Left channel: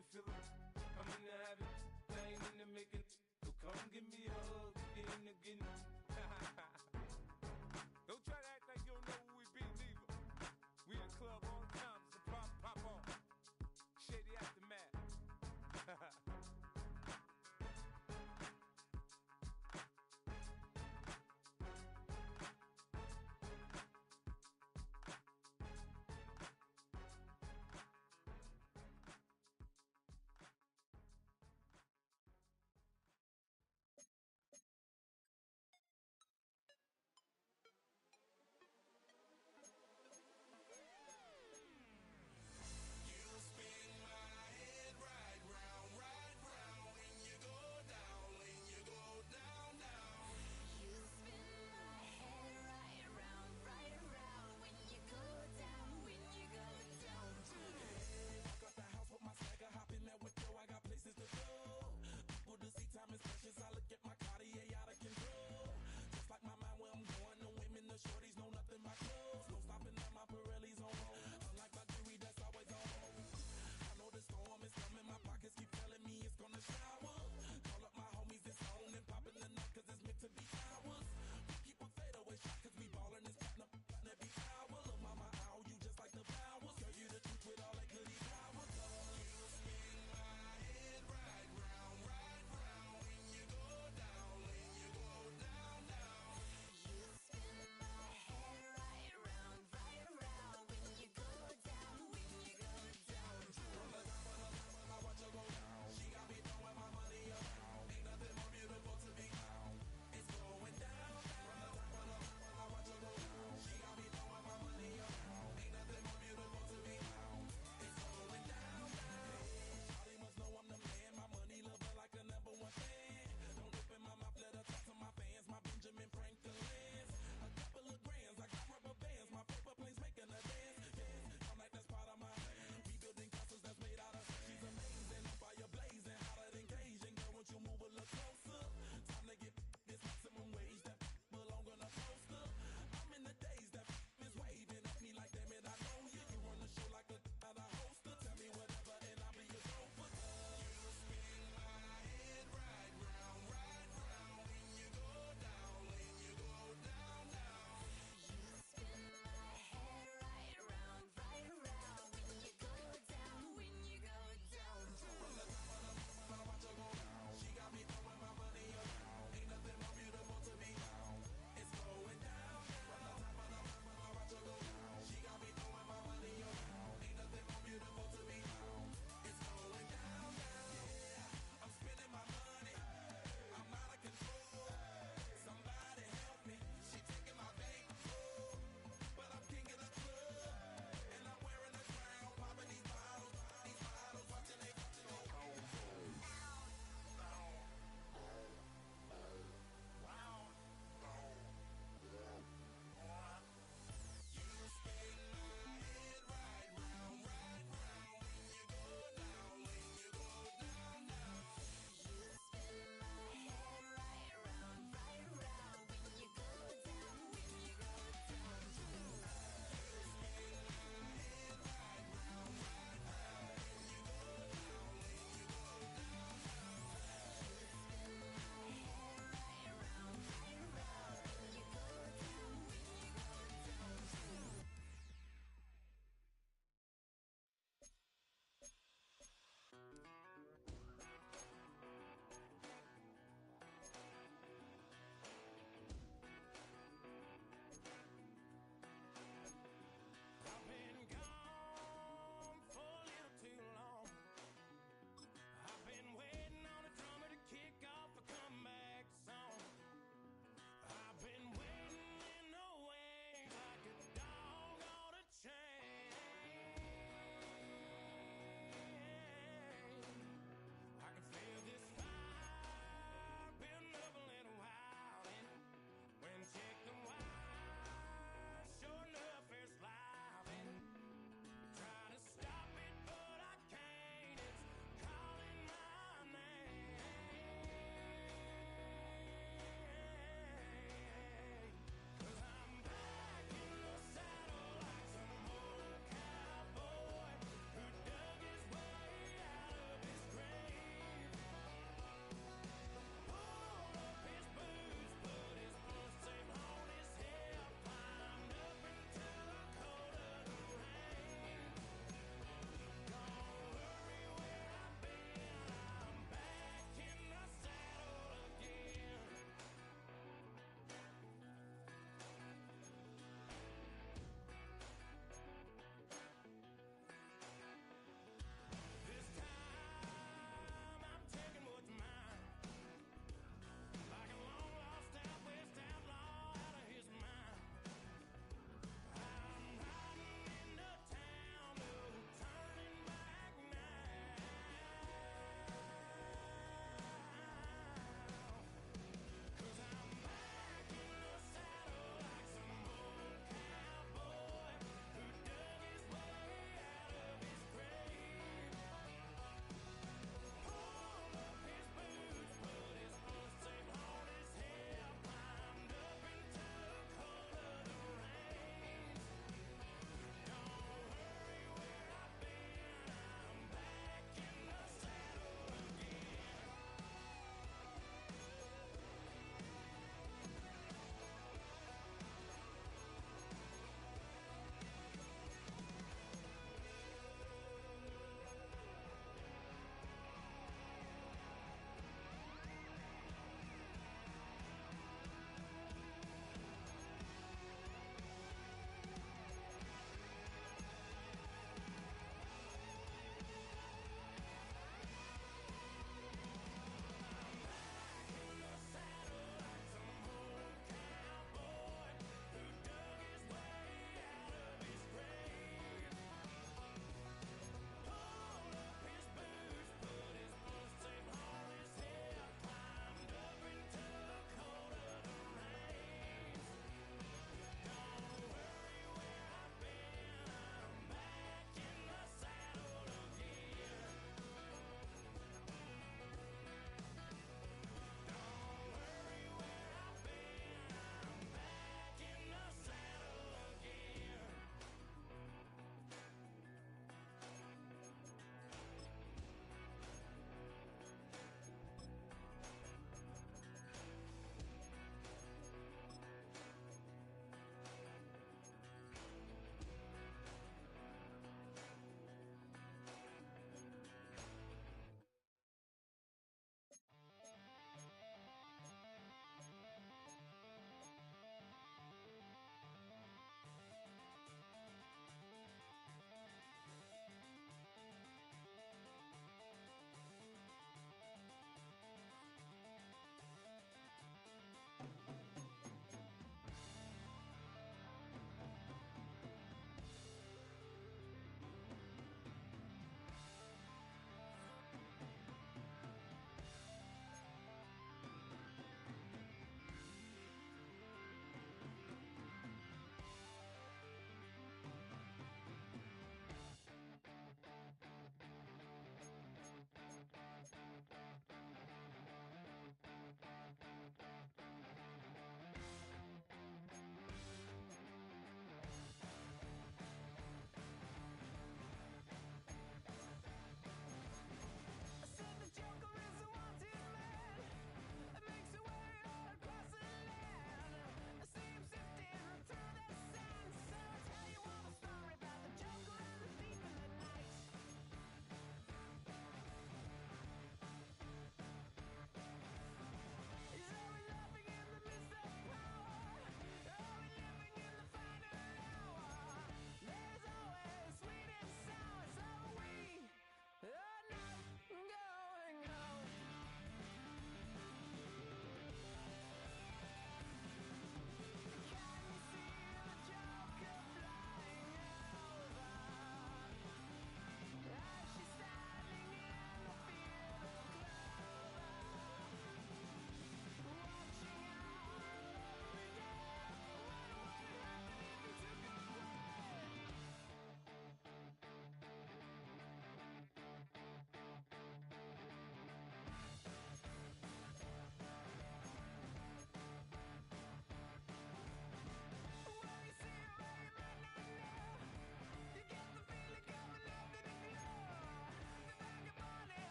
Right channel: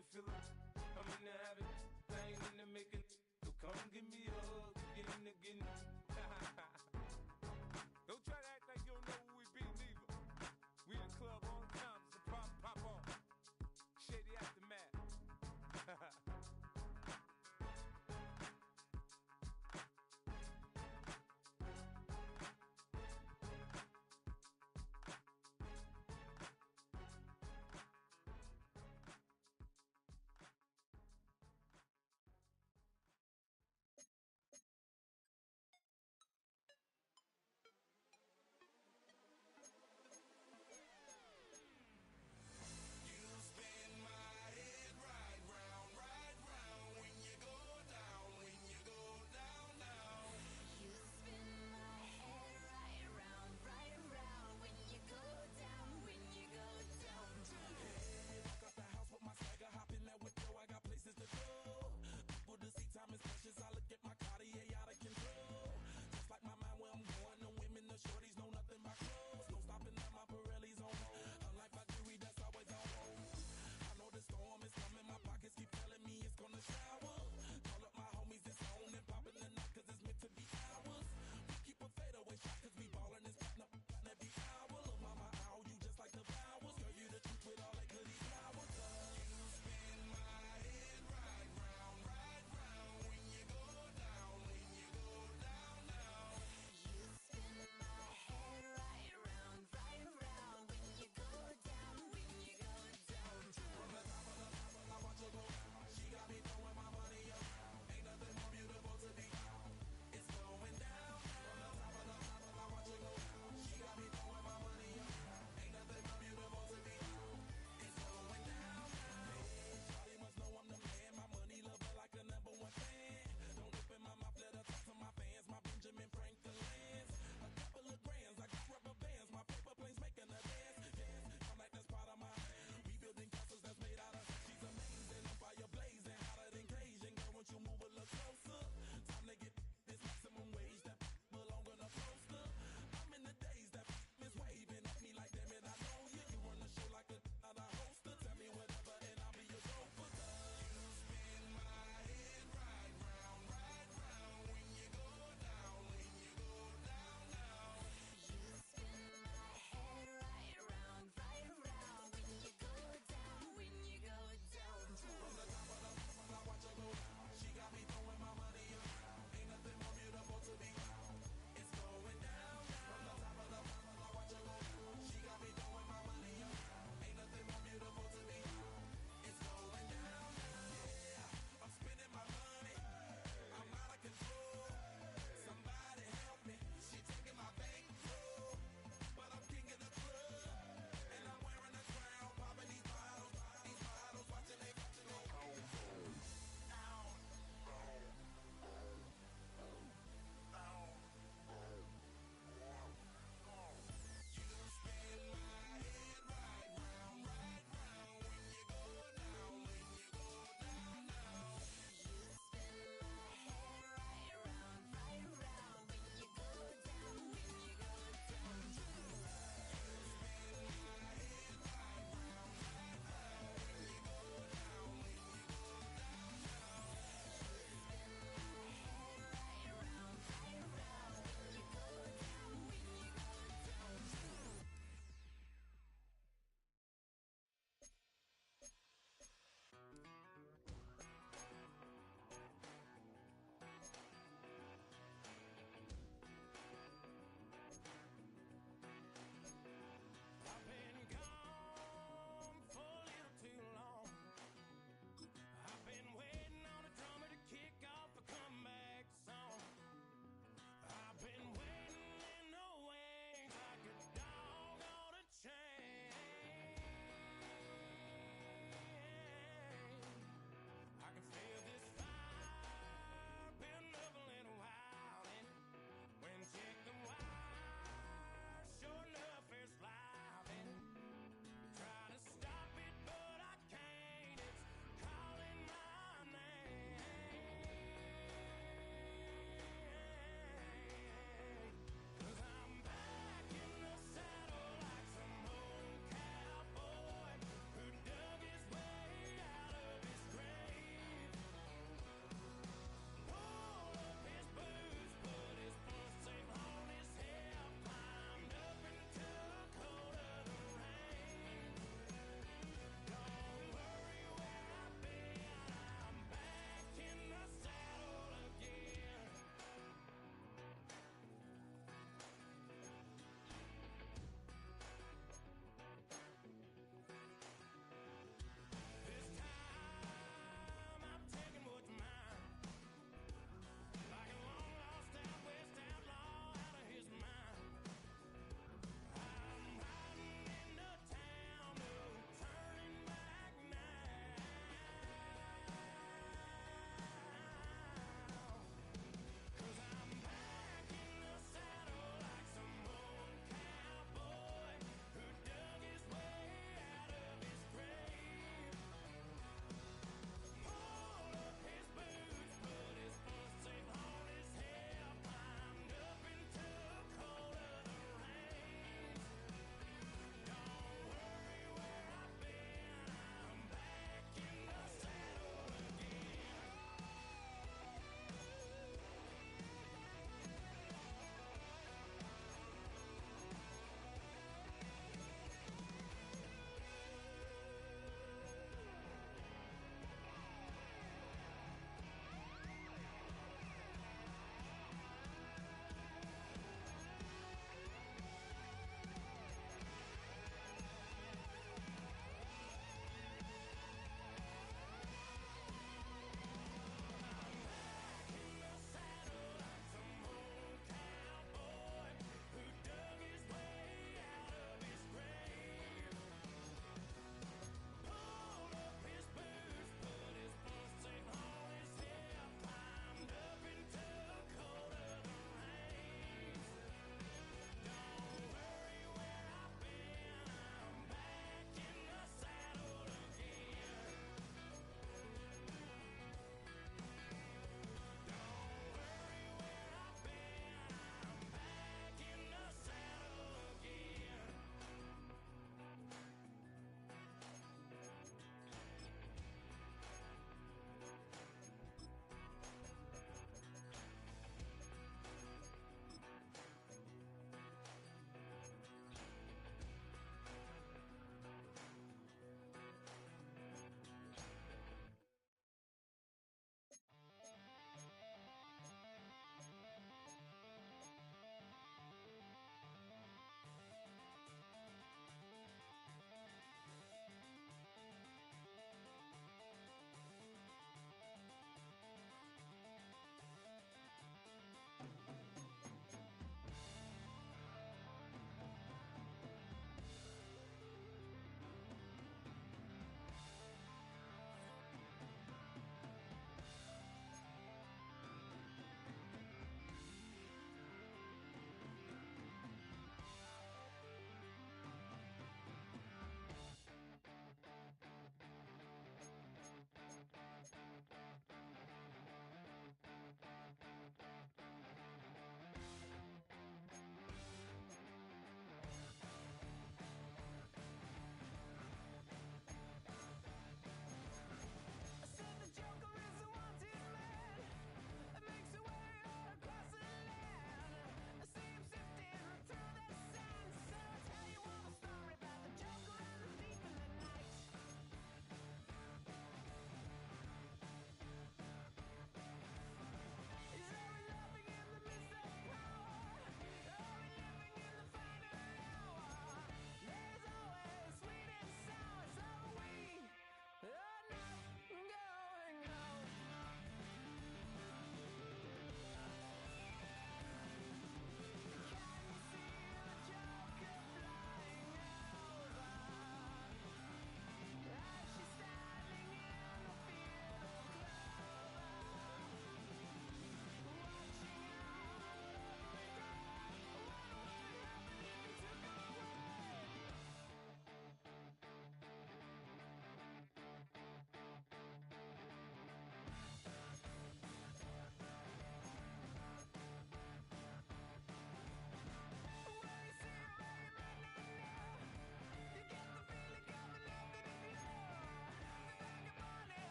the feeling. I'm in the habit, I ain't in the making. So come give me a hug again. Don't try to act like you don't know who we be, neither. We in the club all the time, it's a problem, pop on. Shady aftermath.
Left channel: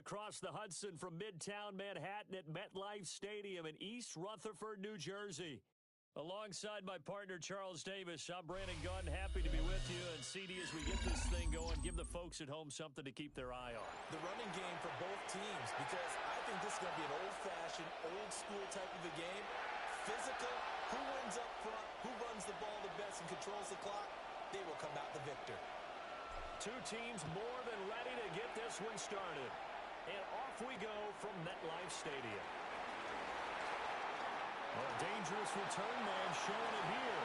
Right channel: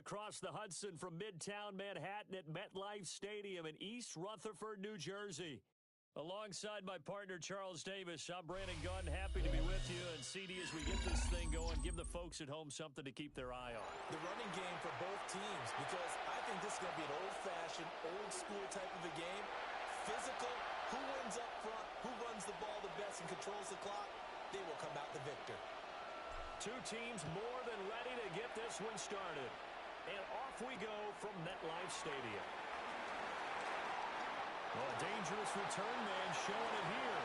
across the Hudson from Midtown Manhattan at MetLife Stadium in East Rutherford, New Jersey. Alongside my partner, Charles Davis, I'm Brandon Gunn. Happy to be with you. And CD, as we get this thing going, give the folks at home something to keep their eye on. The running game for both teams, because I think this is going to be an old-fashioned, old-school type of a game. Physical, who wins up front, who runs the ball the best and controls the clock, they will come out the victor. Two teams more than ready to get this one started. And off we go from MetLife Stadium. Well, a dangerous return man showing it here.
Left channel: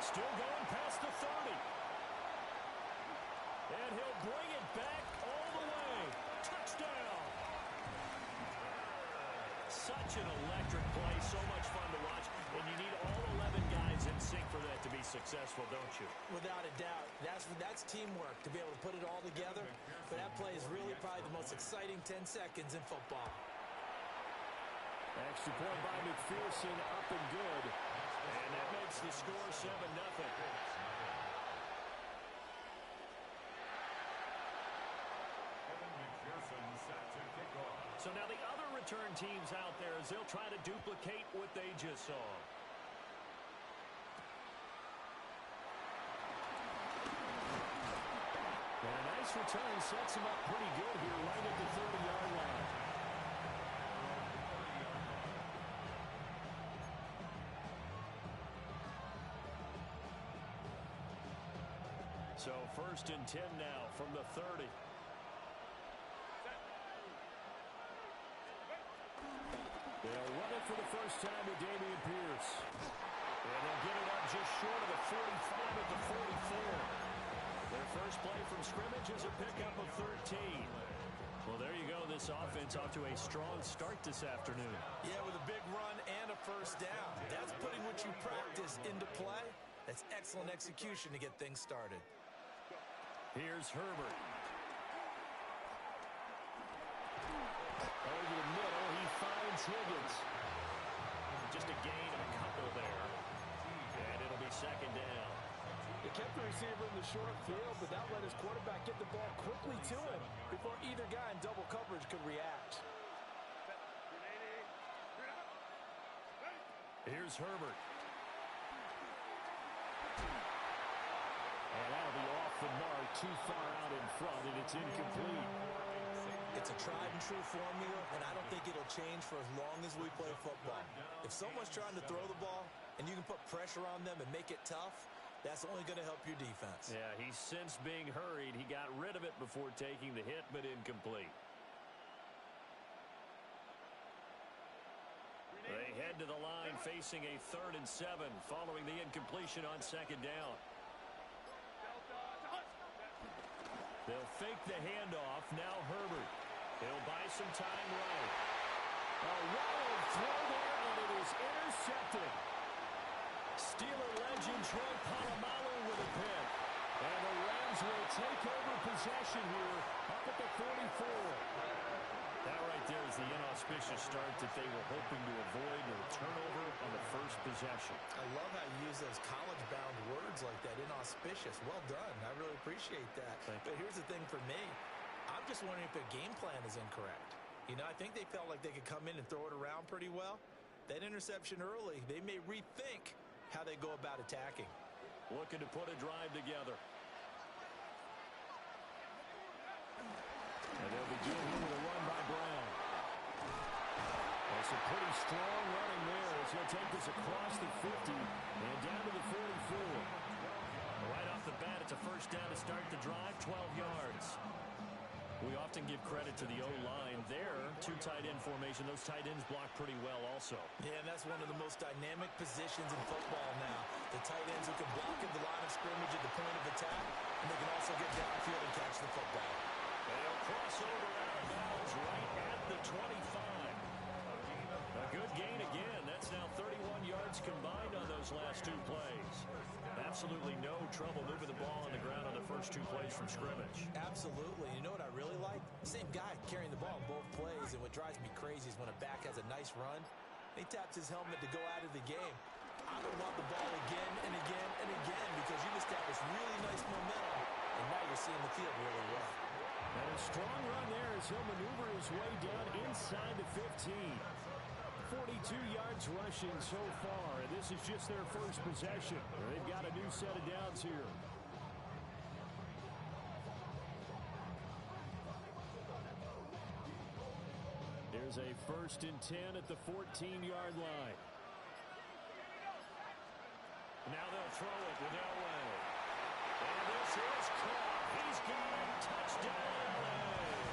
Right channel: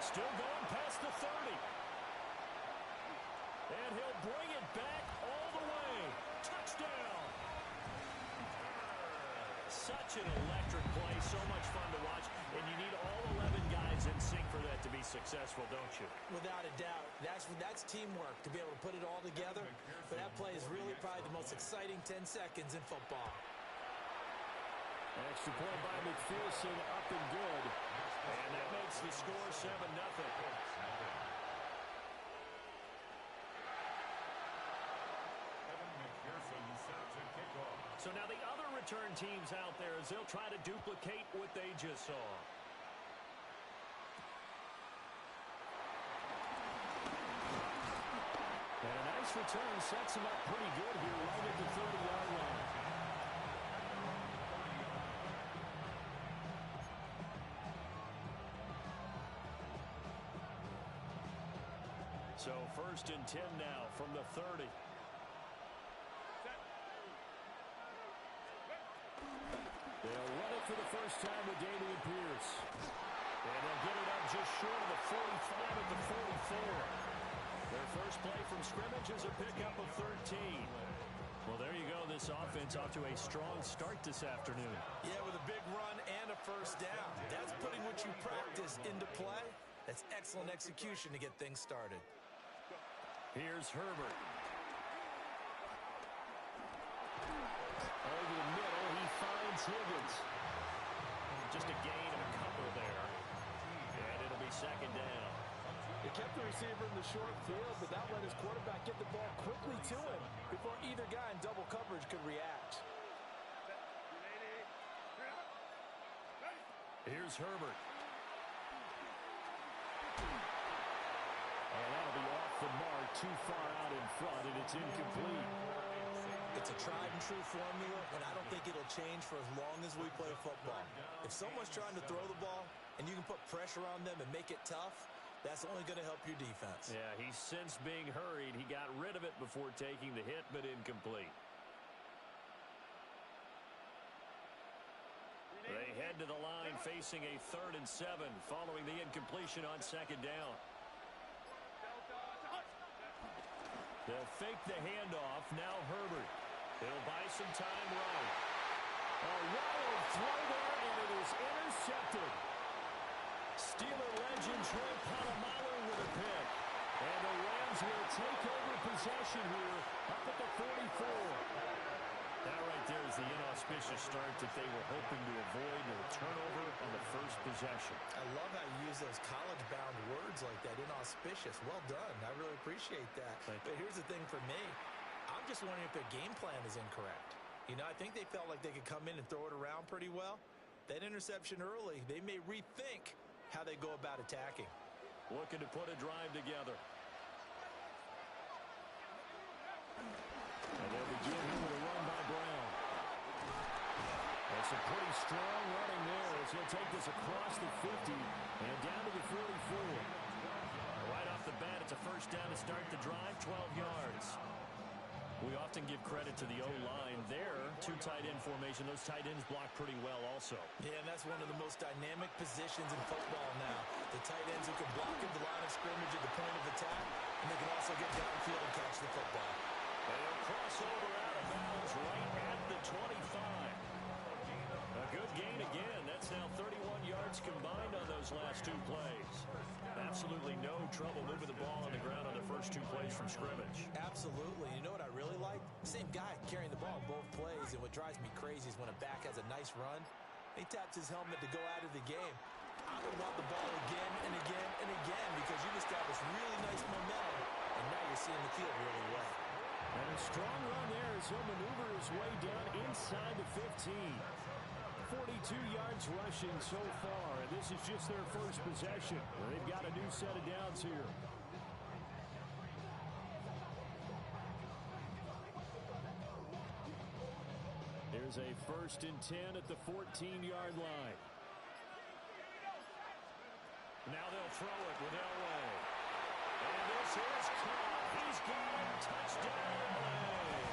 Still going past the 30. And he'll bring it back all the way. Touchdown. Such an electric play, so much fun to watch. And you need all 11 guys in sync for that to be successful, don't you? Without a doubt. That's teamwork, to be able to put it all together. But that play is really probably the most exciting 10 seconds in football. Extra point by McPherson, up and good. And that makes the score 7-0. So now the other return teams out there as they'll try to duplicate what they just saw. And a nice return sets him up pretty good here right at the 30-yard line. So 1st and 10 now from the 30. They'll run it for the first time with Dameon Pierce. And they'll get it up just short of the 45 at the 44. Their first play from scrimmage is a pickup of 13. Well, there you go. This offense off to a strong start this afternoon. Yeah, with a big run and a first down. That's putting what you practice into play. That's excellent execution to get things started. Here's Herbert. Over the middle, he finds Higgins. Just a gain of a couple there. And it'll be 2nd down. He kept the receiver in the short field, but that let his quarterback get the ball quickly to him before either guy in double coverage could react. Here's Herbert. And that'll be off the mark, too far out in front, and it's incomplete. It's a tried-and-true formula, and I don't think it'll change for as long as we play football. If someone's trying to throw the ball, and you can put pressure on them and make it tough, that's only going to help your defense. Yeah, he's since being hurried. He got rid of it before taking the hit, but incomplete. They head to the line facing a 3rd and 7 following the incompletion on 2nd down. They'll fake the handoff. Now Herbert. He'll buy some time right. A wild throw there, and it is intercepted. Steeler legend Troy Polamalu with a pick. And the Rams will take over possession here up at the 44. That right there is the inauspicious start that they were hoping to avoid, a turnover on the first possession. I love how you use those college-bound words like that, inauspicious. Well done. I really appreciate that. But here's the thing for me. I'm just wondering if their game plan is incorrect. You know, I think they felt like they could come in and throw it around pretty well. That interception early, they may rethink how they go about attacking. Looking to put a drive together. And they'll begin here with a run by Brown. And some pretty strong running there as he'll take this across the 50 and down to the 44. Right off the bat, it's a first down to start the drive, 12 yards. We often give credit to the O-line there. 2 tight end formation. Those tight ends block pretty well also. Yeah, and that's one of the most dynamic positions in football now. The tight ends who can block at the line of scrimmage at the point of attack, and they can also get downfield and catch the football. And he'll cross over out of bounds right at the 25. A good gain again. That's now 31 yards combined on those last 2 plays. Absolutely no trouble moving the ball on the ground on the first 2 plays from scrimmage. Absolutely. You know what I really like? Same guy carrying the ball in both plays, and what drives me crazy is when a back has a nice run, he taps his helmet to go out of the game. I would want the ball again and again and again because you've established really nice momentum, and now you're seeing the field really well. And Strong run there as he'll maneuver his way down inside the 15. 42 yards rushing so far, and this is just their first possession. They've got a new set of downs here. Here's a 1st and 10 at the 14-yard line. Now they'll throw it with Elway. And this is caught. He's got it. Touchdown, Elway.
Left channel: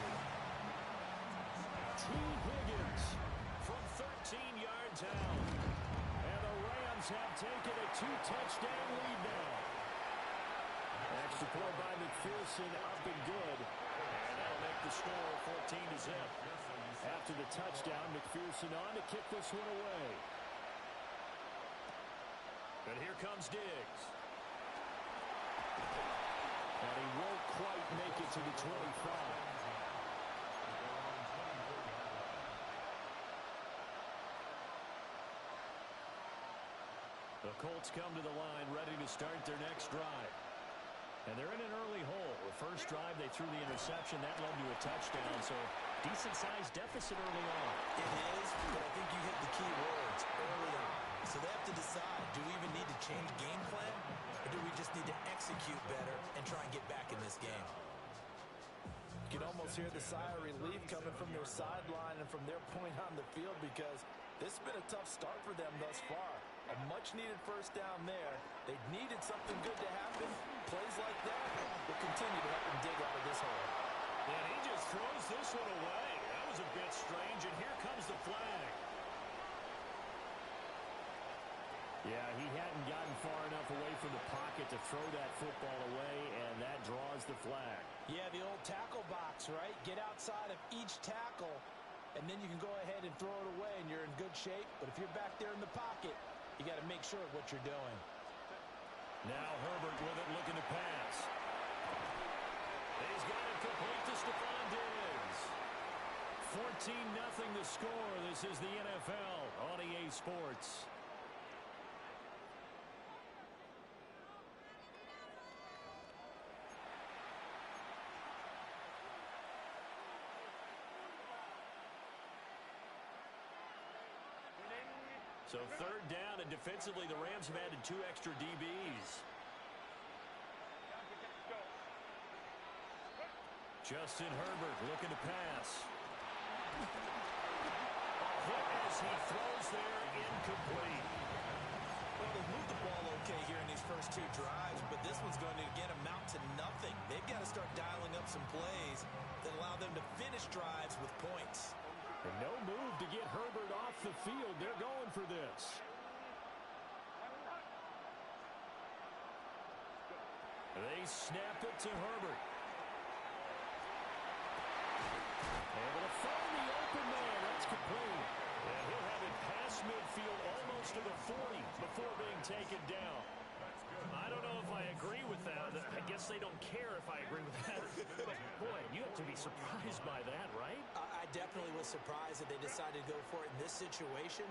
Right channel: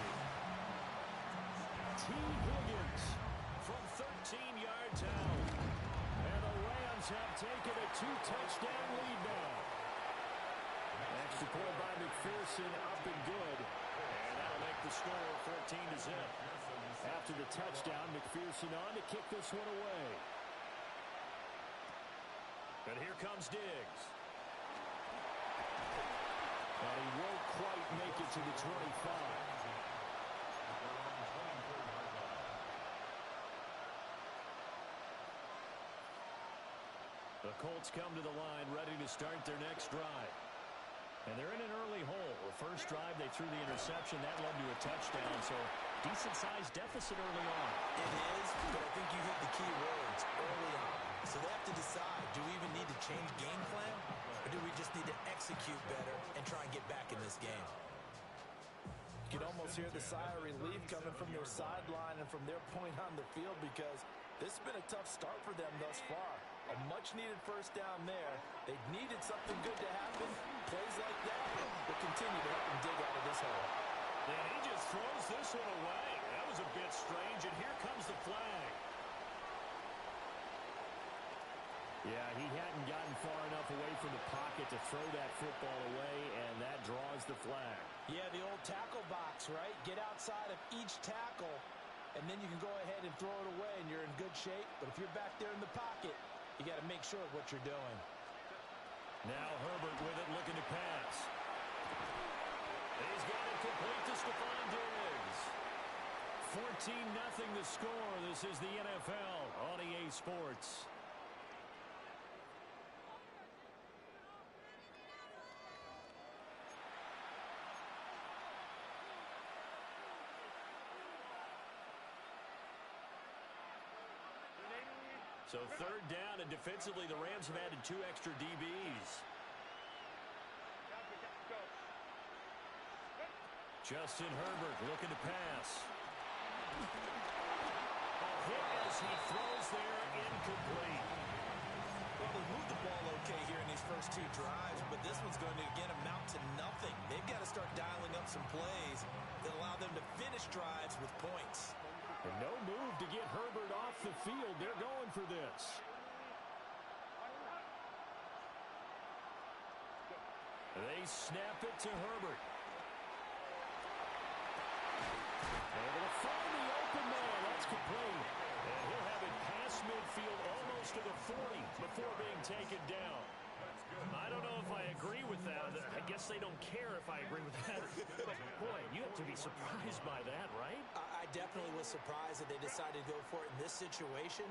T. Higgins from 13 yards out. And the Rams have taken a 2-touchdown lead now. Extra point by McPherson, up and good. And that'll make the score 14-0. After the touchdown, McPherson on to kick this one away. And here comes Diggs. And he won't quite make it to the 25. The Colts come to the line, ready to start their next drive. And they're in an early hole. The first drive, they threw the interception. That led to a touchdown, so decent-sized deficit early on. It is, but I think you hit the key words, early on. So they have to decide, do we even need to change game plan, or do we just need to execute better and try and get back in this game? You can almost hear the sigh of relief coming from their sideline and from their point on the field, because this has been a tough start for them thus far. A much-needed first down there. They needed something good to happen. Plays like that will continue to help them dig out of this hole. And he just throws this one away. That was a bit strange, and here comes the flag. Yeah, he hadn't gotten far enough away from the pocket to throw that football away, and that draws the flag. Yeah, the old tackle box, right? Get outside of each tackle, and then you can go ahead and throw it away, and you're in good shape. But if you're back there in the pocket, you got to make sure of what you're doing. Now Herbert with it, looking to pass. He's got it complete to Stephon Diggs. 14-0 the score. This is the NFL on EA Sports. So 3rd down, and defensively, the Rams have added 2 extra DBs. Justin Herbert looking to pass. A hit as he throws there, incomplete. Well, they've moved the ball okay here in these first 2 drives, but this one's going to, again, amount to nothing. They've got to start dialing up some plays that allow them to finish drives with points. And no move to get Herbert off the field. They're going for this. They snap it to Herbert. Able to find the open man. That's complete. And he'll have it past midfield almost to the 40 before being taken down. I don't know if I agree with that. I guess they don't care if I agree with that. But, boy, you have to be surprised by that, right? I definitely was surprised that they decided to go for it in this situation.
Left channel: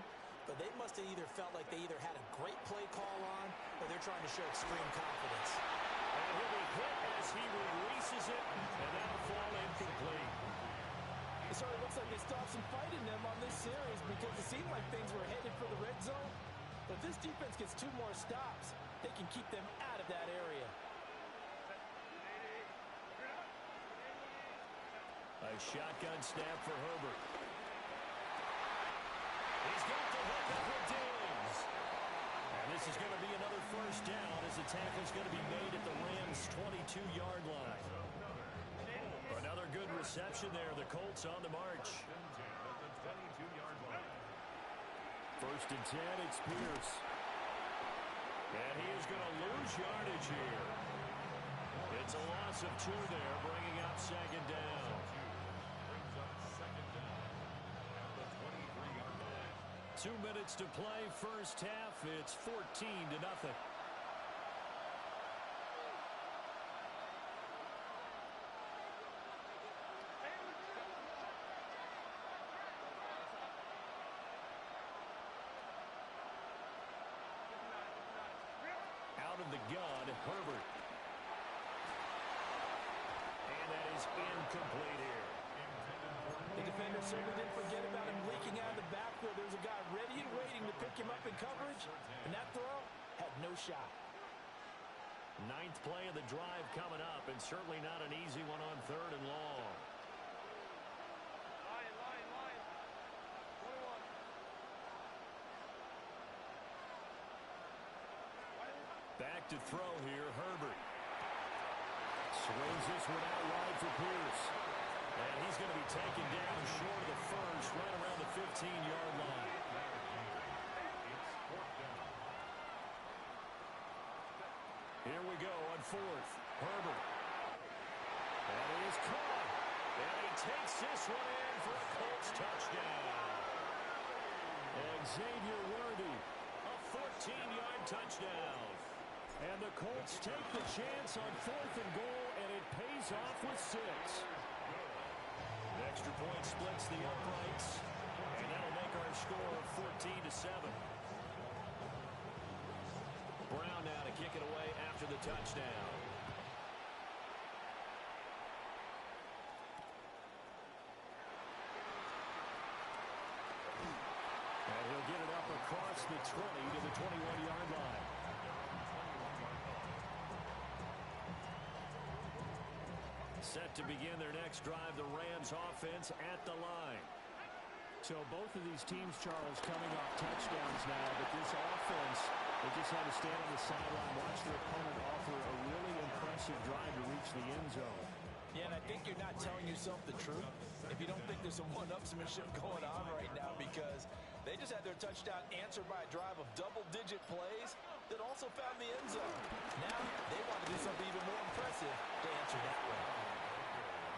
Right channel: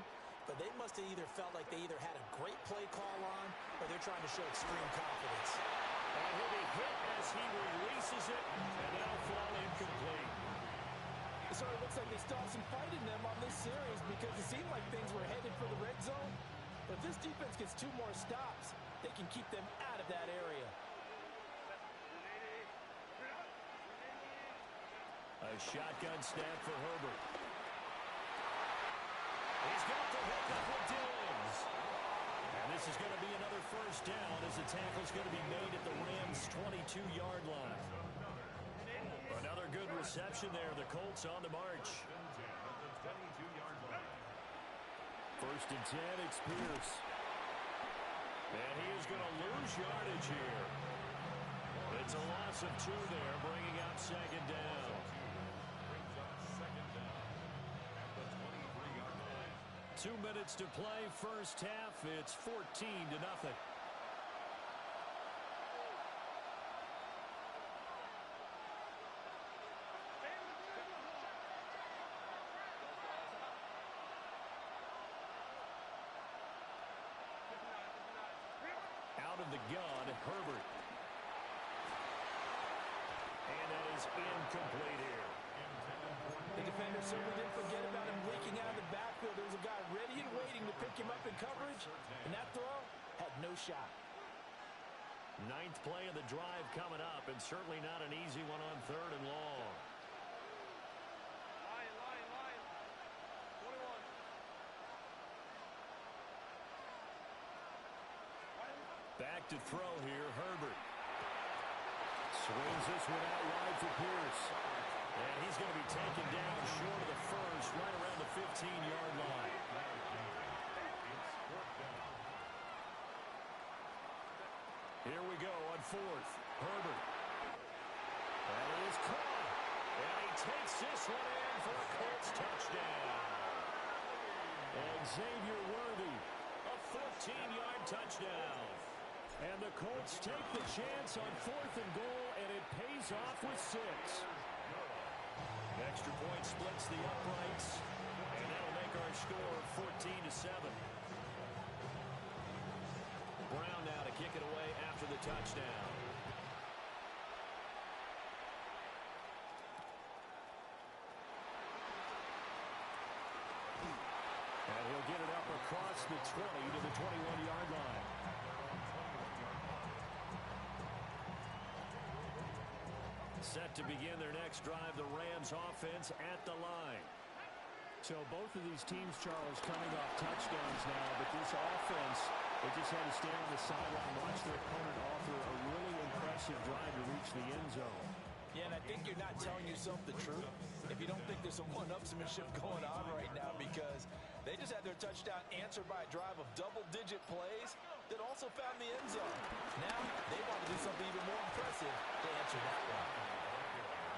But they must have either felt like they either had a great play call on or they're trying to show extreme confidence. And he'll be hit as he releases it, and that'll fall incomplete. So it looks like they still have some fight in them on this series, because it seemed like things were headed for the red zone. But if this defense gets 2 more stops, they can keep them out of that area. A shotgun snap for Herbert. He's got the hook up with Diggs. And this is going to be another first down as the tackle's going to be made at the Rams' 22-yard line. Another good reception there. The Colts on the march. 1st and 10, it's Pierce. And he is going to lose yardage here. It's a loss of 2 there, bringing up 2nd down. 2 minutes to play, first half. It's 14-0. Out of the gun, Herbert. And And that is incomplete here. The defender certainly didn't forget about him leaking out of the backfield. There's a guy ready and waiting to pick him up in coverage, and that throw had no shot. Ninth play of the drive coming up, and certainly not an easy one on 3rd and long. Line. 21. Back to throw here, Herbert. Swings this one out wide for Pierce. And he's going to be taken down short of the first, right around the 15-yard line. Here we go on 4th. Herbert. That is caught. And he takes this one in for a Colts touchdown. Xavier Worthy, a 14-yard touchdown. And the Colts take the chance on 4th and goal, and it pays off with 6. An extra point splits the uprights, and that'll make our score 14-7. Brown now to kick it away after the touchdown. And he'll get it up across the 20 to the 21-yard line. Set to begin their next drive, the Rams offense at the line. So both of these teams, Charles, coming off touchdowns now, but this offense, they just had to stand on the sideline, watch their opponent offer a really impressive drive to reach the end zone. Yeah, and I think you're not telling yourself the truth if you don't think there's some one-upsmanship going on right now, because they just had their touchdown answered by a drive of double-digit plays that also found the end zone. Now they want to do something even more impressive to answer that one.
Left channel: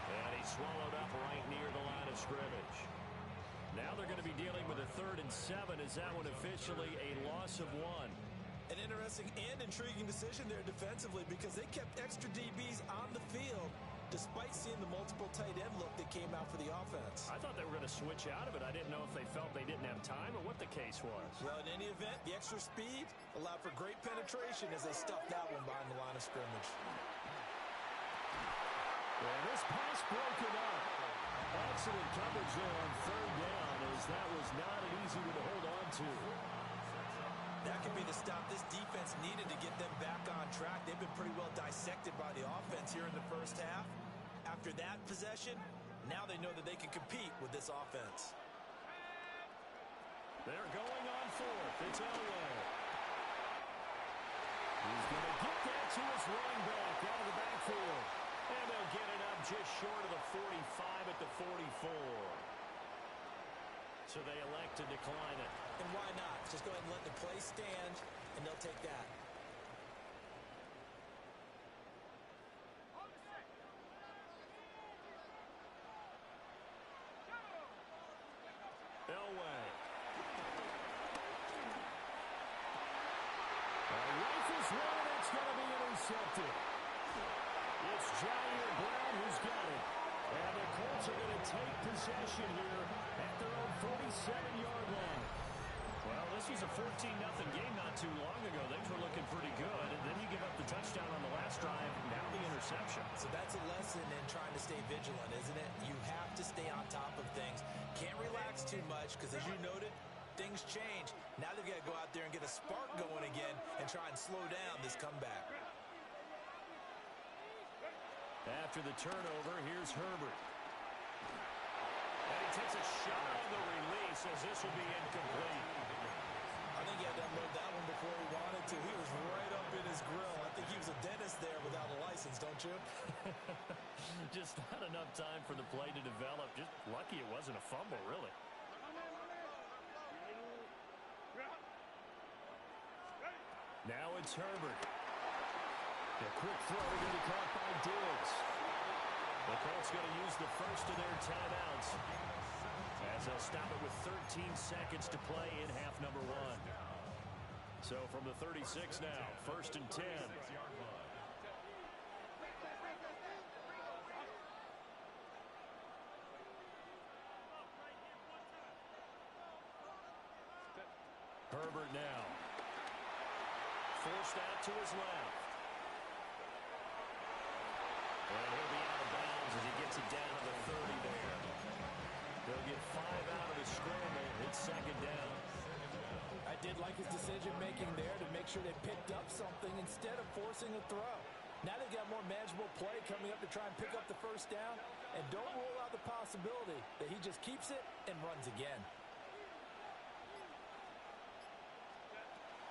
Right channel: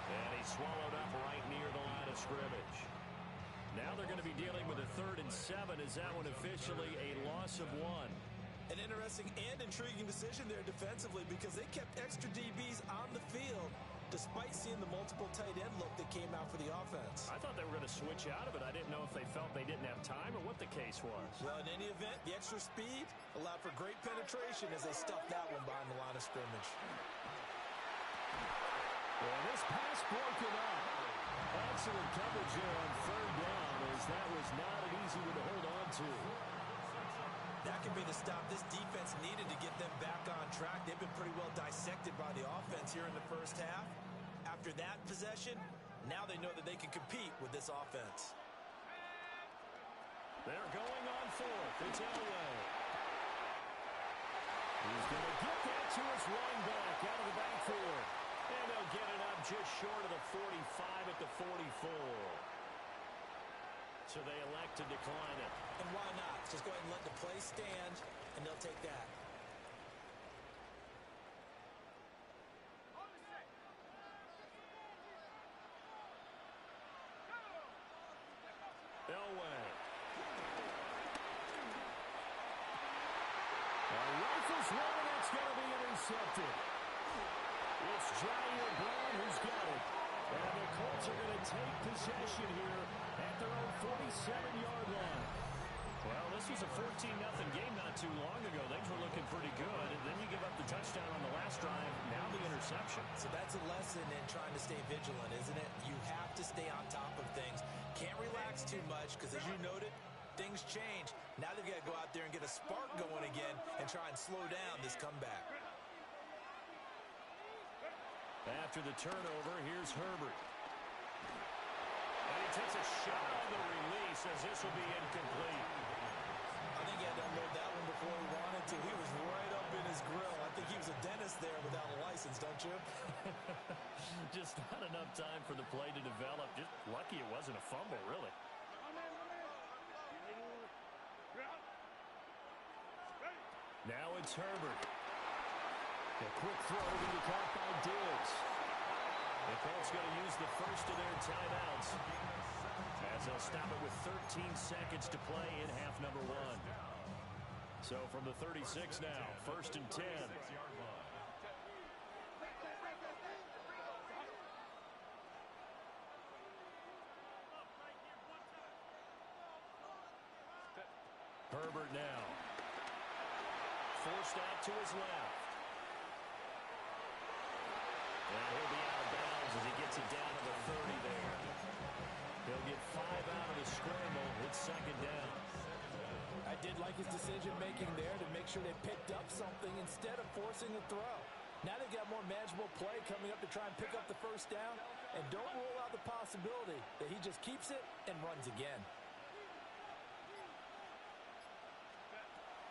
And he swallowed up right near the line of scrimmage. Now they're going to be dealing with a 3rd and 7. Is that one officially a loss of 1? An interesting and intriguing decision there defensively, because they kept extra DBs on the field despite seeing the multiple tight end look that came out for the offense. I thought they were going to switch out of it. I didn't know if they felt they didn't have time or what the case was. Well, in any event, the extra speed allowed for great penetration as they stuffed that one behind the line of scrimmage. And this pass broken up. Excellent coverage there on 3rd down, as that was not an easy one to hold on to. That could be the stop this defense needed to get them back on track. They've been pretty well dissected by the offense here in the first half. After that possession, now they know that they can compete with this offense. They're going on 4th. It's Elway. He's going to get that to his running back out of the backfield. And they'll get it up just short of the 45 at the 44. So they elect to decline it. And why not? Just go ahead and let the play stand, and they'll take that. Elway. Rifles one, and that's going to be intercepted. It's Jair Brown who's got it. And the Colts are going to take possession here at their own 47-yard line. Well, this was a 14-0 game not too long ago. Things were looking pretty good. And then you give up the touchdown on the last drive. Now the interception. So that's a lesson in trying to stay vigilant, isn't it? You have to stay on top of things. Can't relax too much, because as you noted, things change. Now they've got to go out there and get a spark going again and try and slow down this comeback. After the turnover, here's Herbert. And he takes a shot on the release, as this will be incomplete. I think he had to unload that one before he wanted to. He was right up in his grill. I think he was a dentist there without a license, don't you? Just not enough time for the play to develop. Just lucky it wasn't a fumble, really. Now it's Herbert. A quick throw to be caught by Diggs. The Colts going to use the first of their timeouts, as they'll stop it with 13 seconds to play in half number 1. So from the 36 now, 1st and 10. Herbert now. Forced out to his left. And he'll be out of bounds as he gets it down to the 30 there. They'll get 5 out of the scramble. It's second down. I did like his decision-making there to make sure they picked up something instead of forcing a throw. Now they've got more manageable play coming up to try and pick up the first down, and don't rule out the possibility that he just keeps it and runs again.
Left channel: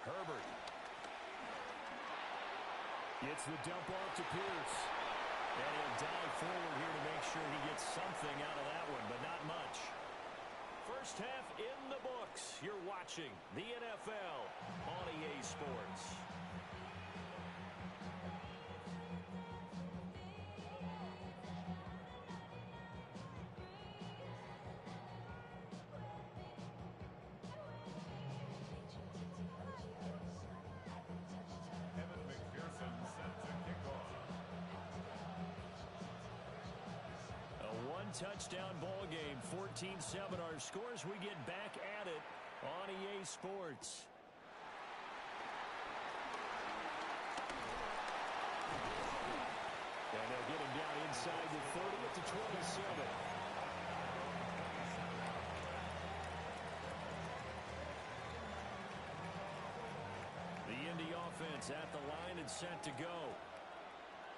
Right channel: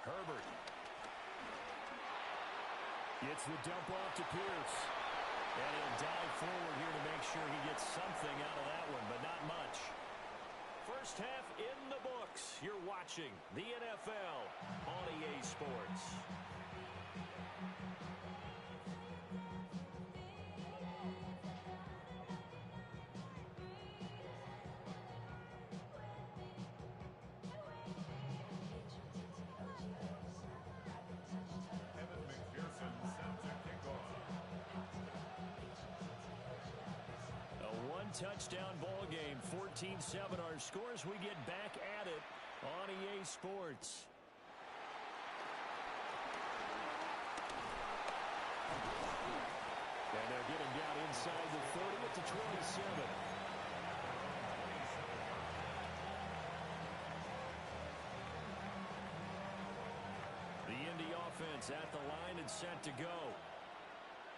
Herbert gets the dump off to Pierce. And he'll dive forward here to make sure he gets something out of that one, but not much. First half in the books. You're watching the NFL on EA Sports. Touchdown ball game, 14-7 our scores. We get back at it on EA Sports. And they'll get him down inside the 30 at the 27. The Indy offense at the line and set to go.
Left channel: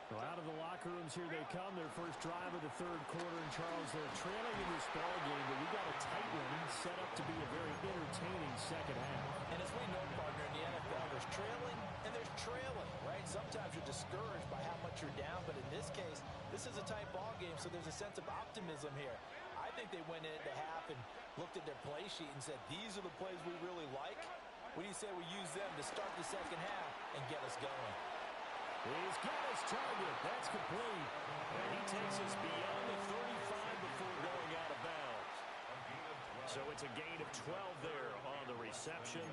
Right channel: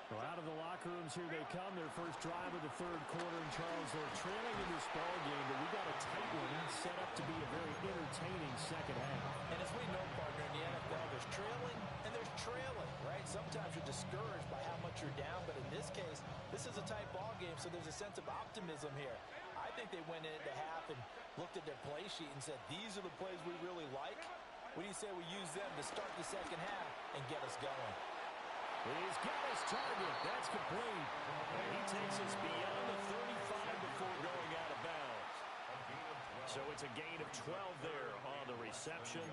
Well, out of the locker rooms here they come. Their first drive of the third quarter. And, Charles, they're trailing in this ball game, but we got a tight one set up to be a very entertaining second half. And as we know, partner, in the NFL, there's trailing and there's trailing, right? Sometimes you're discouraged by how much you're down, but in this case, this is a tight ball game, so there's a sense of optimism here. I think they went into half and looked at their play sheet and said, these are the plays we really like. What do you say we use them to start the second half and get us going? He's got his target. That's complete. And he takes us beyond the 35 before going out of bounds. So it's a gain of 12 there on the reception.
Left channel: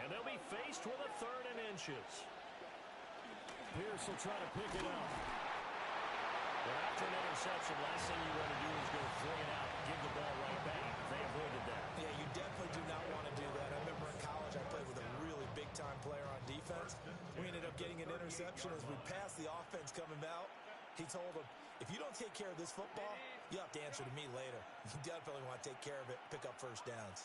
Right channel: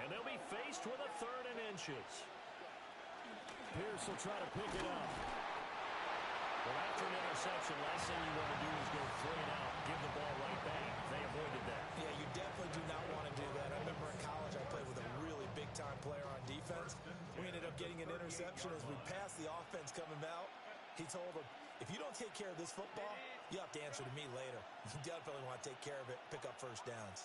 And they'll be faced with a 3rd and inches. Pierce will try to pick it up. Well, after an interception, last thing you want to do is go 3 and out, give the ball right back. They avoided that. Yeah, you definitely do not want to do that. I remember in college I played with a really big-time player on defense. We ended up getting an interception as we passed the offense coming out. He told him, if you don't take care of this football, you'll have to answer to me later. You definitely want to take care of it, pick up first downs.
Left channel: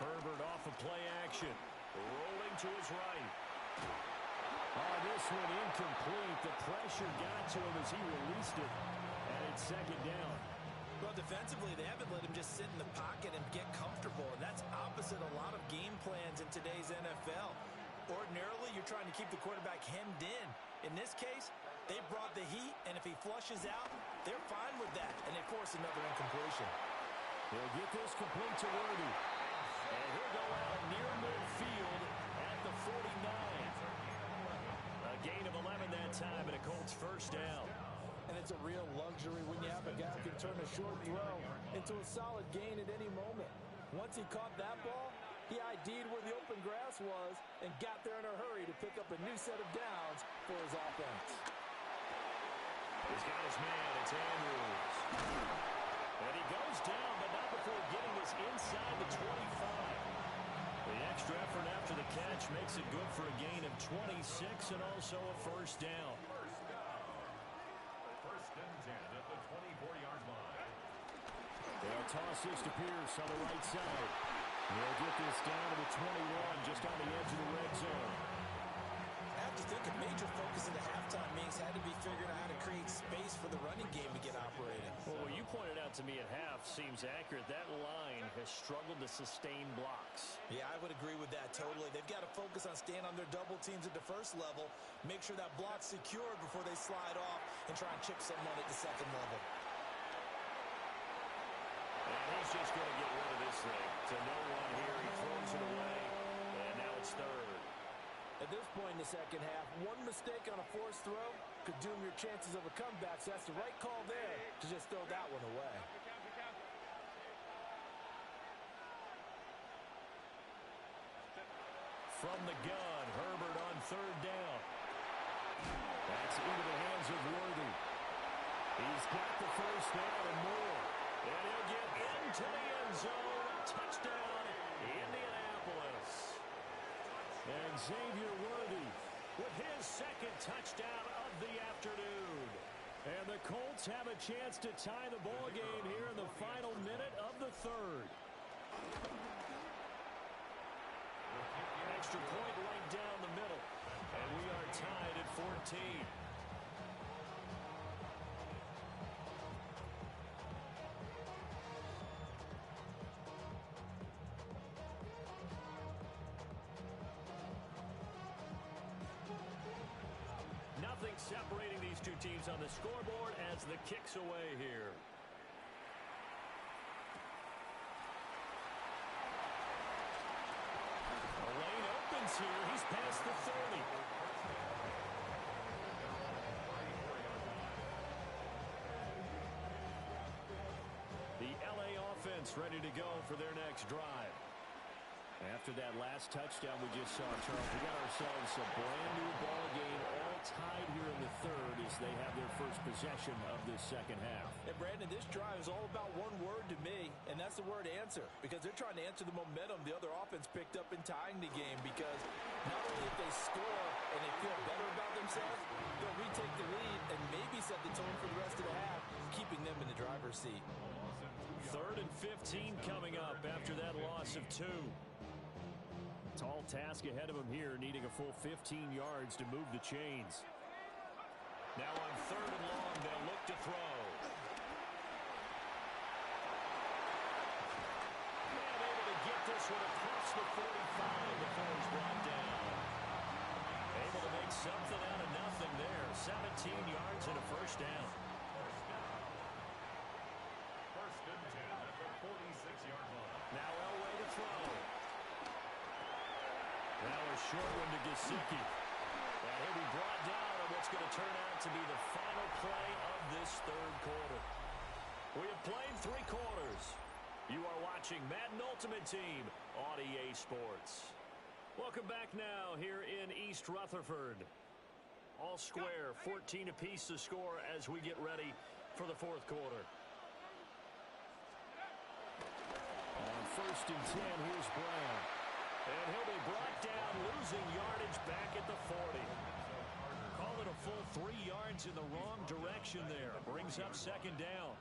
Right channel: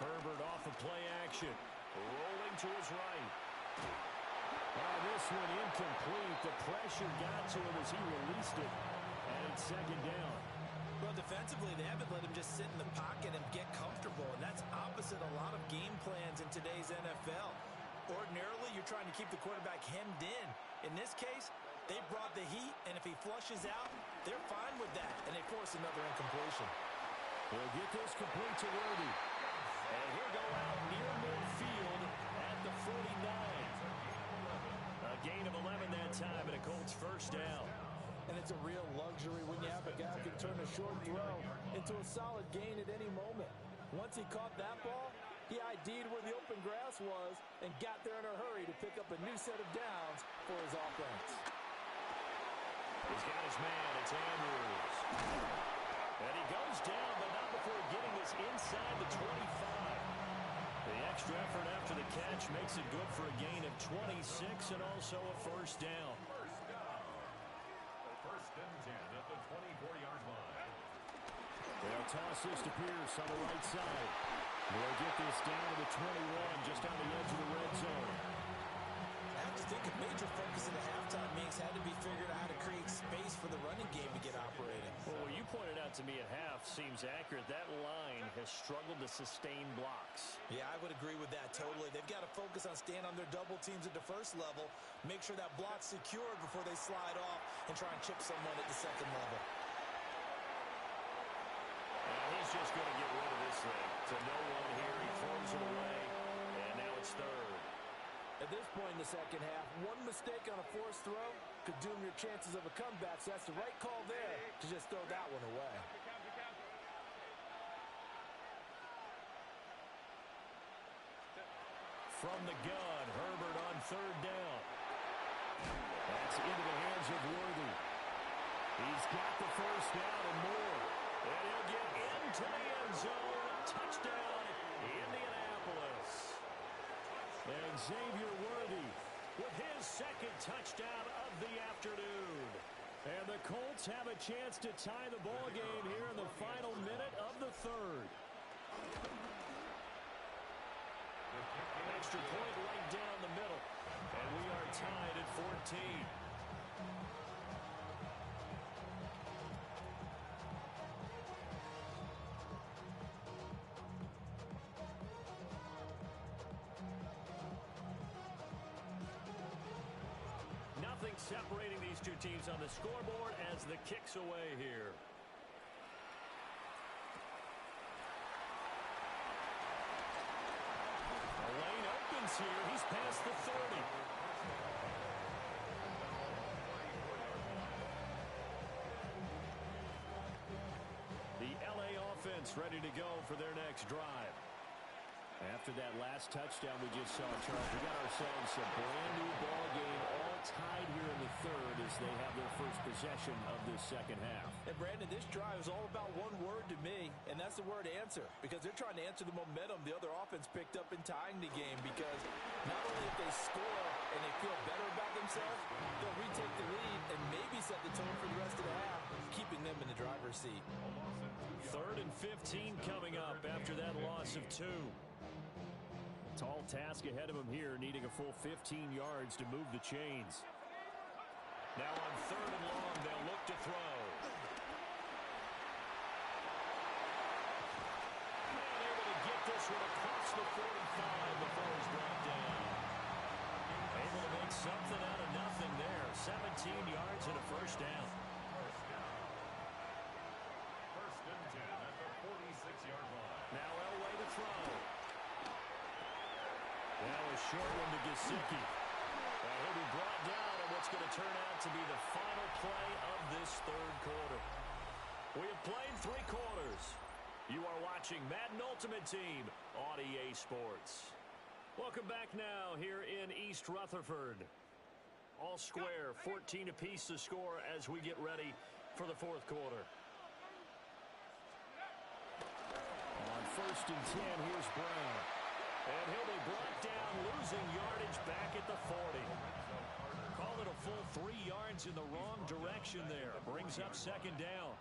Herbert off of play action, rolling to his right. Oh, this one incomplete. The pressure got to him as he released it, and it's second down. Well, defensively, they haven't let him just sit in the pocket and get comfortable, and that's opposite a lot of game plans in today's NFL. Ordinarily, you're trying to keep the quarterback hemmed in. In this case, they brought the heat, and if he flushes out, they're fine with that, and they force another incompletion. He'll get this complete to Worthy. And he'll go out near midfield at the 49. A gain of 11 that time, and a Colts first down. And it's a real luxury when you have a guy who can turn a short throw into a solid gain at any moment. Once he caught that ball, he ID'd where the open grass was and got there in a hurry to pick up a new set of downs for his offense. He's got his man. It's Andrews. And he goes down, but not before getting this inside the 25. The extra effort after the catch makes it good for a gain of 26 and also a first down. First and 10 at the 24-yard line. They'll toss this to Pierce on the right side. They'll get this down to the 21, just on the edge of the red zone. I have to think a major focus in the halftime meetings had to be figured out how to create space for the running game to get operating. Well, what you pointed out to me at half seems accurate. That line has struggled to sustain blocks. Yeah, I would agree with that totally. They've got to focus on staying on their double teams at the first level, make sure that block's secured before they slide off and try and chip someone at the second level. And he's just going to get rid of this thing. To no one here. He throws it away, and now it's 3rd. At this point in the second half, one mistake on a forced throw could doom your chances of a comeback, so that's the right call there to just throw that one away. From the gun, Herbert on 3rd down. That's into the hands of Worthy. He's got the first down and more. And he'll get into the end zone. Touchdown, Indianapolis. And Xavier Worthy with his second touchdown of the afternoon. And the Colts have a chance to tie the ball game here in the final minute of the third. Extra point right down the middle. And we are tied at 14. Nothing separating these two teams on the scoreboard as the kick's away here. The lane opens here. He's past the 30. The LA offense ready to go for their next drive. After that last touchdown we just saw, Charles, we got ourselves a brand-new ball game, all tied here in the third as they have their first possession of this second half. And, Brandon, this drive is all about one word to me, and that's the word answer, because they're trying to answer the momentum the other offense picked up in tying the game, because not only if they score and they feel better about themselves, they'll retake the lead and maybe set the tone for the rest of the half, keeping them in the driver's seat. 3rd and 15 coming up after that loss of 2. Tall task ahead of him here, needing a full 15 yards to move the chains. Now on 3rd and long, they'll look to throw. And able to get this one across the 45 before he's brought down. Able to make something out of nothing there. 17 yards and a first down. First and 10 at the 46-yard line. Now Elway to throw. Now a short one to Gesicki. And he'll be brought down on what's going to turn out to be the final play of this third quarter. We have played 3 quarters. You are watching Madden Ultimate Team on EA Sports. Welcome back now here in East Rutherford. All square, 14 apiece to score as we get ready for the fourth quarter. On 1st and 10, here's Brown. And he'll be brought down, losing yardage back at the 40. Call it a full 3 yards in the wrong direction there. Brings up second down.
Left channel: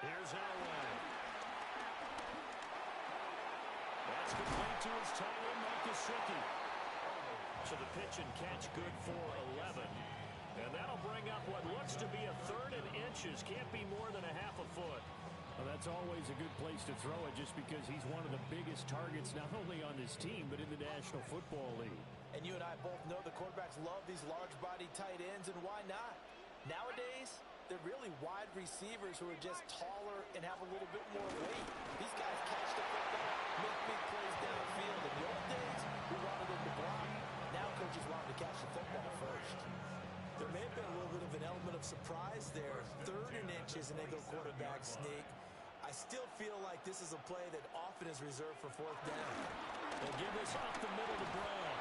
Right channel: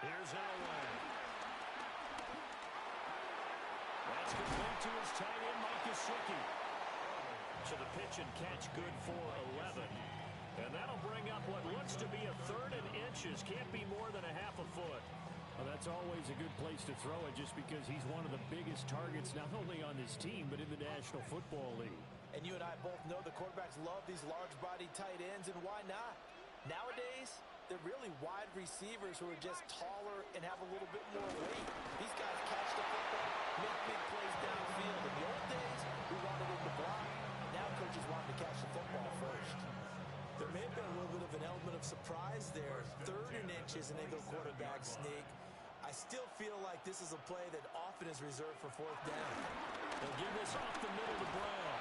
Here's Elway. That's complete to his tight end, Mike Gesicki. So the pitch and catch good for 11. And that'll bring up what looks to be a 3rd and inches. Can't be more than a half a foot. Well, that's always a good place to throw it just because he's one of the biggest targets not only on this team but in the National Football League. And you and I both know the quarterbacks love these large-body tight ends, and why not? Nowadays, they're really wide receivers who are just taller and have a little bit more weight. These guys catch the football, make big plays downfield. In the old days, we wanted them to block. Now coaches want them to catch the football first. There may have been a little bit of an element of surprise there. 3rd and inches, and they go quarterback sneak. I still feel like this is a play that often is reserved for 4th down. They'll give this off the middle to Brown.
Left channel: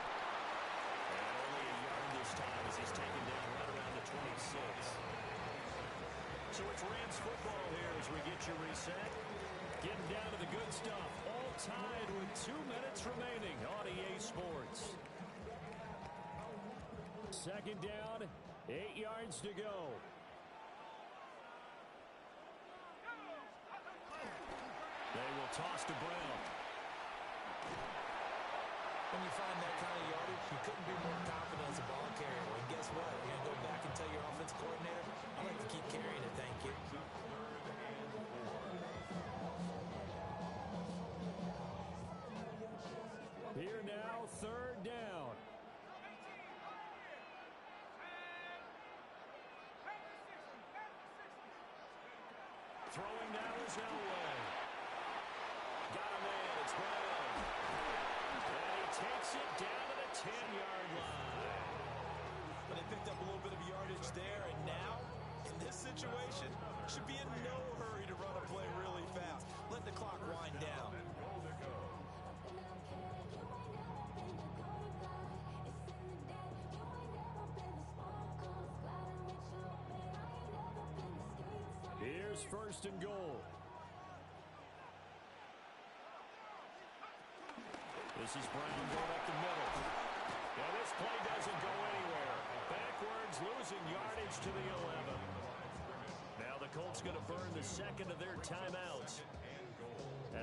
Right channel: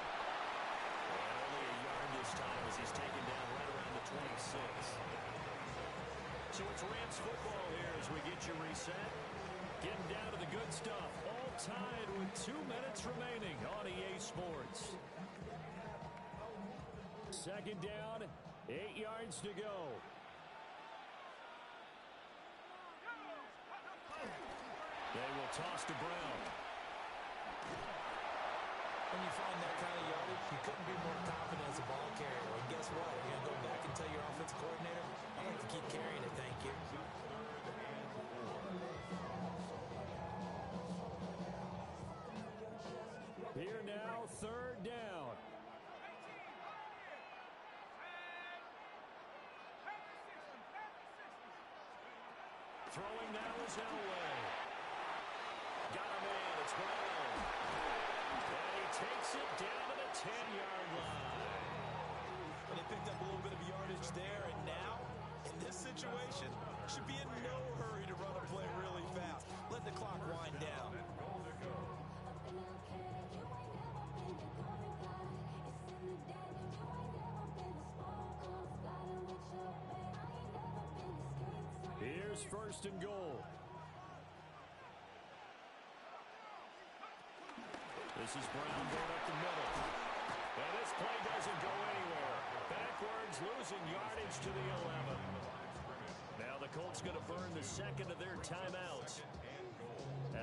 And only a yard this time as he's taken down right around the 26. So it's Rams football here as we get you reset. Getting down to the good stuff. All tied with 2 minutes remaining on EA Sports. Second down, 8 yards to go. They will toss to Brown. When you find that kind of yardage, you couldn't be more confident as a ball carrier. And guess what? You're going to go back and tell your offensive coordinator, I'd like to keep carrying it, thank you. Here now, 3rd down. Throwing now is Elway. Got a man, it's Brown. And he takes it down to the 10-yard line. But they picked up a little bit of yardage there, and now, in this situation, should be in no hurry to run a play really fast. Let the clock wind down. Here's 1st and goal. The This is Brown going up the middle. And this play doesn't go anywhere. Backwards, losing yardage to the 11. Now the Colts going to burn the second of their timeouts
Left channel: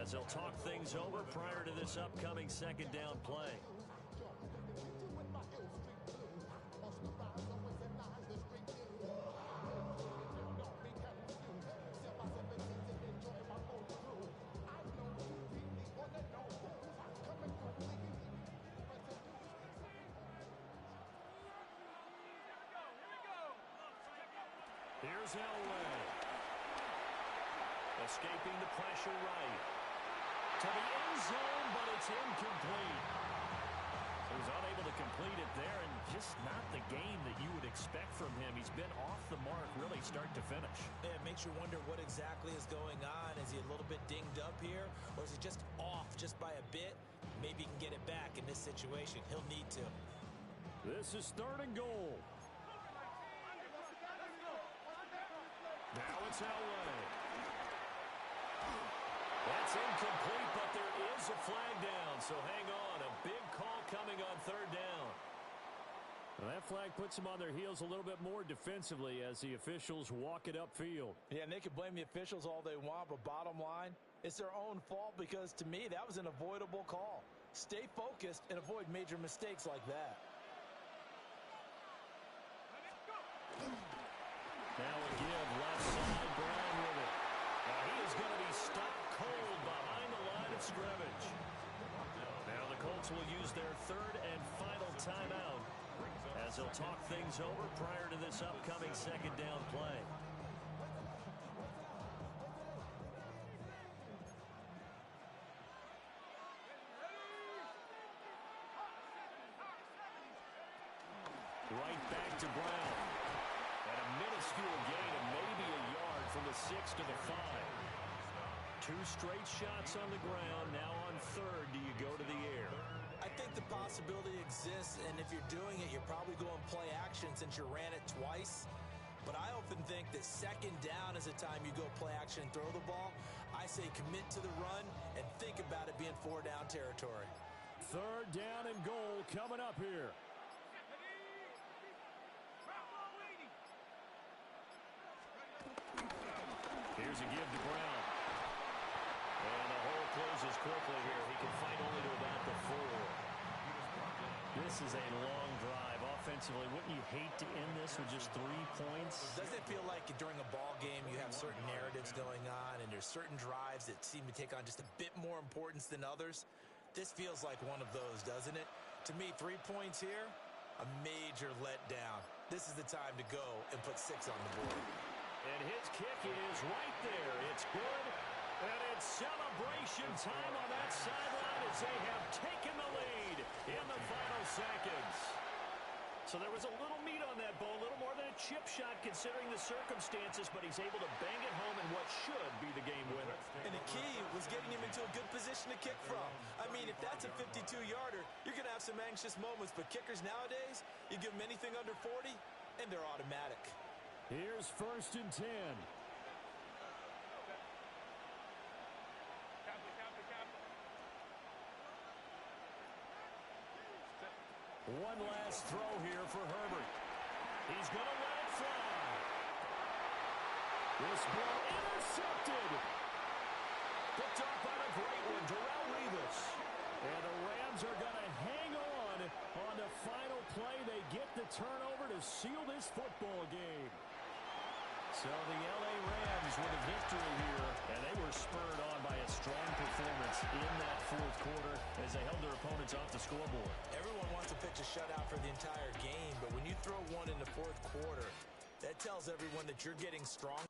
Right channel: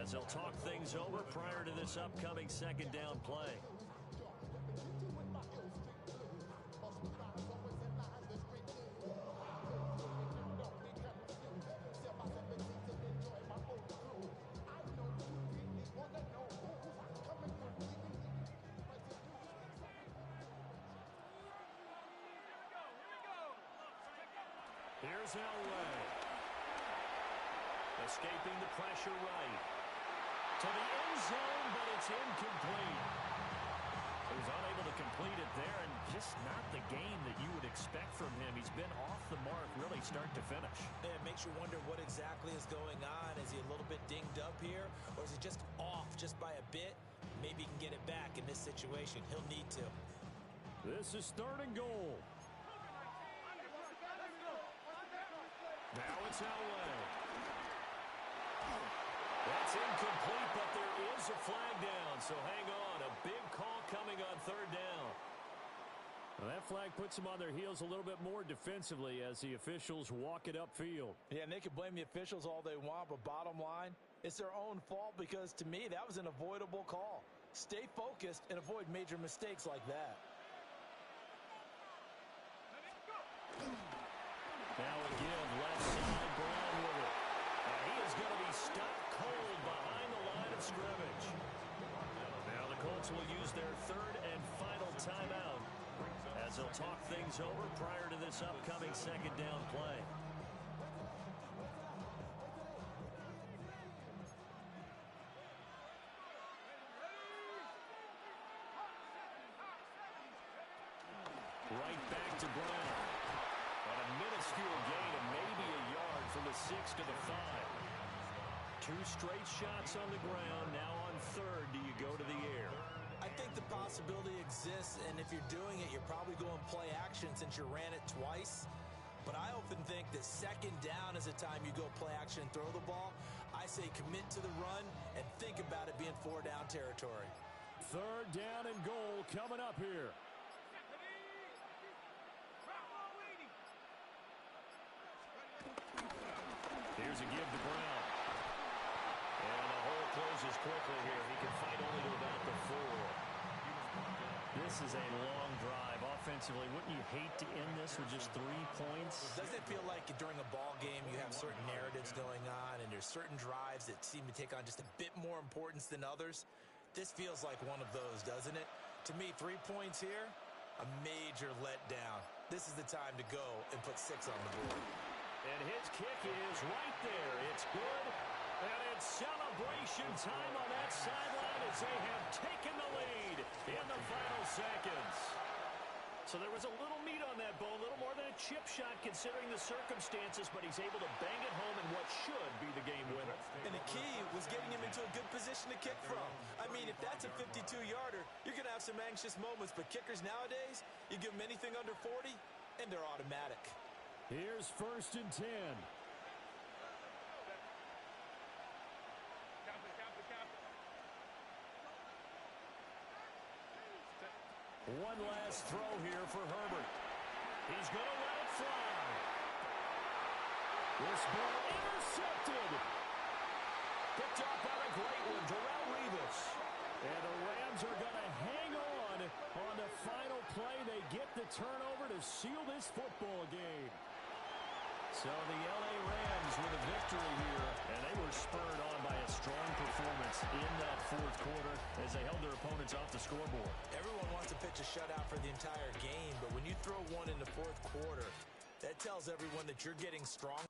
as they'll talk things over prior to this upcoming second down play. Here's Elway. Escaping the pressure right. To the end zone, but it's incomplete. So he's unable to complete it there, and just not the game that you would expect from him. He's been off the mark really start to finish. Yeah, it makes you wonder what exactly is going on. Is he a little bit dinged up here, or is he just off just by a bit? Maybe he can get it back in this situation. He'll need to. This is third and goal. Now it's Elway. That's incomplete, but there is a flag down, so hang on. A big call coming on third down. Well, that flag puts them on their heels a little bit more defensively as the officials walk it upfield. Yeah, and they can blame the officials all they want, but bottom line, it's their own fault because, to me, that was an avoidable call. Stay focused and avoid major mistakes like that. Now a give, left side, Brown with it. And he is going to be stopped cold behind the line of scrimmage. Now the Colts will use their third and final timeout as they'll talk things over prior to this upcoming second down play. Right back to Brown. And a minuscule gain of maybe a yard from the 6 to the 5. Two straight shots on the ground. Now on third, do you go to the air? I think the possibility exists, and if you're doing it, you're probably going play action since you ran it twice. But I often think that second down is the time you go play action and throw the ball. I say commit to the run and think about it being 4 down territory. Third down and goal coming up here. Here's a give to Brown. And the hole closes quickly here. He can fight only to about the 4. This is a long drive. Offensively, wouldn't you hate to end this with just 3 points? Doesn't it feel like during a ball game you have certain narratives going on and there's certain drives that seem to take on just a bit more importance than others? This feels like one of those, doesn't it? To me, 3 points here, a major letdown. This is the time to go and put 6 on the board. And his kick is right there. It's good. And it's celebration time on that sideline as they have taken the lead in the final seconds. So there was a little meat on that bone, a little more than a chip shot considering the circumstances, but he's able to bang it home in what should be the game winner. And the key was getting him into a good position to kick from. I mean, if that's a 52-yarder, you're going to have some anxious moments, but kickers nowadays, you give them anything under 40, and they're automatic. Here's first and 10. One last throw here for Herbert. He's going to let it fly. This ball intercepted. Picked off by the great one, Darrelle Revis. And the Rams are going to hang on the final play. They get the turnover to seal this football game. So the L.A. Rams with a victory here, and they were spurred on by a strong performance in that fourth quarter as they held their opponents off the scoreboard. Everyone wants to pitch a shutout for the entire game, but when you throw one in the fourth quarter, that tells everyone that you're getting strong.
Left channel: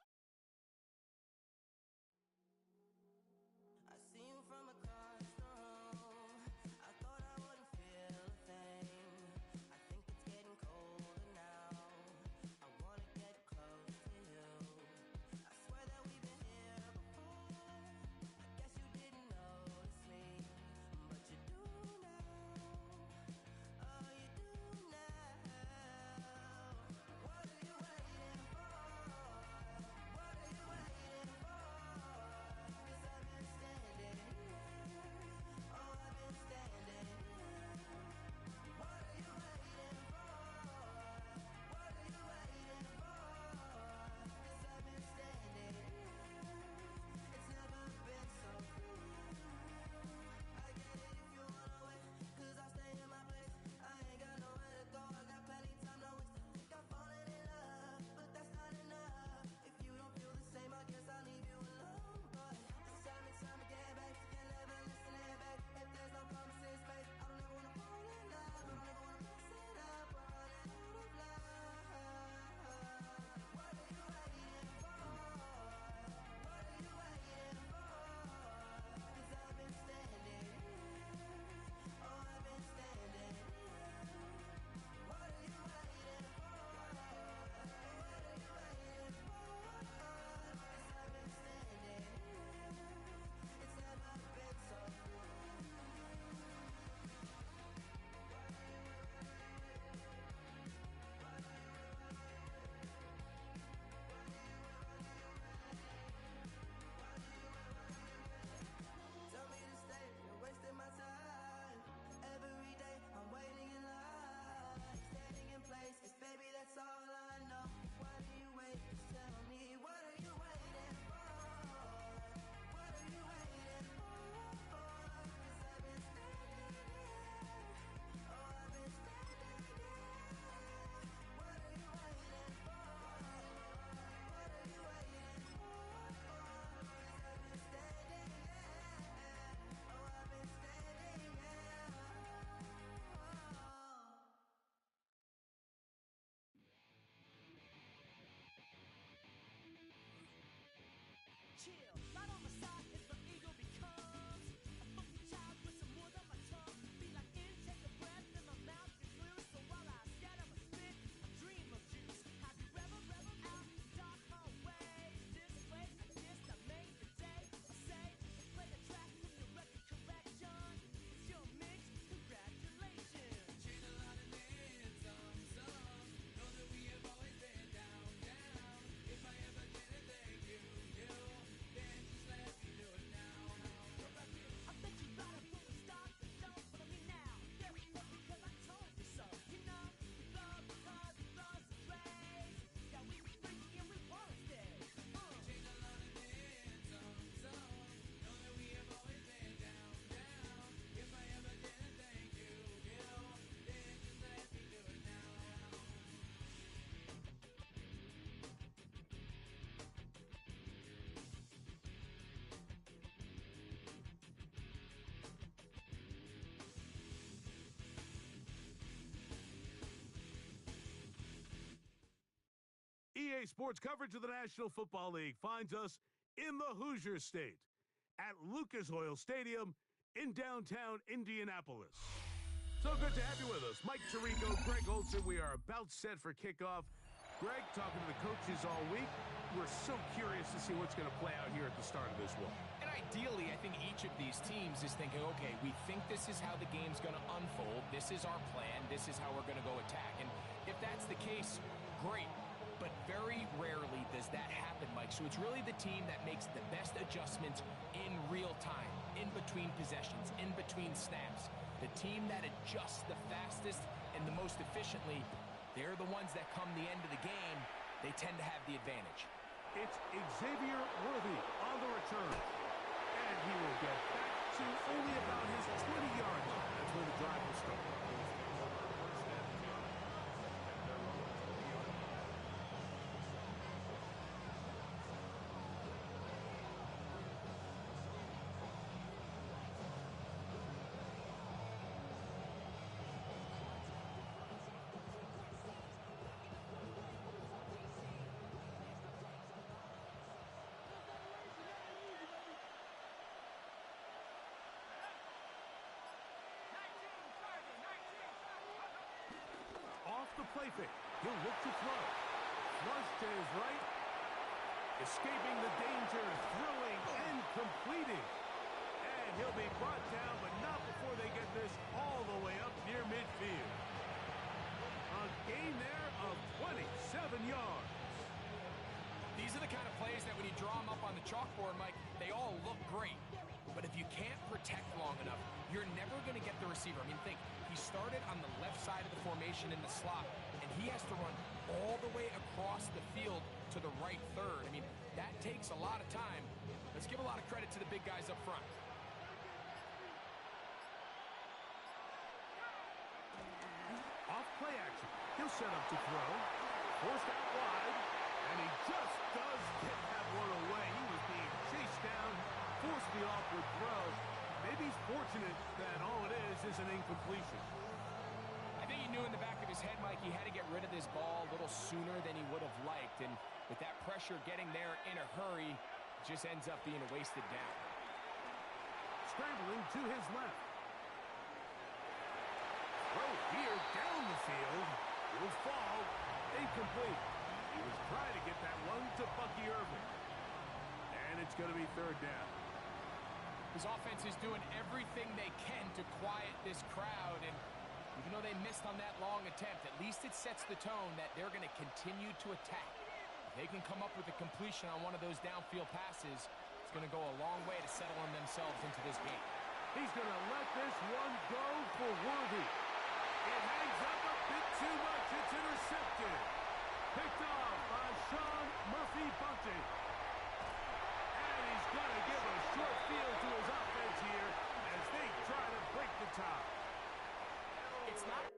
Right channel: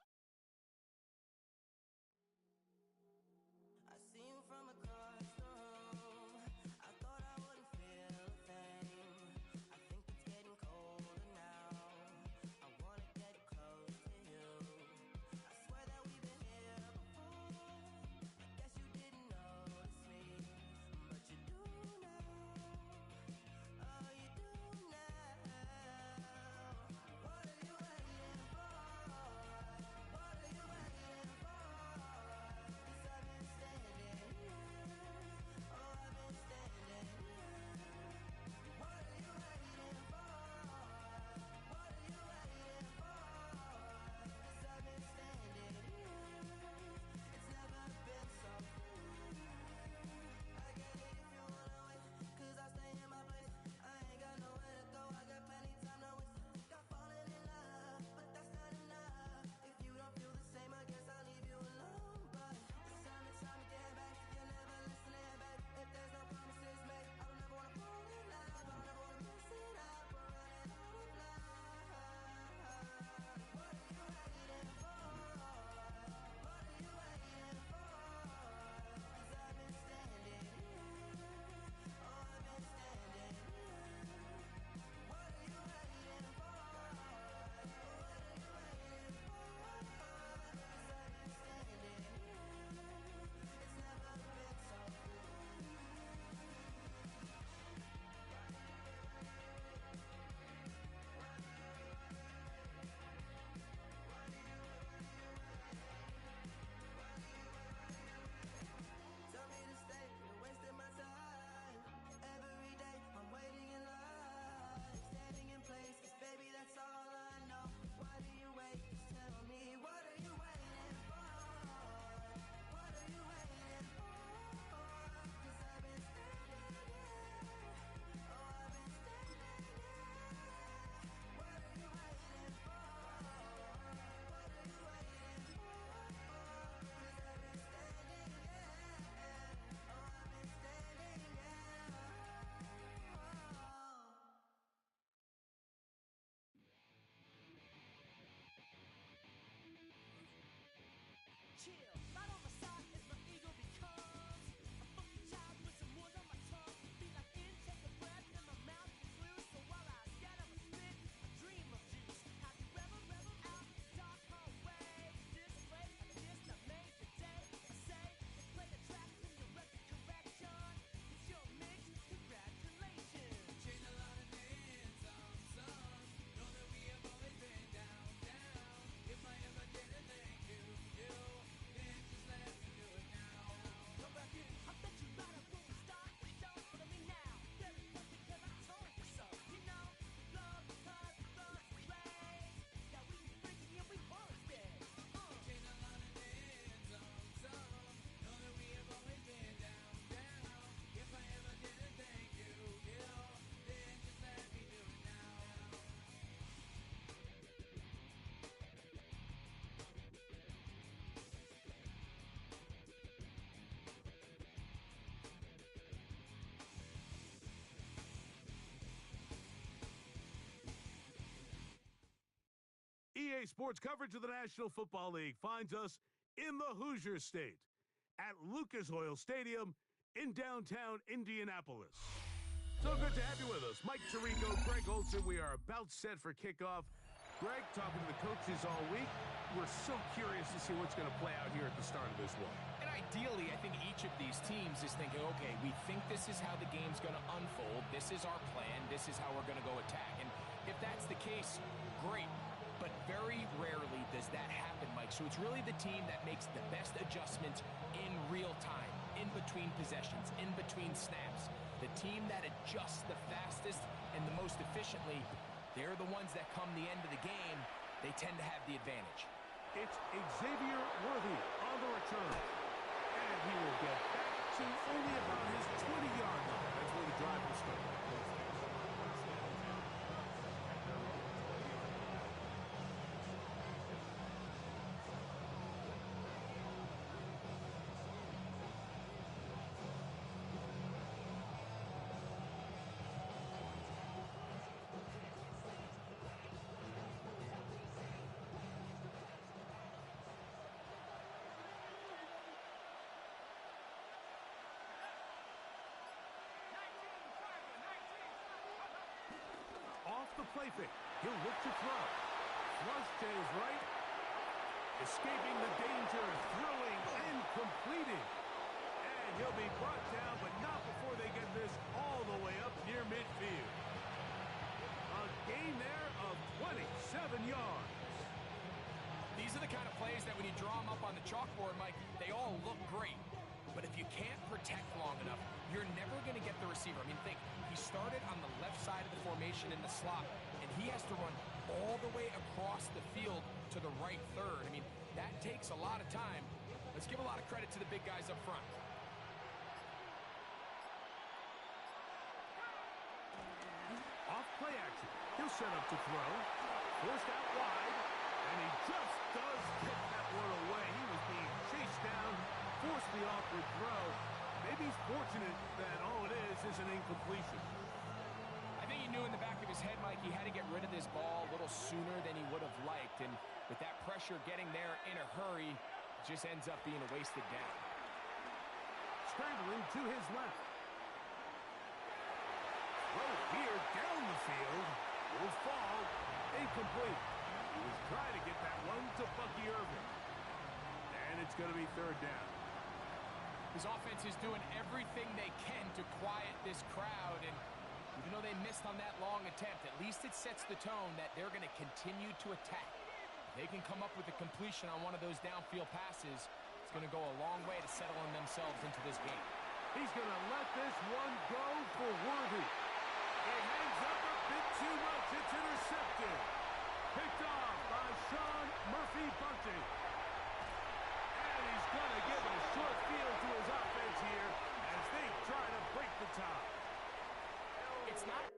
Day sports coverage of the National Football League finds us in the Hoosier State at Lucas Oil Stadium in downtown Indianapolis. So good to have you with us. Mike Tirico, Greg Olson. We are about set for kickoff. Greg, talking to the coaches all week. We're so curious to see what's going to play out here at the start of this one. And ideally, I think each of these teams is thinking, okay, we think this is how the game's going to unfold. This is our plan. This is how we're going to go attack. And if that's the case, great. But very rarely does that happen, Mike. So it's really the team that makes the best adjustments in real time, in between possessions, in between snaps. The team that adjusts the fastest and the most efficiently, they're the ones that come the end of the game, they tend to have the advantage. It's Xavier Worthy on the return. And he will get back to only about his 20-yard line. That's where the drive will start. Off the play fake. He'll look to throw. Flush to his right. Escaping the danger, throwing and completing. And he'll be brought down, but not before they get this all the way up near midfield. A gain there of 27 yards. These are the kind of plays that when you draw them up on the chalkboard, Mike, they all look great. But if you can't protect long enough, you're never going to get the receiver. I mean, think, he started on the left side of the formation in the slot, and he has to run all the way across the field to the right third. I mean, that takes a lot of time. Let's give a lot of credit to the big guys up front. Off play action. He'll set up to throw. Forced out wide. And he just does get that one away. He was being chased down. Forced the awkward throw. Maybe he's fortunate that all it is an incompletion. I think he knew in the back of his head, Mike, he had to get rid of this ball a little sooner than he would have liked. And with that pressure getting there in a hurry, it just ends up being a wasted down. Scrambling to his left. Throw here down the field. Will fall. Incomplete. He was trying to get that one to Bucky Irving. And it's going to be third down. His offense is doing everything they can to quiet this crowd, and even though they missed on that long attempt, at least it sets the tone that they're going to continue to attack. If they can come up with a completion on one of those downfield passes, it's going to go a long way to settling themselves into this game. He's going to let this one go for Worthy. It hangs up a bit too much. It's intercepted. Picked off by Sean Murphy-Bunting. And he's going to give a short field to his offense here as they try to break the tie. It's not...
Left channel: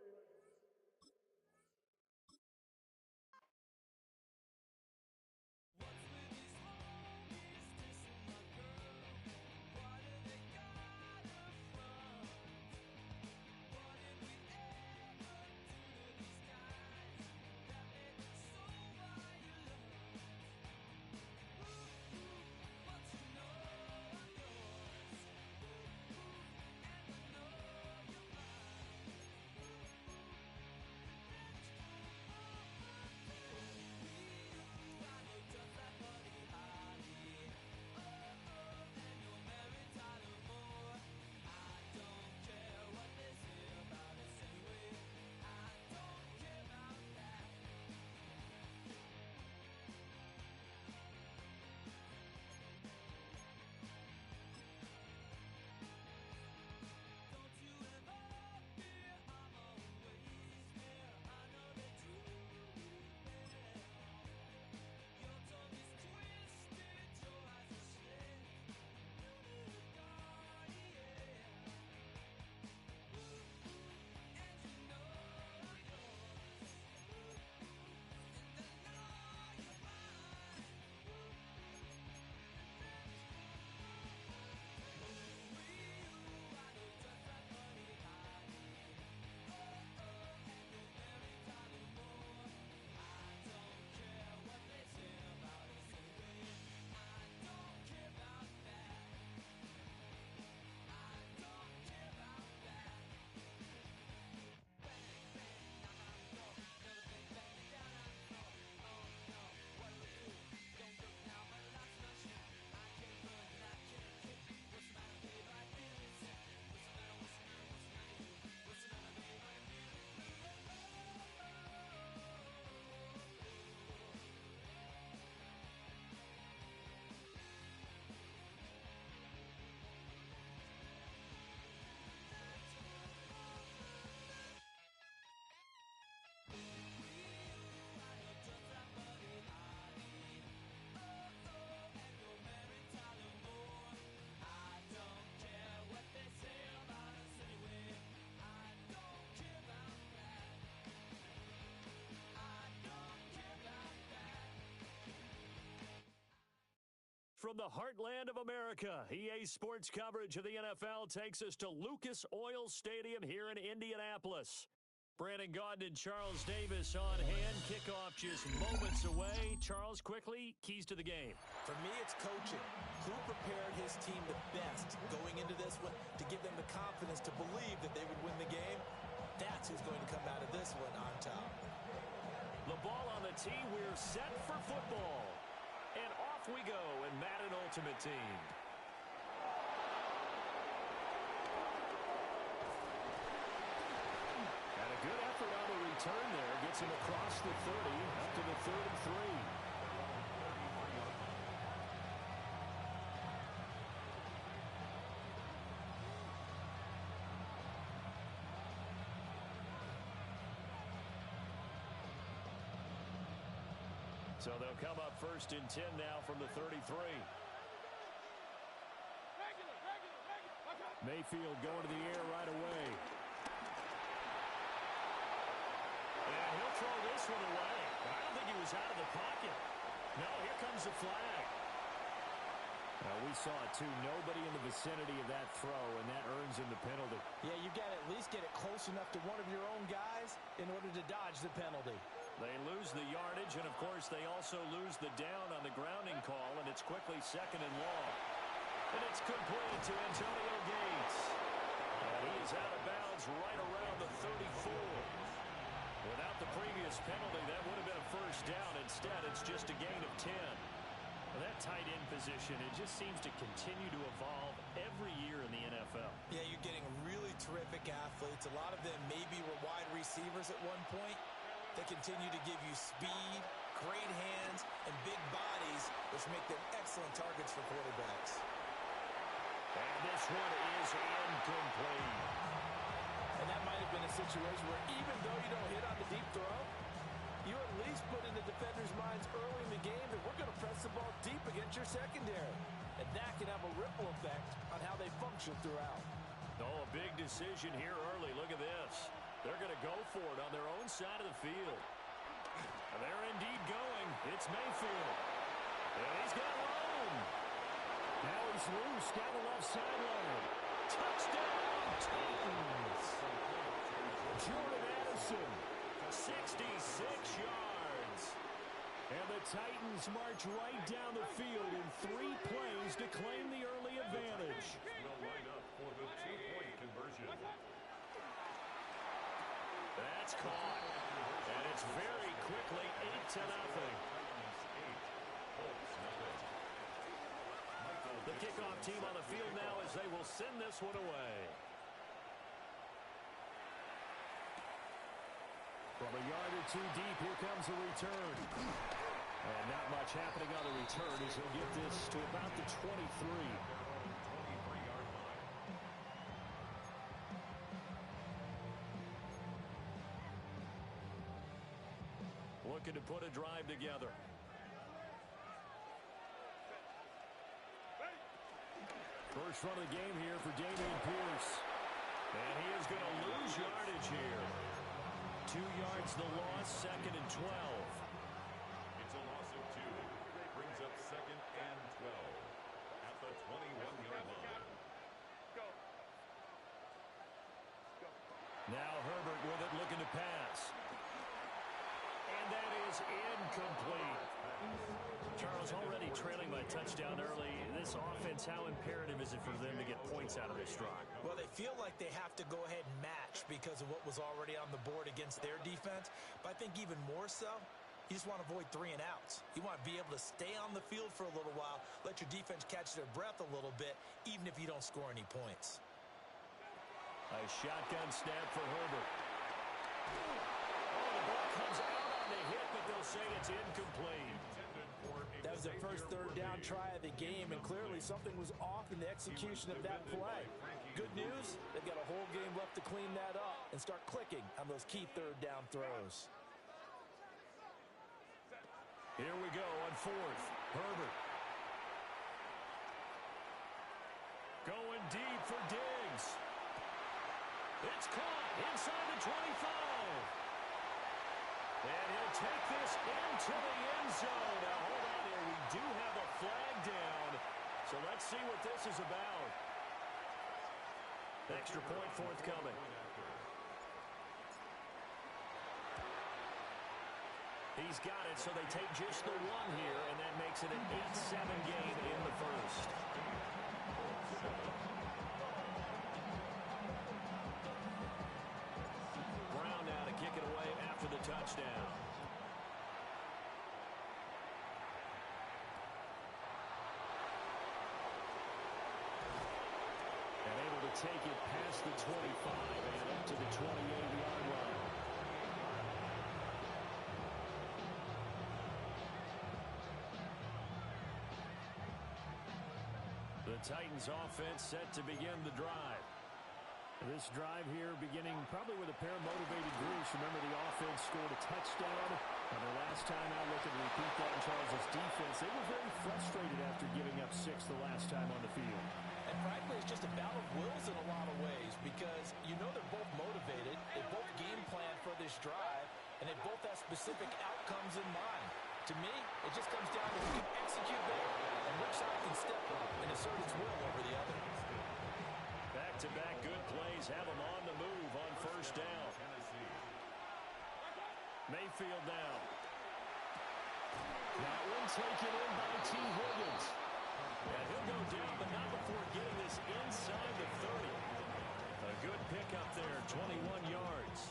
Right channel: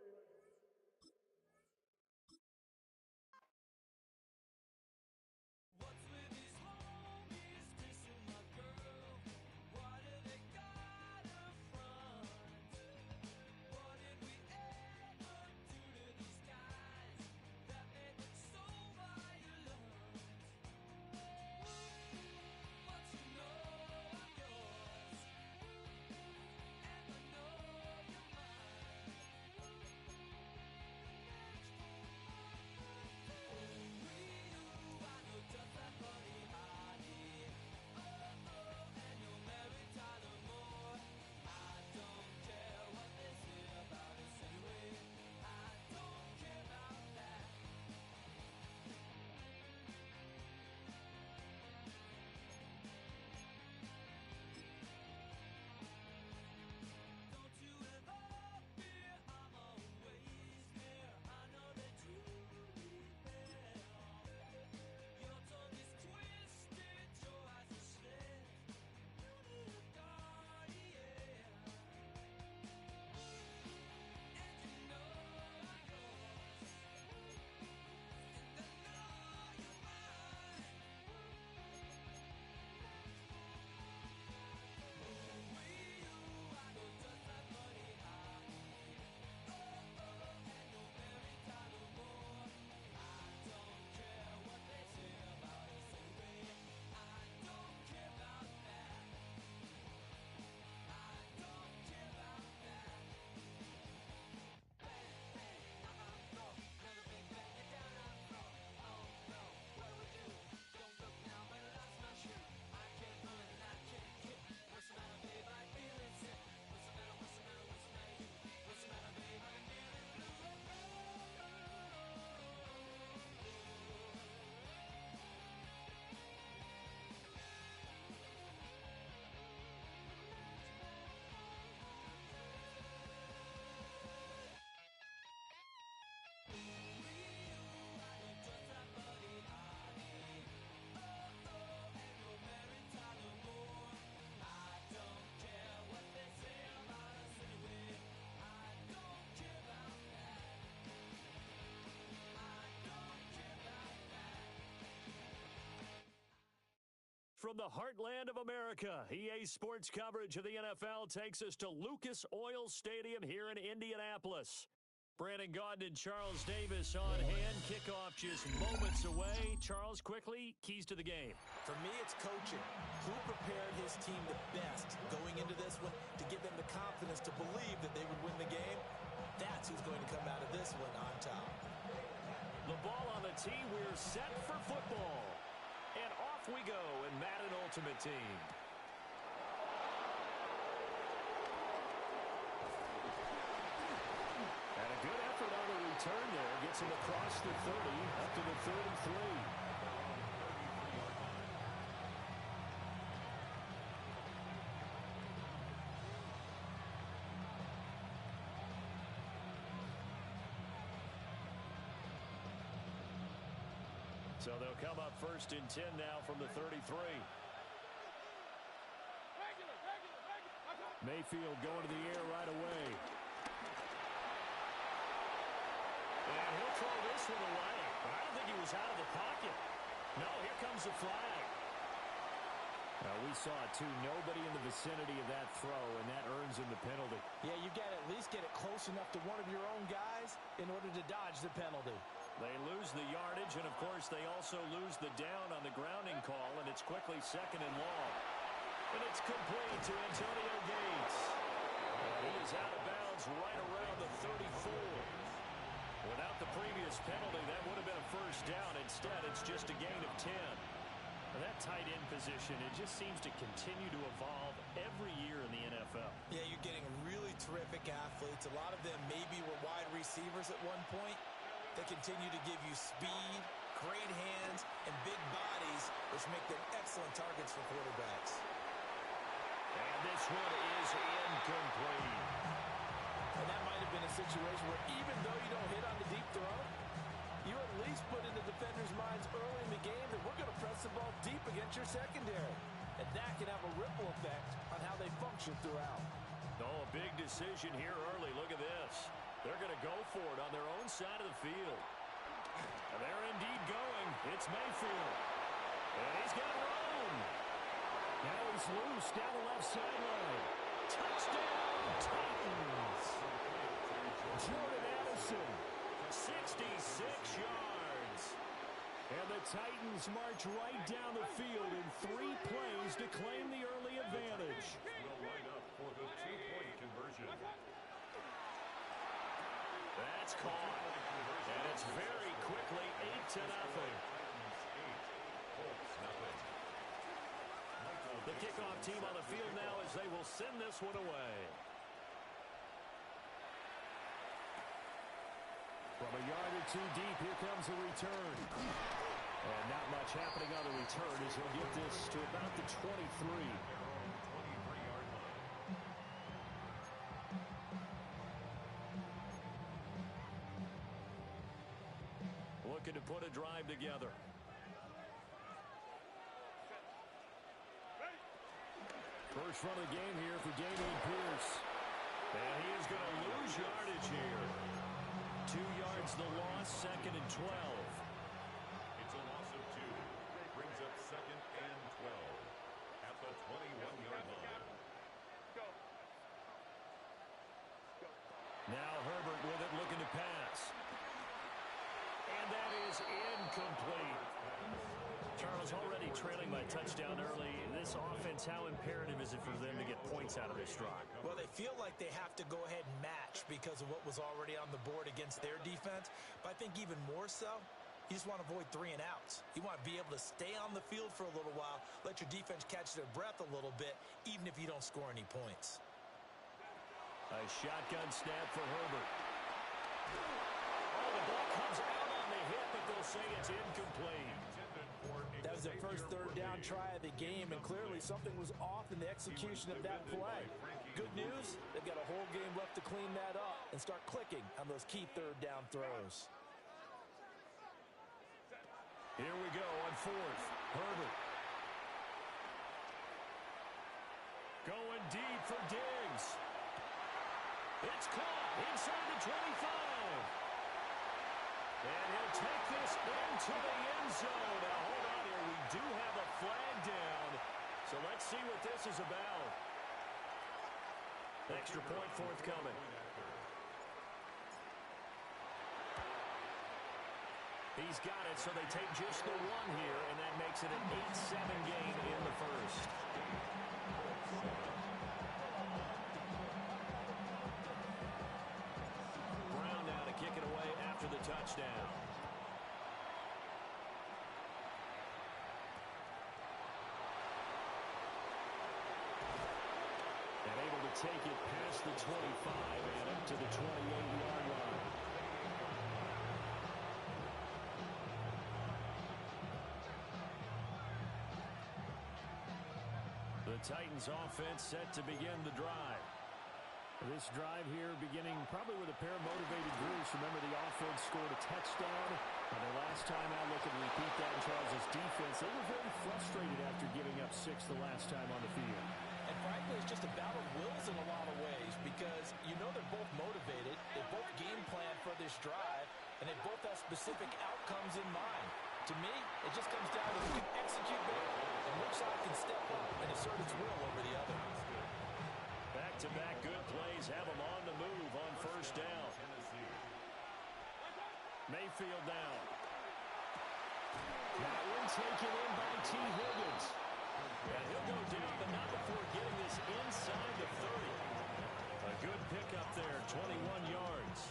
from the heartland of America. EA Sports coverage of the NFL takes us to Lucas Oil Stadium here in Indianapolis. Brandon Gaudin and Charles Davis on hand. Kickoff just moments away. Charles, quickly, keys to the game. For me, it's coaching. Who prepared his team the best going into this one to give them the confidence to believe that they would win the game? That's who's going to come out of this one on top. The ball on the tee. We're set for football. And off we go in Madden Ultimate Team. And a good effort on the return there. Gets him across the 30, up to the 33. So they'll come up first and 10 now from the 33. Mayfield going to the air right away. And he'll throw this one away. But I don't think he was out of the pocket. No, here comes the flag. We saw it too. Nobody in the vicinity of that throw, and that earns him the penalty. Yeah, you've got to at least get it close enough to one of your own guys in order to dodge the penalty. They lose the yardage, and, of course, they also lose the down on the grounding call, and it's quickly second and long. And it's complete to Antonio Gates. And he is out of bounds right around the 34. Without the previous penalty, that would have been a first down. Instead, it's just a gain of 10. That tight end position, it just seems to continue to evolve every year in the NFL. Yeah, you're getting really terrific athletes. A lot of them maybe were wide receivers at one point. They continue to give you speed, great hands, and big bodies, which make them excellent targets for quarterbacks. And this one is incomplete. And that might have been a situation where even though you don't hit on the deep throw, you at least put in the defenders' minds early in the game that we're going to press the ball deep against your secondary. And that can have a ripple effect on how they function throughout. Oh, a big decision here early. Look at this. They're going to go for it on their own side of the field. And they're indeed going. It's Mayfield. And he's got room. Now he's loose down the left sideline. Touchdown, Titans. Jordan Addison, 66 yards. And the Titans march right down the field in 3 plays to claim the early advantage. Will line up for the two-point conversion. That's caught. And it's very quickly 8-0. The kickoff team on the field now as they will send this one away. From a yard or two deep, here comes the return. And not much happening on the return as he'll get this to about the 23. Looking to put a drive together. First run of the game here for Dameon Pierce. And he is going to lose yardage here. 2 yards the loss, second and 12. It's a loss of 2. Brings up second and 12 at the 21-yard line. Now Herbert with it, looking to pass. And that is incomplete. Charles, already trailing by touchdown early. This offense, how imperative is it for them to get points out of this drive? Well, they feel like they have to go ahead and match because of what was already on the board against their defense. But I think even more so, you just want to avoid 3 and outs. You want to be able to stay on the field for a little while, let your defense catch their breath a little bit, even if you don't score any points. A shotgun snap for Herbert. Oh, the ball comes out on the hit, but they'll say it's incomplete. That was their first third down try of the game, and clearly something was off in the execution of that play. Good news, they've got a whole game left to clean that up and start clicking on those key third down throws. Here we go on fourth. Herbert. Going deep for Diggs. It's caught inside the 25. And he'll take this into the end zone. Now, hold on here. We do have a flag down. So let's see what this is about. Extra point forthcoming. He's got it, so they take just the one here, and that makes it an 8-7 game in the first. Brown now to kick it away after the touchdown. And able to take it past the 25 and up to the 28-yard line. The Titans offense set to begin the drive. This drive here beginning probably with a pair of motivated groups. Remember, the offense scored a touchdown on their last time out. Looking to repeat that in Charles' defense. They were very frustrated after giving up 6 the last time on the field. And frankly, it's just a battle of wills in a lot of ways because you know they're both motivated. They both game plan for this drive, and they both have specific outcomes in mind. To me, it just comes down to who can execute better and which side can step up and assert its will over the other. Back-to-back good plays have them on the move on first down. Mayfield down. That one taken in by T. Higgins. And he'll go down, but not before getting this inside the 30. A good pickup there, 21 yards.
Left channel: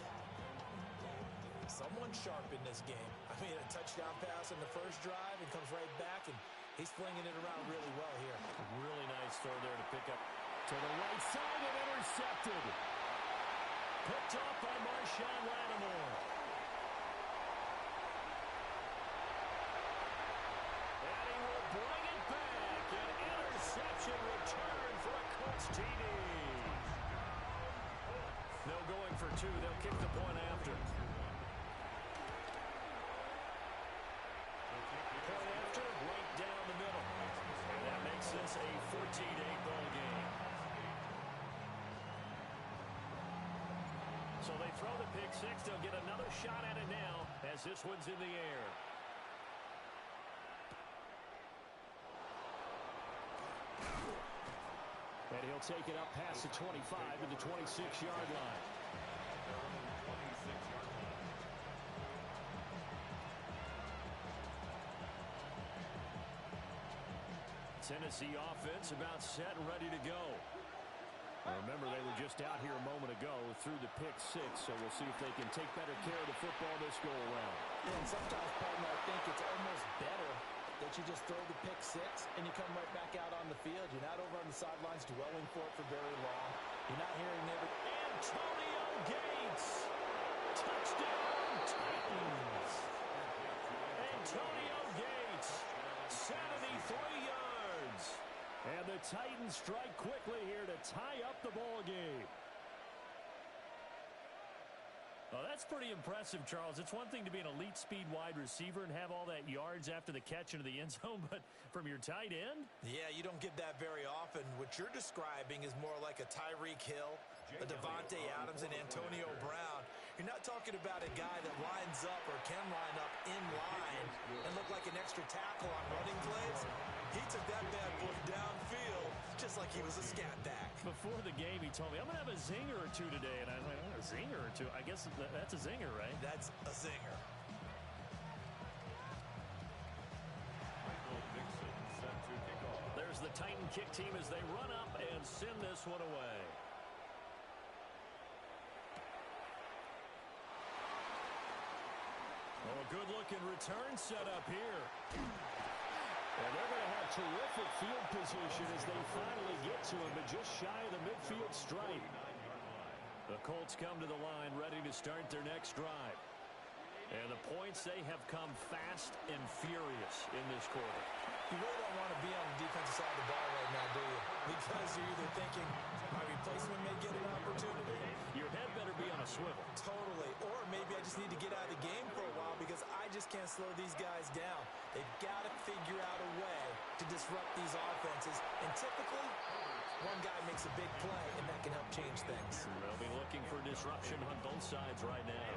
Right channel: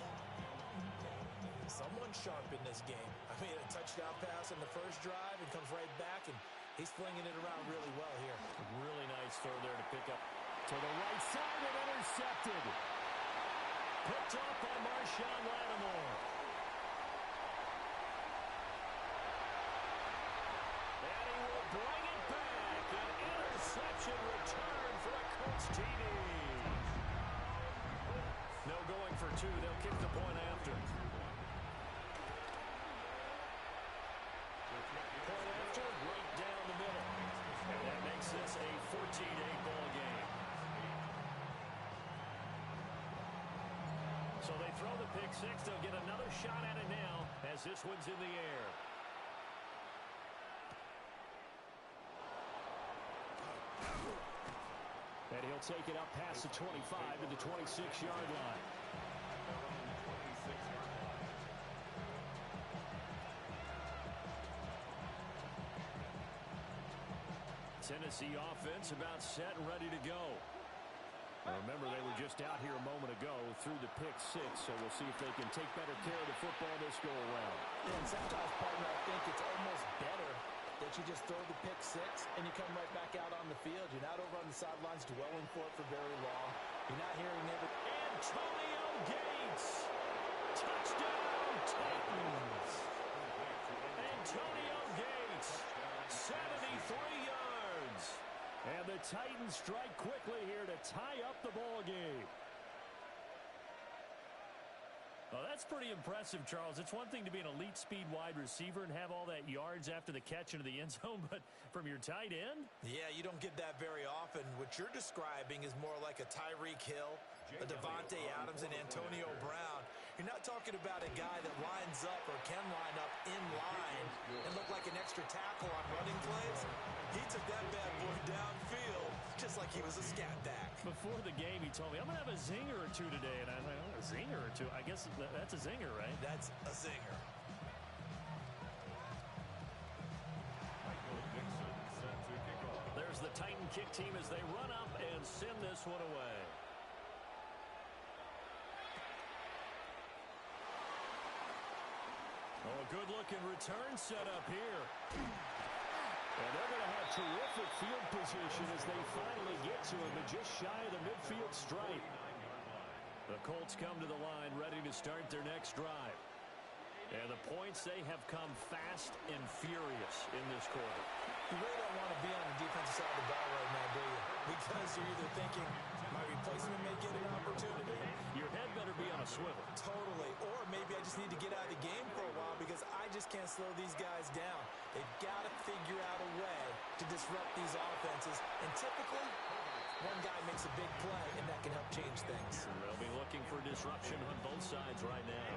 Someone sharp in this game. I mean, a touchdown pass in the first drive and comes right back, and he's flinging it around really well here. Really nice throw there to pick up. To the right side and intercepted. Picked off by Marshawn Lattimore. And he will bring it back. An interception return for a Colts TD. No going for 2. They'll kick the point after. Point after, right down the middle. And that makes this a 14-8 ball game. So they throw the pick 6. They'll get another shot at it now as this one's in the air. And he'll take it up past the 25 to the 26-yard line. Tennessee offense about set and ready to go. Remember, they were just out here a moment ago through the pick 6, so we'll see if they can take better care of the football this go-around. Yeah, and sometimes, partner, I think it's almost better that you just throw the pick 6 and you come right back out on the field. You're not over on the sidelines dwelling for it for very long. You're not hearing every... Antonio Gates! Touchdown, Titans! Antonio Gates, 73 yards. And the Titans strike quickly here to tie up the ball game. Well, that's pretty impressive, Charles. It's one thing to be an elite speed wide receiver and have all that yards after the catch into the end zone, but from your tight end? Yeah, you don't get that very often. What you're describing is more like a Tyreek Hill, a Devontae Adams, and Antonio Brown. You're not talking about a guy that lines up or can line up in line and look like an extra tackle on running plays. He took that bad boy downfield just like he was a scat back. Before the game, he told me, I'm going to have a zinger or two today. And I was like, oh, a zinger or two? I guess that's a zinger, right? That's a zinger. Michael Dixon set to kick off. There's the Titan kick team as they run up and send this one away. Oh, a good-looking return set up here. And they're going to have terrific field position as they finally get to him, but just shy of the midfield stripe. The Colts come to the line ready to start their next drive. And the points, they have come fast and furious in this quarter. You really don't want to be on the defensive side of the ball right now, do you? Because you're either thinking, my replacement may get an opportunity. Your head better be on a swivel. Totally. Or maybe I just need to get out of the game for a while because I just can't slow these guys down. They've got to figure out a way to disrupt these offenses. And typically, one guy makes a big play, and that can help change things. They'll be looking for disruption on both sides right now.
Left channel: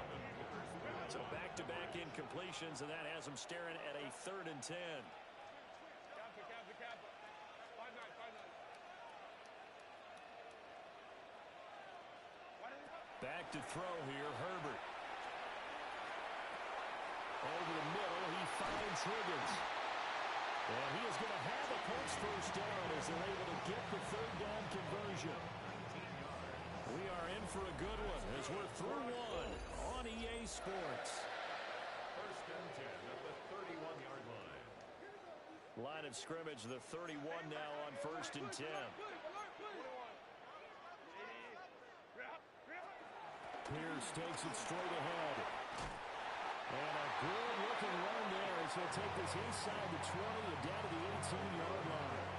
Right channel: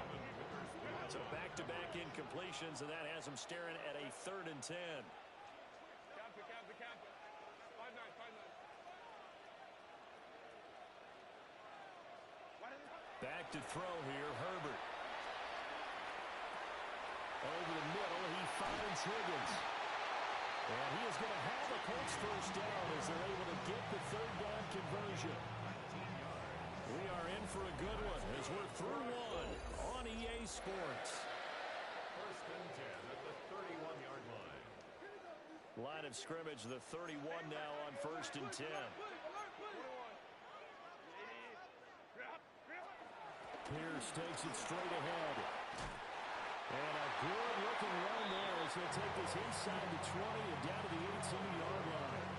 So back-to-back incompletions, and that has them staring at a 3rd and 10. Back to throw here, Herbert. Over the middle, he finds Higgins. And he is going to have a Colts first down as they're able to get the 3rd down conversion. We are in for a good one as we're through one on EA Sports. 1st and 10 at the 31-yard line. Line of scrimmage, the 31 now on 1st and 10. Pierce takes it straight ahead. And a good-looking run there as he'll take this inside the 20 and down to the 18-yard line.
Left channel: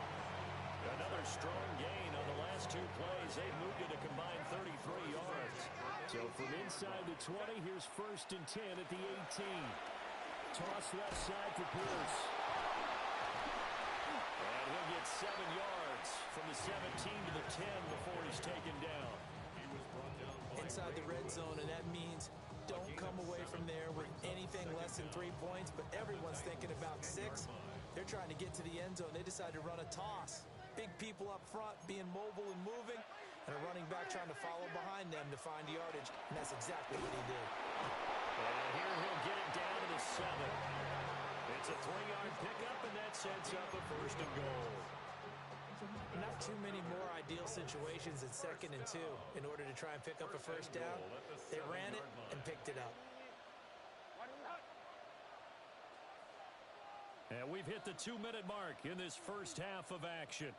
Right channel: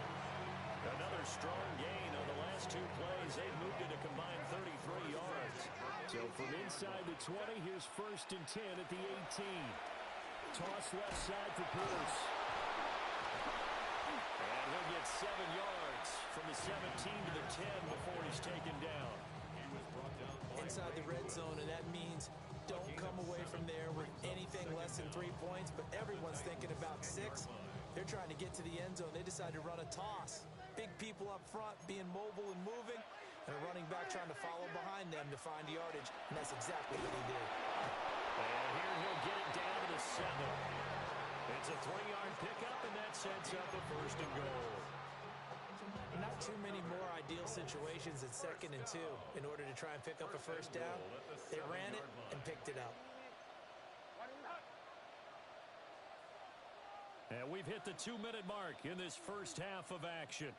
Another strong gain on the last 2 plays. They've moved it a combined 33 yards. So from inside the 20, here's 1st and 10 at the 18. Toss left side for Pierce. And he'll get 7 yards from the 17 to the 10 before he's taken down. Inside the red zone, and that means don't come away from there with anything less than 3 points, but everyone's thinking about 6. They're trying to get to the end zone. They decide to run a toss. Big people up front being mobile and moving, and a running back trying to follow behind them to find yardage, and that's exactly what he did. And here he'll get it down to the 7. It's a 3-yard pickup, and that sets up a 1st and goal. Not too many more ideal situations at 2nd and 2 in order to try and pick up a 1st down. They ran it and picked it up. And we've hit the 2-minute mark in this first half of action.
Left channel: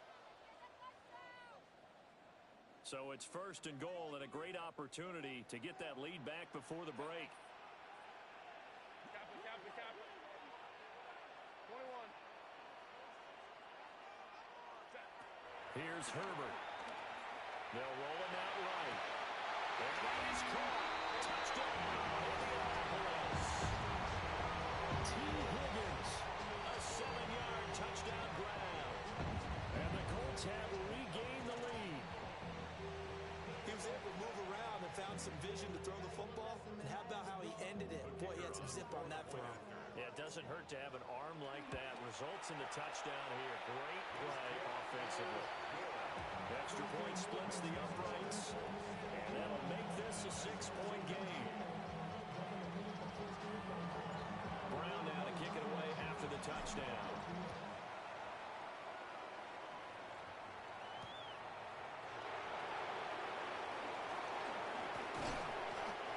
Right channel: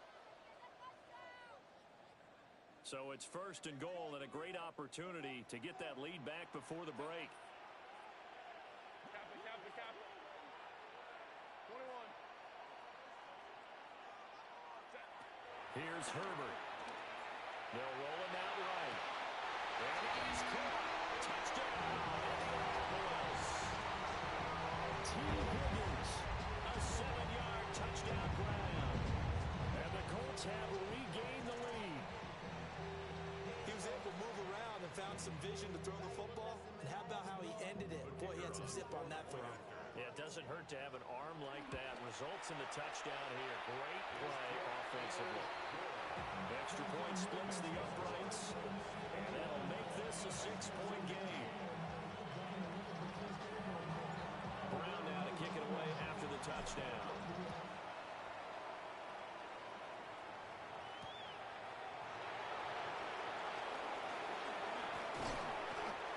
So it's 1st and goal and a great opportunity to get that lead back before the break. Here's Herbert. They'll roll it out right. And that is caught. Touchdown, Indianapolis. T. Higgins. A 7-yard touchdown grab. And the Colts have regained the lead. He was able to move around and found some vision to throw the football. And how about how he ended it? Boy, he had some zip on that throw. Yeah, it doesn't hurt to have an arm like that. Results in the touchdown here. Great play offensively. Extra point splits the uprights, and that'll make this a 6-point game. Brown now to kick it away after the touchdown.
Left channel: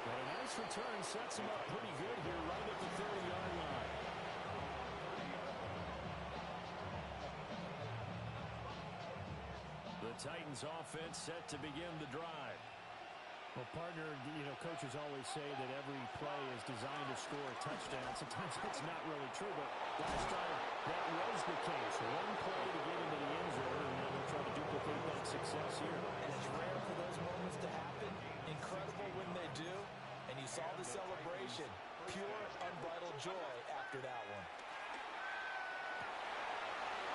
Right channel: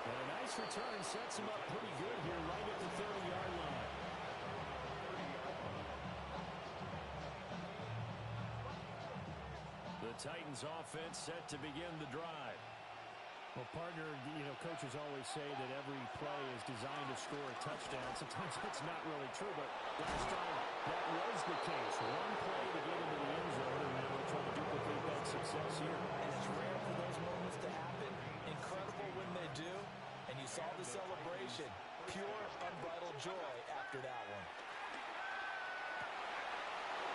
And a nice return sets him up pretty good here right at the 30-yard line. The Titans offense set to begin the drive. Well, partner, coaches always say that every play is designed to score a touchdown. Sometimes that's not really true, but last time that was the case. One play to get into the end zone, and now they'll try to duplicate that success here. And it's rare for those moments to happen. Incredible when they do. And you saw the celebration. Pure, unbridled joy after that one.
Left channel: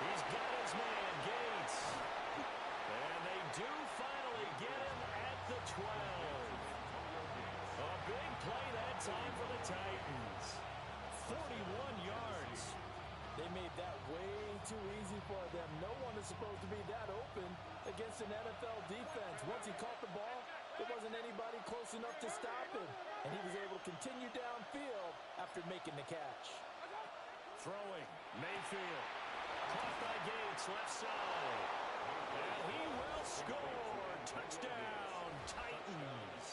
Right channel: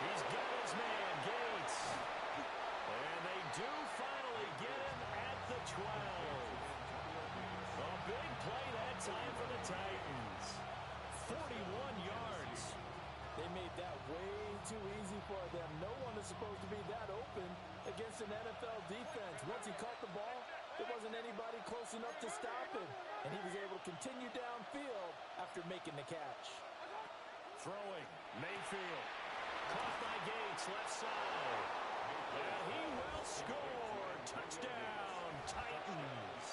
He's got his man, Gates. And they do finally get him at the 12. A big play that time for the Titans. 41 yards. They made that way too easy for them. No one is supposed to be that open against an NFL defense. Once he caught the ball, there wasn't anybody close enough to stop him. And he was able to continue downfield after making the catch. Throwing, Mayfield. Caught by Gates, left side. And he will score. Touchdown, Titans.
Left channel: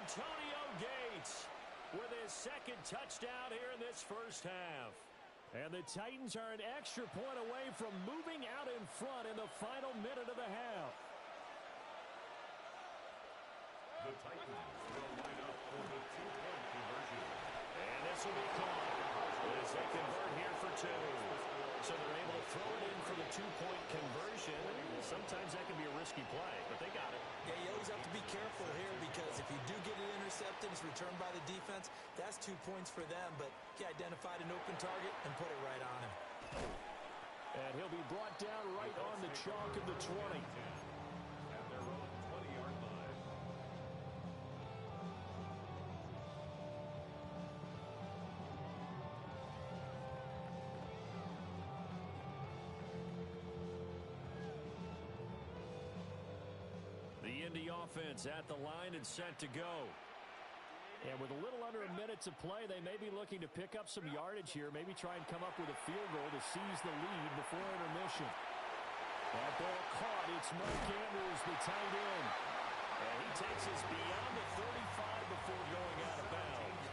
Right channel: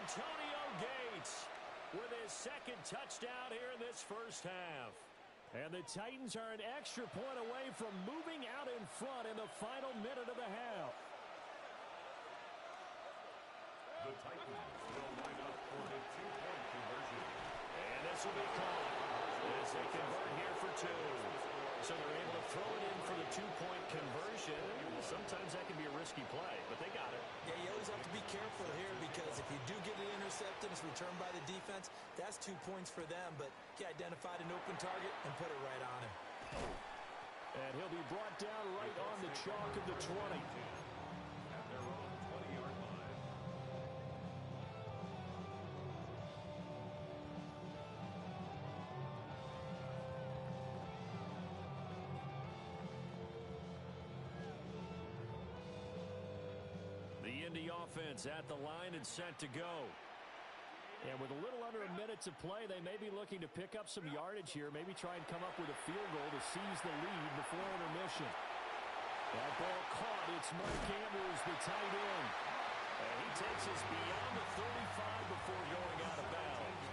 Antonio Gates with his 2nd touchdown here in this first half. And the Titans are an extra point away from moving out in front in the final minute of the half. The Titans will line up for the 2-point conversion. And this will be caught as they convert here for 2. So they're able to throw it in for the 2-point conversion. Sometimes that can be a risky play, but they got it. Yeah, you always have to be careful here because if you do get it intercepted, it's returned by the defense. That's 2 points for them, but he identified an open target and put it right on him. And he'll be brought down right on the chalk of the 20. At their own 20-yard line. Indy offense at the line and set to go. And with a little under a minute to play, they may be looking to pick up some yardage here, maybe try and come up with a field goal to seize the lead before intermission. That ball caught. It's Mark Andrews, the tight end. And he takes us beyond the 35 before going out of bounds.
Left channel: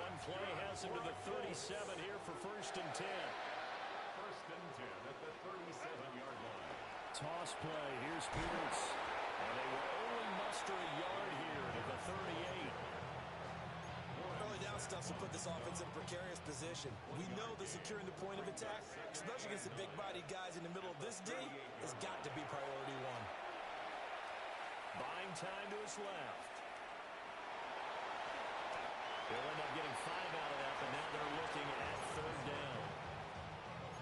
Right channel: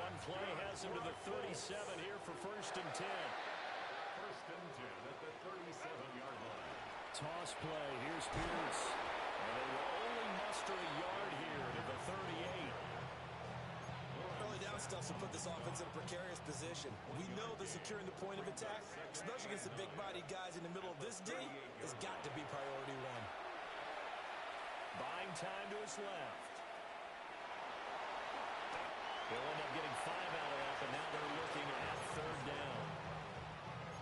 One play has him to the 37 here for 1st and 10. 1st and 10 at the 37-yard line. Toss play. Here's Pierce. And they will only muster a yard here to the 38. Early down stuff to put this offense in a precarious position. We know that securing the point of attack, especially against the big-bodied guys in the middle of this D, has got to be priority one. Buying time to his left. He'll end up getting 5 out of that, but now they're looking at 3rd down.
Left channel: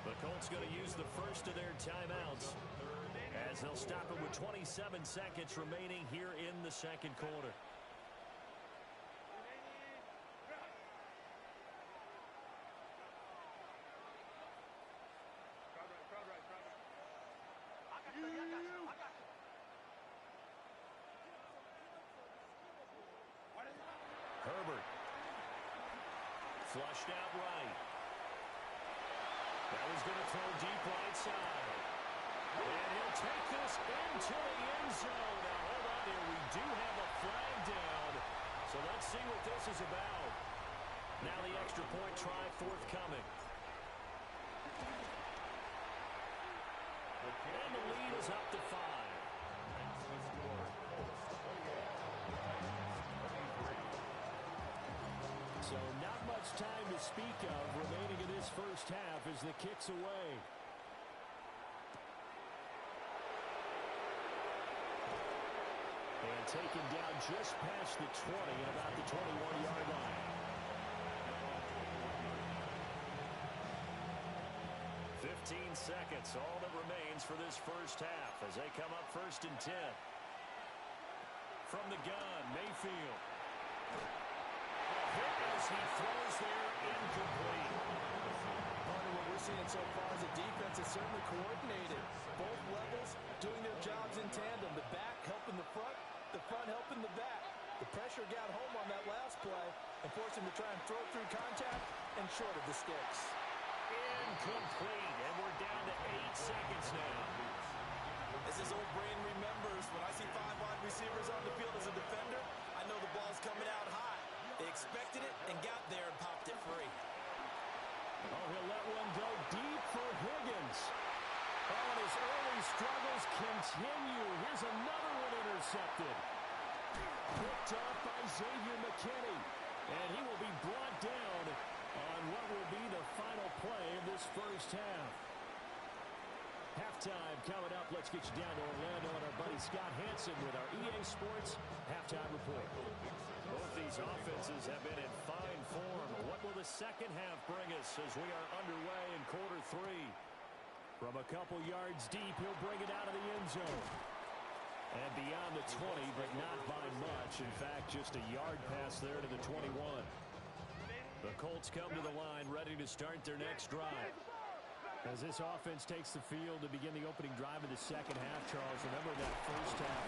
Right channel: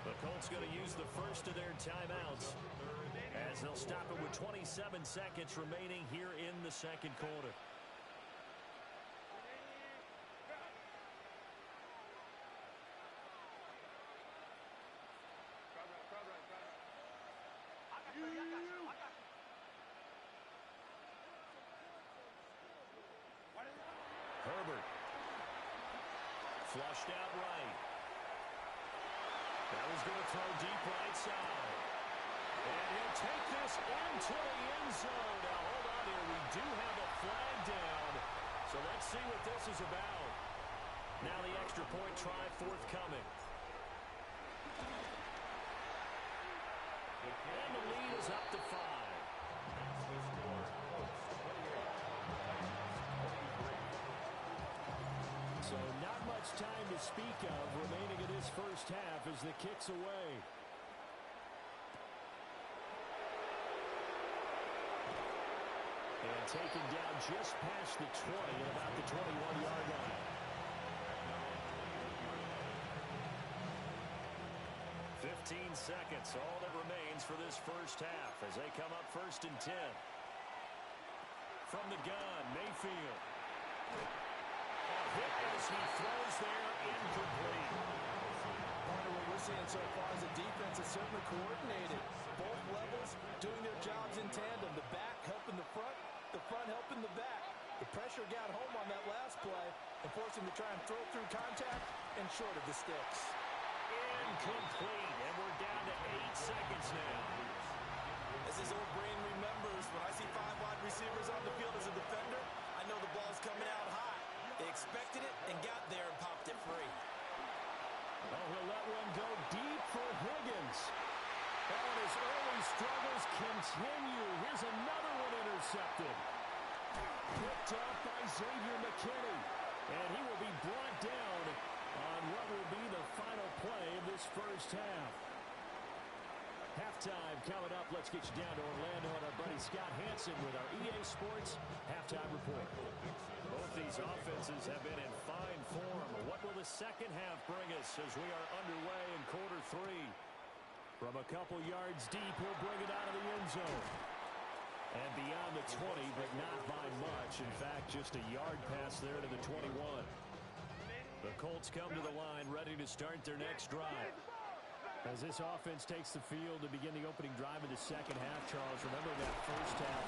The Colts going to use the first of their timeouts as they'll stop it with 27 seconds remaining here in the 2nd quarter. Herbert. Flushed out right. That was going to throw deep right side. And he'll take this into the end zone. Now, hold on here. We do have a flag down. So let's see what this is about. Now the extra point try forthcoming. And the lead is up to 5. Makes the score Colts 28, Titans 23. So not much time to speak of remaining in this first half as the kick's away. And taken down just past the 20 and about the 21-yard line. 15 seconds, all that remains for this first half as they come up 1st and 10. From the gun, Mayfield. A hit as he throws there, incomplete. Partner, what we're seeing so far is the defense is certainly coordinated. Both levels doing their jobs in tandem. The back helping the front helping the back. The pressure got home on that last play and forced him to try and throw through contact and short of the sticks. Incomplete, and we're down to 8 seconds now. As his old brain remembers, when I see 5 wide receivers on the field as a defender, I know the ball's coming out high. They expected it and got there and popped it free. Oh, he'll let one go deep for Higgins. Oh, and his early struggles continue. Here's another one intercepted. Picked off by Xavier McKinney. And he will be brought down on what will be the final play of this first half. Halftime coming up. Let's get you down to Orlando and our buddy Scott Hansen with our EA Sports Halftime Report. Both these offenses have been in fine form. What will the second half bring us as we are underway in quarter 3? From a couple yards deep, he'll bring it out of the end zone. And beyond the 20, but not by much. In fact, just a yard pass there to the 21. The Colts come to the line, ready to start their next drive. As this offense takes the field to begin the opening drive of the second half, Charles, remember that first half,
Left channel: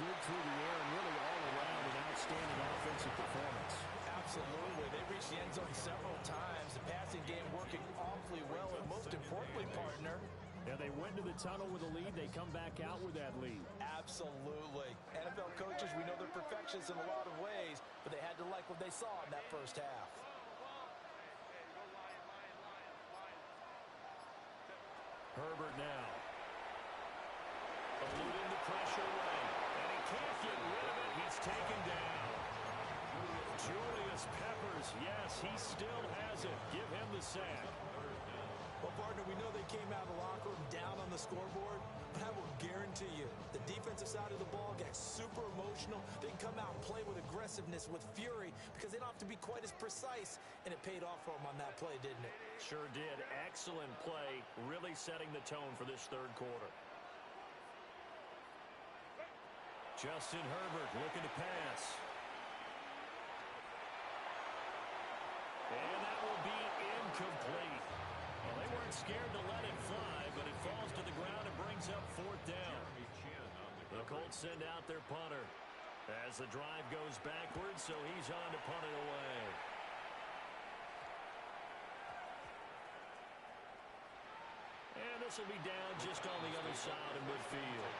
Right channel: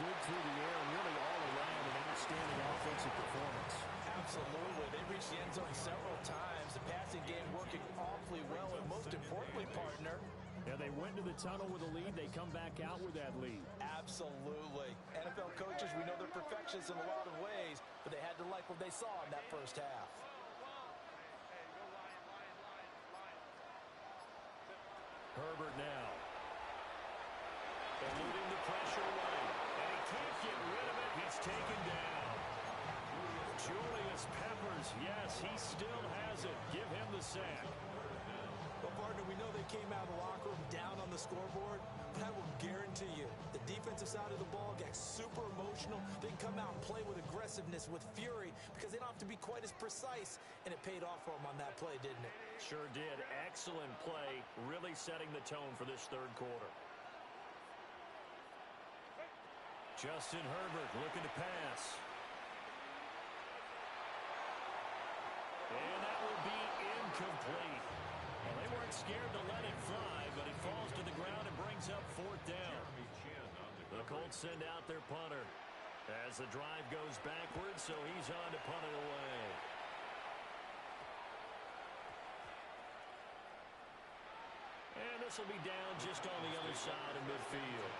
good through the air and really all around an outstanding offensive performance. Absolutely. They reached the end zone several times. The passing game working awfully well, and most importantly, partner, yeah, they went to the tunnel with a lead. They come back out with that lead. Absolutely. NFL coaches, we know they're perfectionists in a lot of ways, but they had to like what they saw in that first half. Herbert now. Eluding the pressure right. And he can't get rid of it. He's taken down. Julius Peppers, yes, he still has it. Give him the sack. Well, partner, we know they came out of the locker room down on the scoreboard, but I will guarantee you the defensive side of the ball got super emotional. They can come out and play with aggressiveness, with fury, because they don't have to be quite as precise, and it paid off for them on that play, didn't it? Sure did. Excellent play, really setting the tone for this third quarter. Justin Herbert looking to pass. And that will be incomplete. Well, they weren't scared to let it fly, but it falls to the ground and brings up 4th down. The Colts send out their punter as the drive goes backwards, so he's on to punt it away. And this will be down just on the other side of midfield.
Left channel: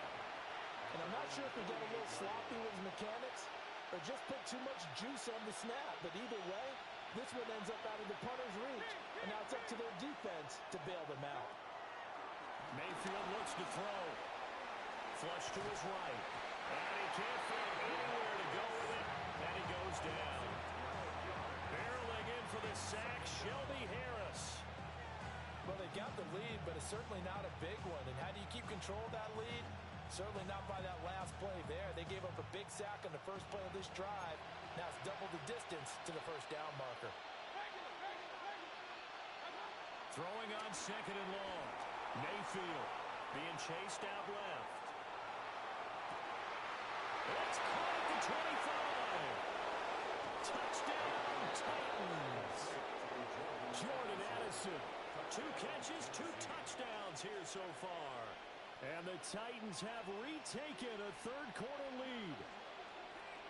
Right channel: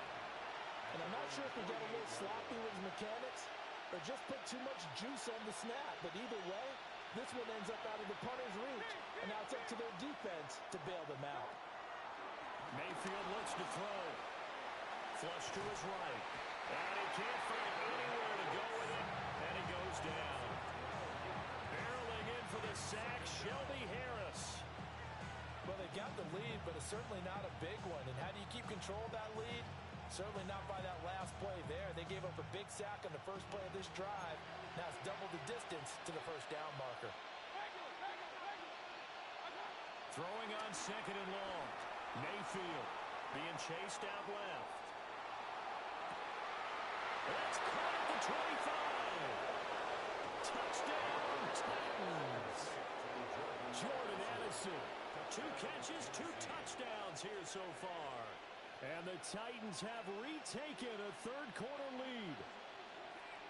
And I'm not sure if he got a little sloppy with his mechanics or just put too much juice on the snap. But either way, this one ends up out of the punter's reach. And now it's up to their defense to bail them out. Mayfield looks to throw. Flush to his right. And he can't find anywhere to go with it. And he goes down. Barreling in for the sack, Shelby Harris. Well, they got the lead, but it's certainly not a big one. And how do you keep control of that lead? Certainly not by that last play there. They gave up a big sack on the first play of this drive. Now it's double the distance to the first down marker. Throwing on second and long. Mayfield being chased out left. That's caught at the 25. Touchdown, Titans. Jordan Addison. 2 catches, 2 touchdowns here so far. And the Titans have retaken a third-quarter lead.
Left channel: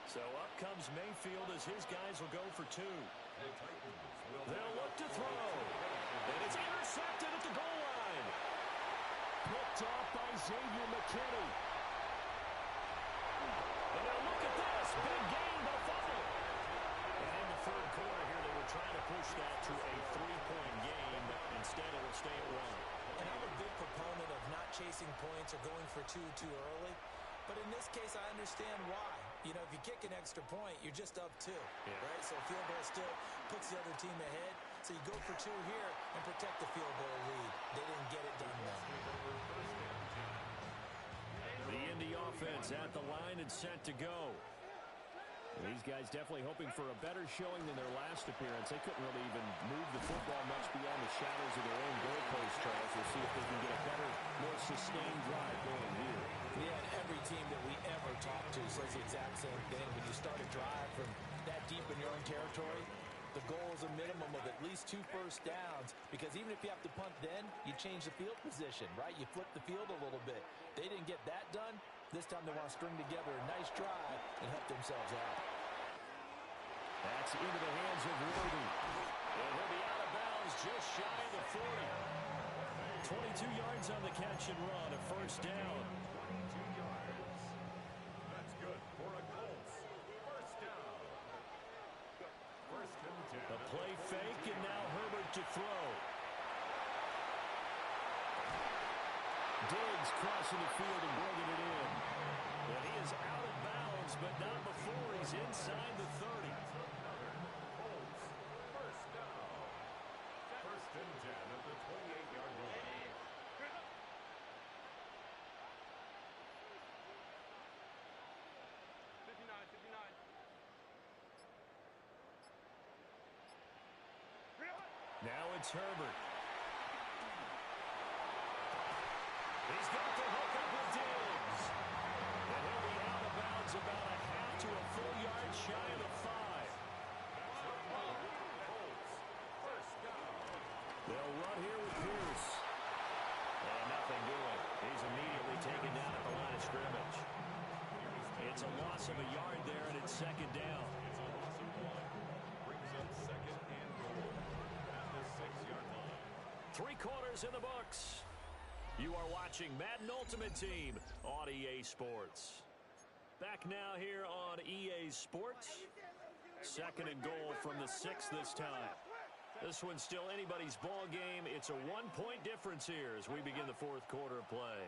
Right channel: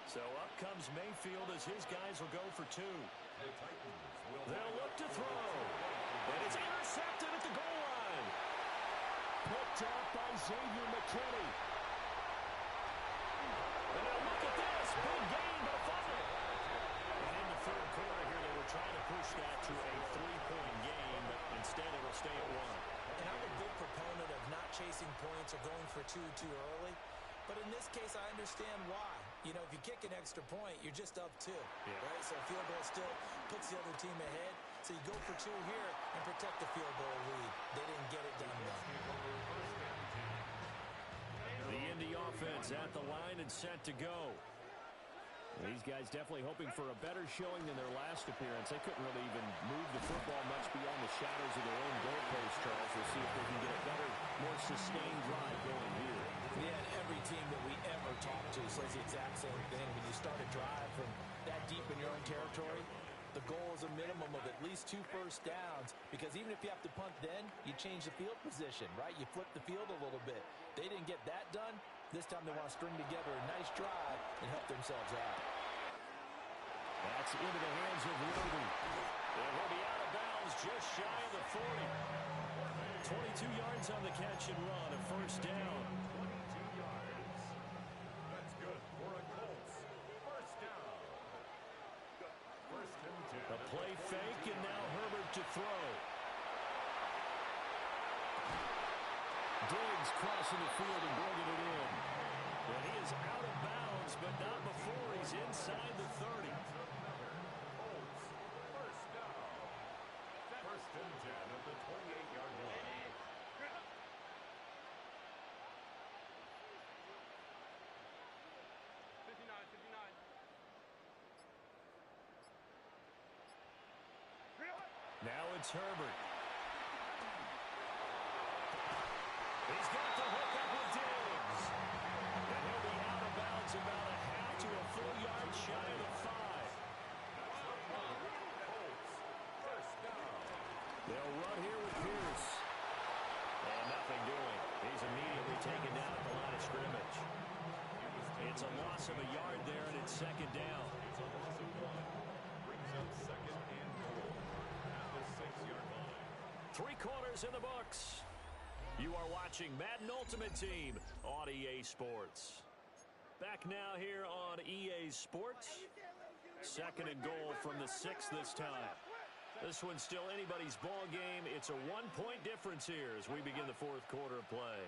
So up comes Mayfield as his guys will go for 2. They'll look to throw. And it's intercepted at the goal line. Picked off by Xavier McKinney. And now look at this. Big gain, but a fumble. And in the third quarter here, they were trying to push that to a 3-point game, but instead it will stay at 1. And I'm a big proponent of not chasing points or going for 2 too early. But in this case, I understand why. You know, if you kick an extra point, you're just up 2, right? So a field goal still puts the other team ahead. So you go for 2 here and protect the field goal lead. They didn't get it done, though. The Indy offense at the line and set to go. These guys definitely hoping for a better showing than their last appearance. They couldn't really even move the football much beyond the shadows of their own goalpost, Charles. We'll see if they can get a better, more sustained drive going here. Yeah, and every team that we ever talk to says the exact same thing. When you start a drive from that deep in your own territory, the goal is a minimum of at least 2 first downs, because even if you have to punt then, you change the field position, right? You flip the field a little bit. They didn't get that done. This time they want to string together a nice drive and help themselves out. That's into the hands of Worthy. And he'll be out of bounds just shy of the 40. 22 yards on the catch and run, a first down. 22 yards. That's good for a Colts. First down. First and 10. A play fake, and now Herbert to throw. Diggs crossing the field and bringing it in. And he is out of bounds, but not before he's inside the 30. Colts. First down. First and 10 at the 28-yard line. Now it's Herbert. He's got the hook up with Diggs. And he'll be out of bounds about a half to a full yard shy of the 5. Colts. First down. They'll run here with Pierce. And nothing doing. He's immediately taken down at the line of scrimmage. It's a loss of a yard there, and it's second down. It's a loss of 1. Brings up second and goal at the 6-yard line. 3 quarters in the books. You are watching Madden Ultimate Team on EA Sports. Back now here on EA Sports. Second and goal from the 6 this time. This one's still anybody's ball game. It's a 1-point difference here as we begin the fourth quarter of play.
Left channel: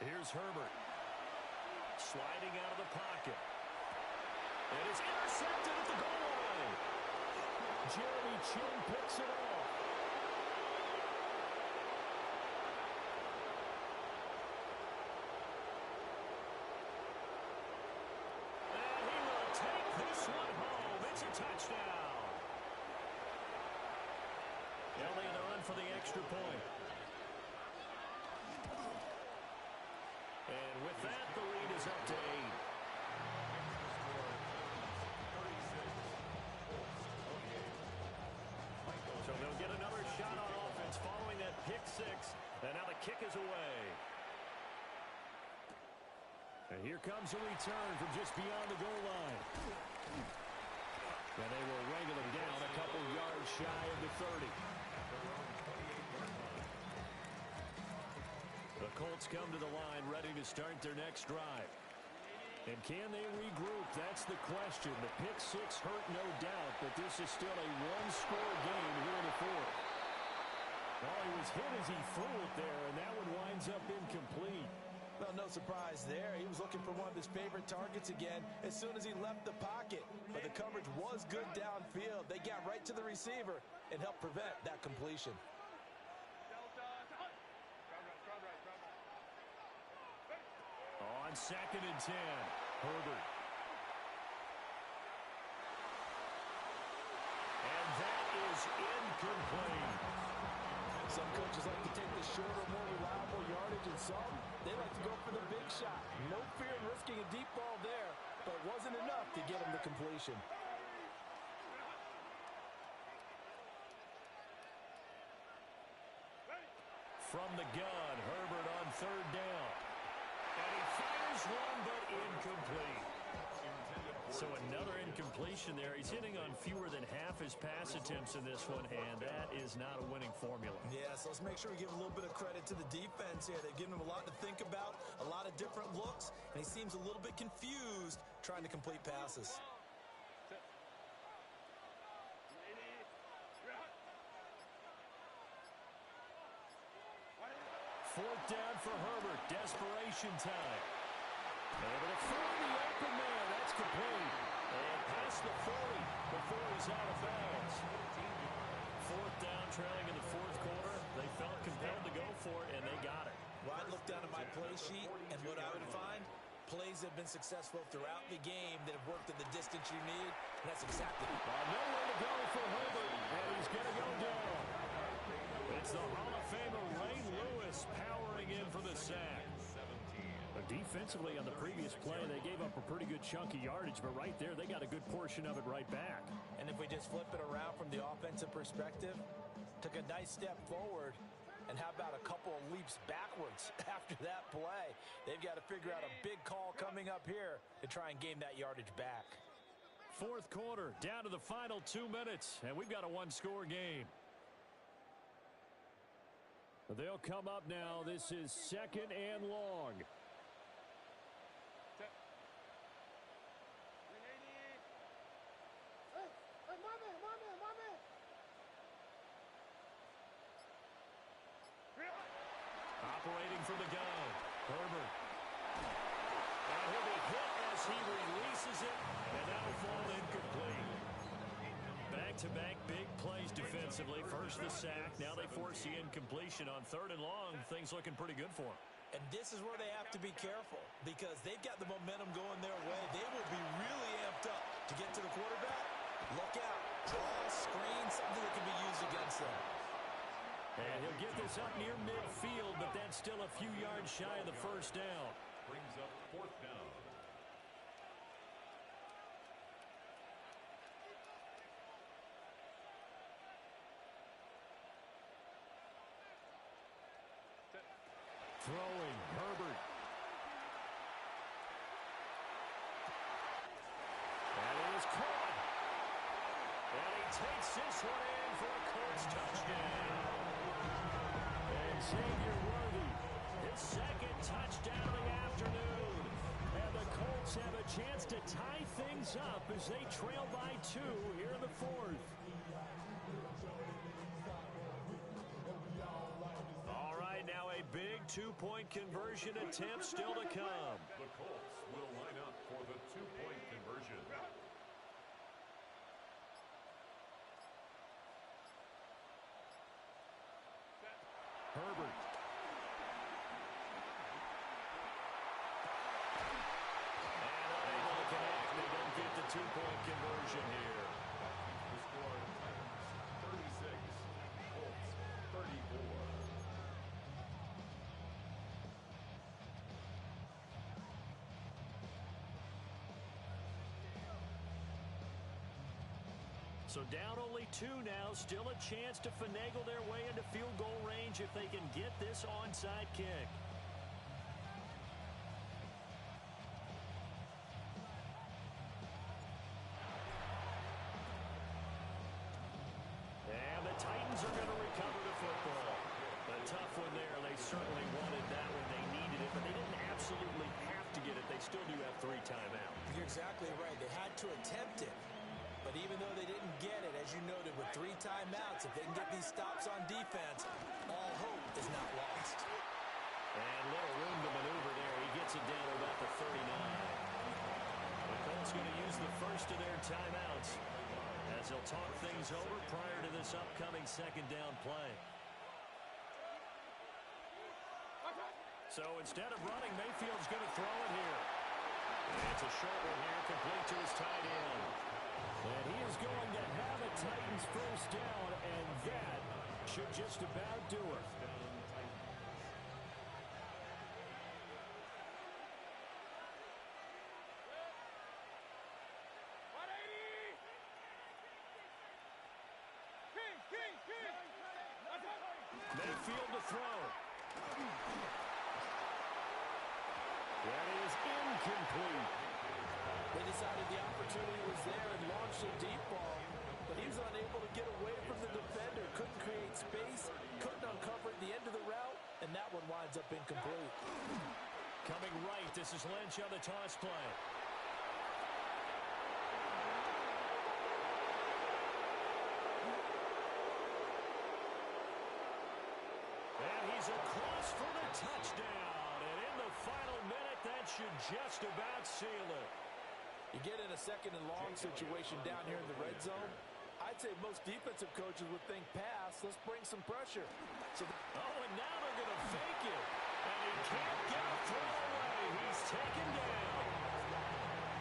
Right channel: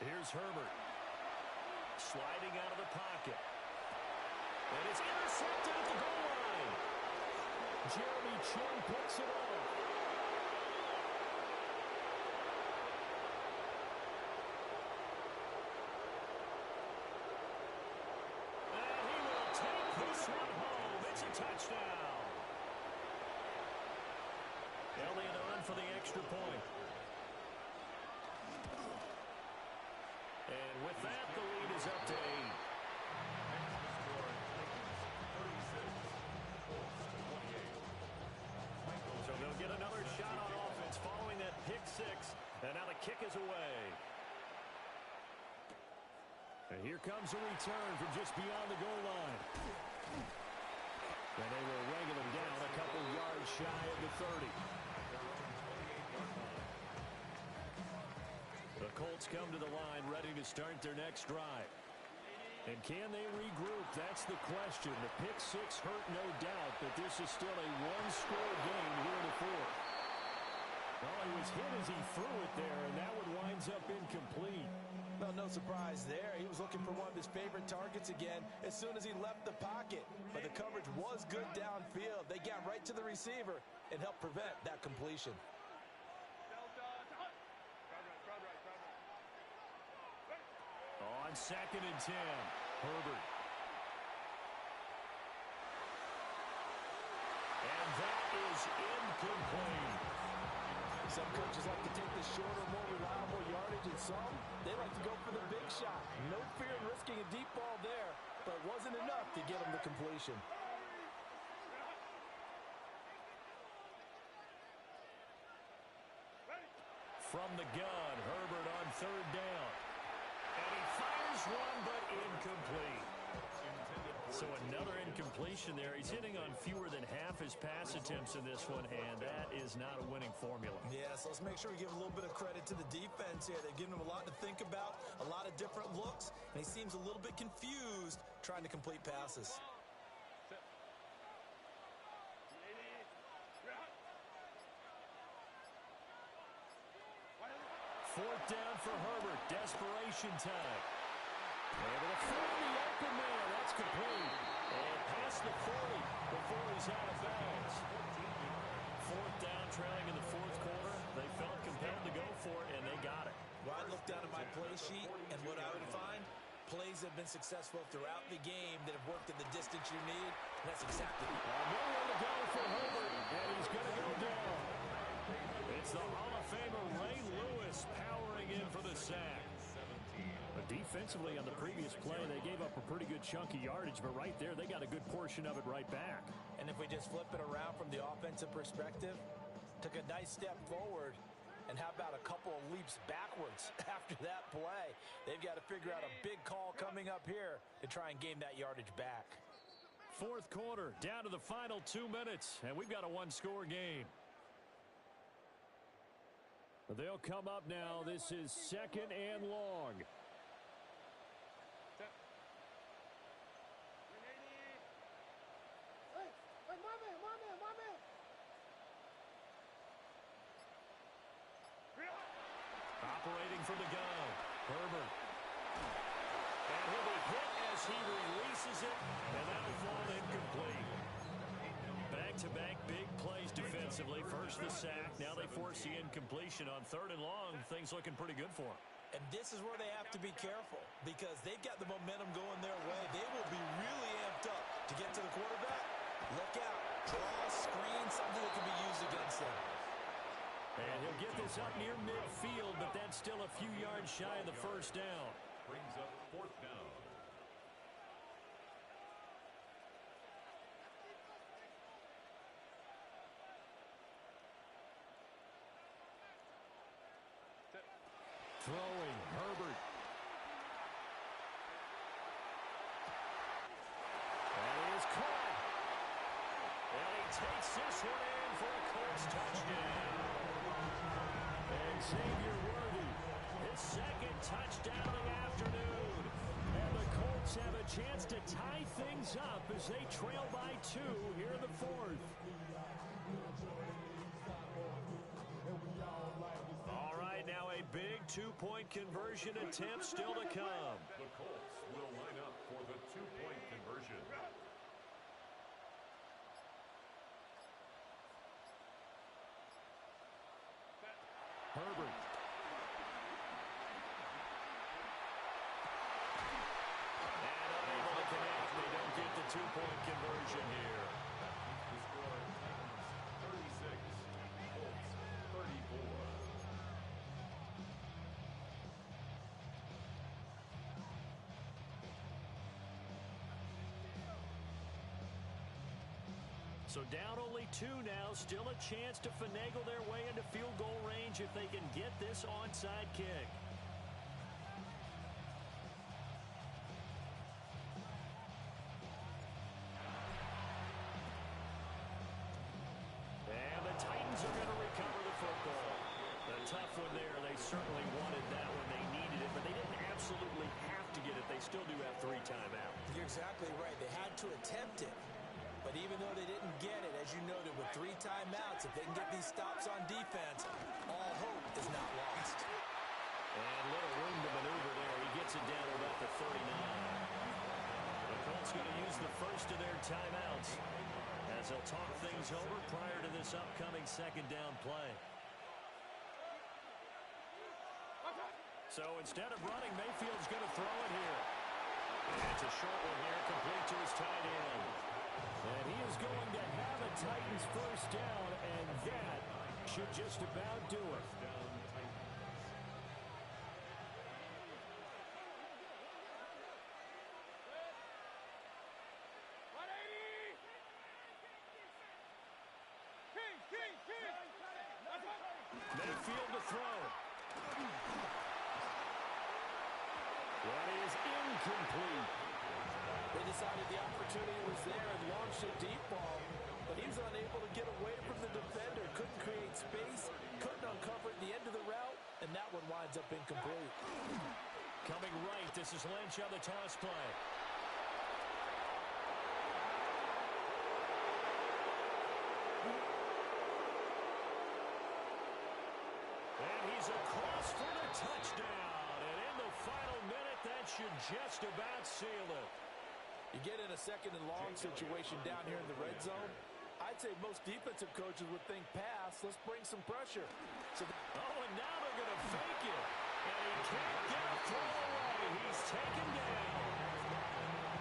Here's Herbert. Sliding out of the pocket. And it's intercepted at the goal line. Jeremy Chin picks it off. And he will take this one home. It's a touchdown. Elliott on for the extra point. And with that, the lead is up to 8. Next to score, Titans 36, Colts 28. So they'll get another shot pick six, and now the kick is away. And here comes a return from just beyond the goal line. And they will wrangle him down a couple yards shy of the 30. The Colts come to the line ready to start their next drive. And can they regroup? That's the question. The pick six hurt, no doubt, but this is still a one-score game here in the fourth. Oh, he was hit as he threw it there, and that one winds up incomplete. Well, no surprise there. He was looking for one of his favorite targets again as soon as he left the pocket. But the coverage was good downfield. They got right to the receiver and helped prevent that completion. On 2nd and 10, Herbert. And that is incomplete. Some coaches like to take the shorter, more reliable yardage, and some, they like to go for the big shot. No fear in risking a deep ball there, but it wasn't enough to get him the completion. From the gun, Herbert on 3rd down. And he fires one, but incomplete. So another incompletion there. He's hitting on fewer than half his pass attempts in this one, and that is not a winning formula. Yeah, so let's make sure we give a little bit of credit to the defense here. They've given him a lot to think about, a lot of different looks, and he seems a little bit confused trying to complete passes. 4th down for Herbert. Desperation time. Able to find the open man. That's complete. And past the 40 before he's out of bounds. 4th down, trailing in the 4th quarter. They felt compelled to go for it, and they got it. Well, I'd look down at my play sheet, and what I would find, plays have been successful throughout the game that have worked in the distance you need, and that's exactly it. Nowhere to go for Herbert, and he's going to go down. It's the Hall of Famer Ray Lewis powering in for the sack. But defensively on the previous play, they gave up a pretty good chunk of yardage, but right there, they got a good portion of it right back. And if we just flip it around from the offensive perspective, took a nice step forward, and how about a couple of leaps backwards after that play? They've got to figure out a big call coming up here to try and gain that yardage back. 4th quarter, down to the final 2 minutes, and we've got a one-score game. They'll come up now. This is 2nd and long. Operating from the gun, Herbert. And he'll be hit as he releases it, and that'll fall incomplete. Back-to-back big plays defensively. First the sack, now they force the incompletion on 3rd and long. Things looking pretty good for them. And this is where they have to be careful because they've got the momentum going their way. They will be really amped up to get to the quarterback. Look out. Draw, screen, something that can be used against them. And he'll get this up near midfield, but that's still a few yards shy of the 1st down. Brings up 4th down. Throwing, Herbert. That is caught. And he takes this one in for a Colts touchdown. And Xavier Worthy, his 2nd touchdown of the afternoon. And the Colts have a chance to tie things up as they trail by 2 here in the 4th. All right, now a big 2-point conversion attempt still to come. The Colts will line up for the 2-point conversion. Herbert. And unable to connect. They don't get the 2-point conversion here. That keeps the score Titans 36, Colts 34. So down only 2 now, still a chance to finagle their way into field goal range if they can get this onside kick. And the Titans are going to recover the football. A tough one there. They certainly wanted that one. They needed it, but they didn't absolutely have to get it. They still do have 3 timeouts. You're exactly right. They had to attempt it. But even though they didn't get it, as you noted, with 3 timeouts, if they can get these stops on defense, all hope is not lost. And little room to maneuver there. He gets it down to about the 39. The Colts going to use the first of their timeouts as they'll talk things over prior to this upcoming second down play. So instead of running, Mayfield's going to throw it here. And it's a short one here, complete to his tight end. And he is going to have a Titans first down, and that should just about do it. Mayfield to throw. That is incomplete. They decided the opportunity was there and launched a deep ball, but he was unable to get away from the defender, couldn't create space, couldn't uncover at the end of the route, and that one winds up incomplete. Coming right, this is Lynch on the toss play. And he's across for the touchdown. And in the final minute, that should just about seal it. You get in a second and long situation down here in the red zone, I'd say most defensive coaches would think pass, let's bring some pressure. So and now they're going to fake it. And he can't get a throw away. He's taken down.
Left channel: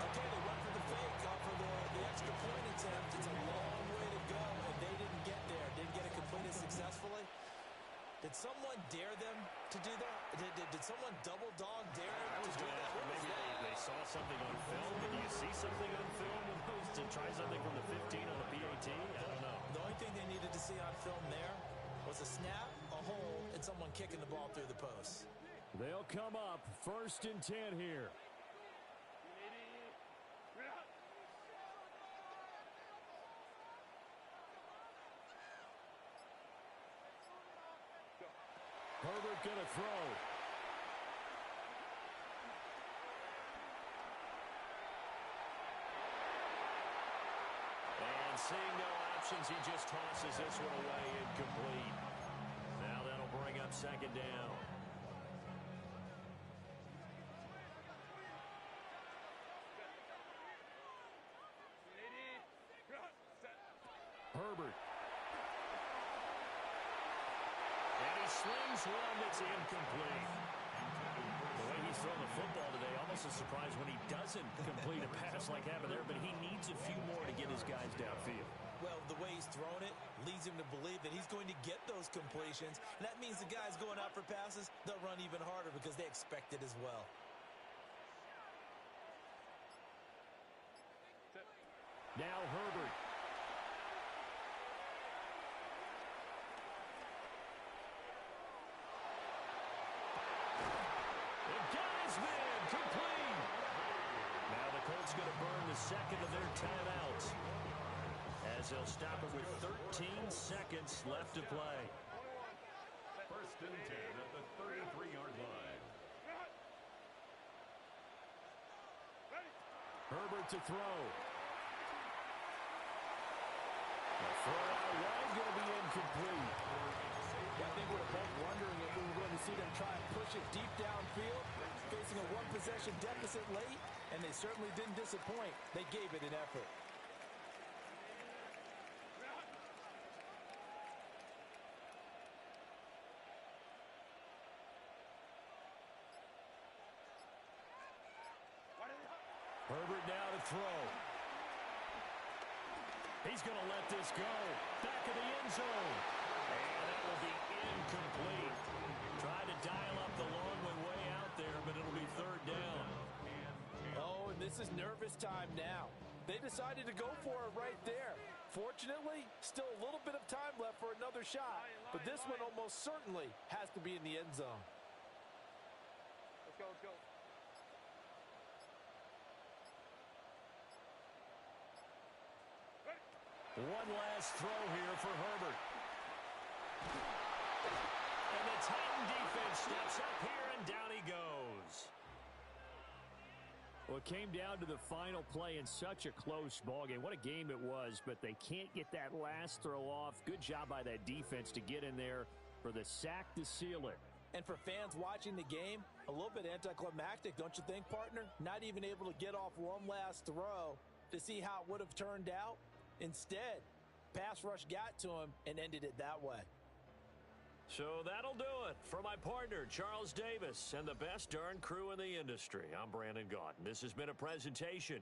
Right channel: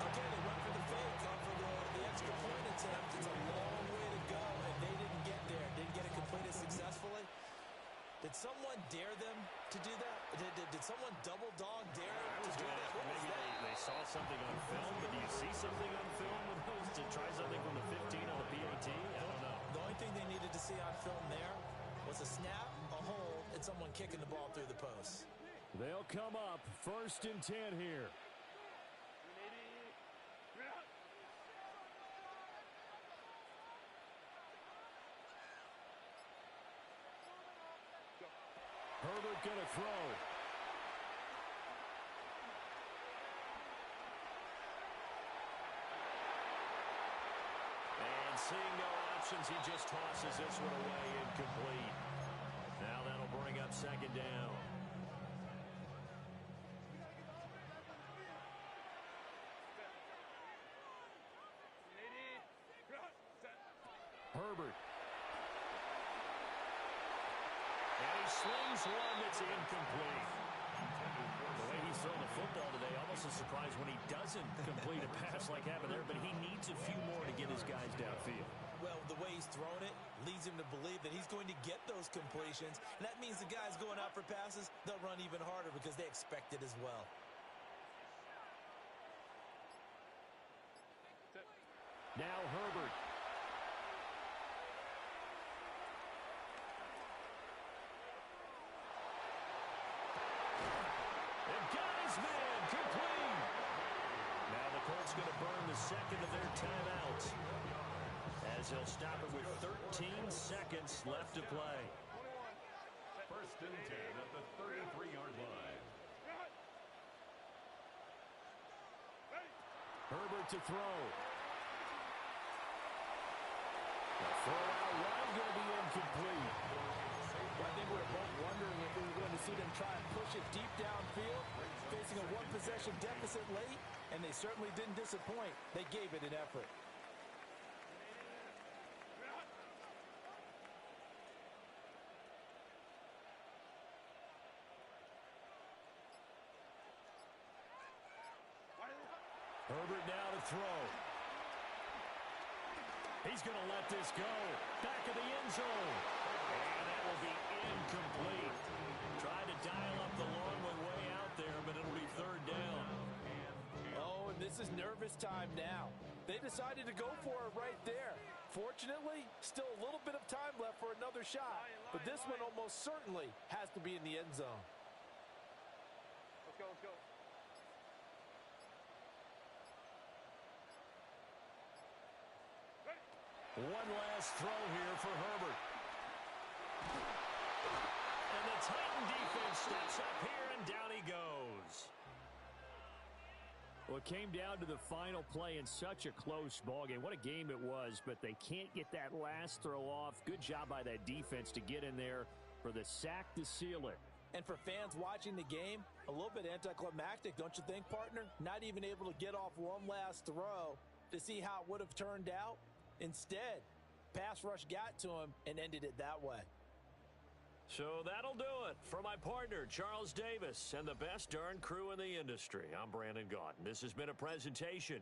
Okay, they went for the fake off of the extra point attempt. It's a long way to go, and they didn't get there. Didn't get it completed successfully. Did someone dare them to do that? Did someone double dog dare to do that? Maybe they saw something on film, but do you see something on film with those to try something from the 15 on the PAT? I don't know. The only thing they needed to see on film there was a snap, a hole, and someone kicking the ball through the post. They'll come up 1st and 10 here. Herbert going to throw. And seeing no options, he just tosses this one away, incomplete. Now that'll bring up second down. Herbert. And he slings one that's incomplete. The way he's thrown the football today, almost a surprise when he doesn't complete a pass like happened there, but he needs a few more to get his guys downfield. Well, the way he's thrown it leads him to believe that he's going to get those completions. And that means the guys going out for passes, they'll run even harder because they expect it as well. Now Herbert. Got his man, complete. Now the Colts going to burn the second of their timeouts as they'll stop it with 13 seconds left to play. 1st and 10 at the 33-yard line. Herbert to throw. The throw out wide going to be incomplete. Well, I think we're both wondering if we were going to see them try and push it deep downfield, facing a one-possession deficit late, and they certainly didn't disappoint. They gave it an effort. Herbert now to throw. He's going to let this go. Back of the end zone. And that will be incomplete. Tried to dial up the long way out there, but it'll be 3rd down. Oh, and this is nervous time now. They decided to go for it right there. Fortunately, still a little bit of time left for another shot, but this one almost certainly has to be in the end zone. Let's go, let's go. One last throw here for Herbert. And the Titan defense steps up here, and down he goes. Well, it came down to the final play in such a close ballgame. What a game it was, but they can't get that last throw off. Good job by that defense to get in there for the sack to seal it. And for fans watching the game, a little bit anticlimactic, don't you think, partner? Not even able to get off one last throw to see how it would have turned out. Instead, pass rush got to him and ended it that way. So that'll do it for my partner, Charles Davis, and the best darn crew in the industry. I'm Brandon Gaudin. This has been a presentation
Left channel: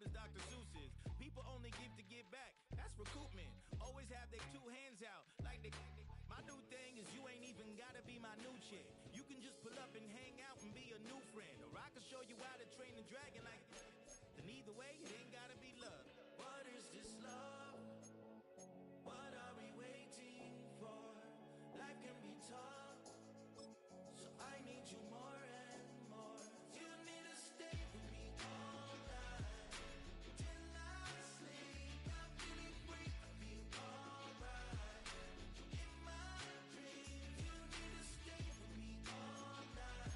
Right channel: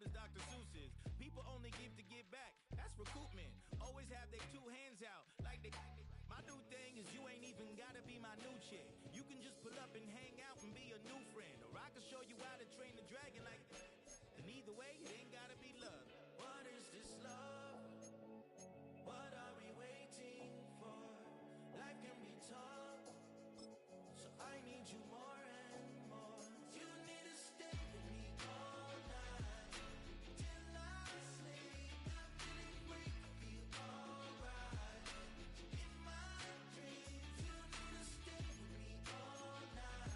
job is Dr. Seuss's. People only give to give back. That's recoupment. Always have their two hands out. Like they. My new thing is you ain't even gotta be my new chick. You can just pull up and hang out and be a new friend. Or I can show you how to train the dragon like. And either way, it ain't gotta be love. What is this love? What are we waiting for? Life can be tough, so I need you more and more. You need to stay with me all night till I sleep. I'm feeling great, I feel alright. In my dreams, you need to stay with me all night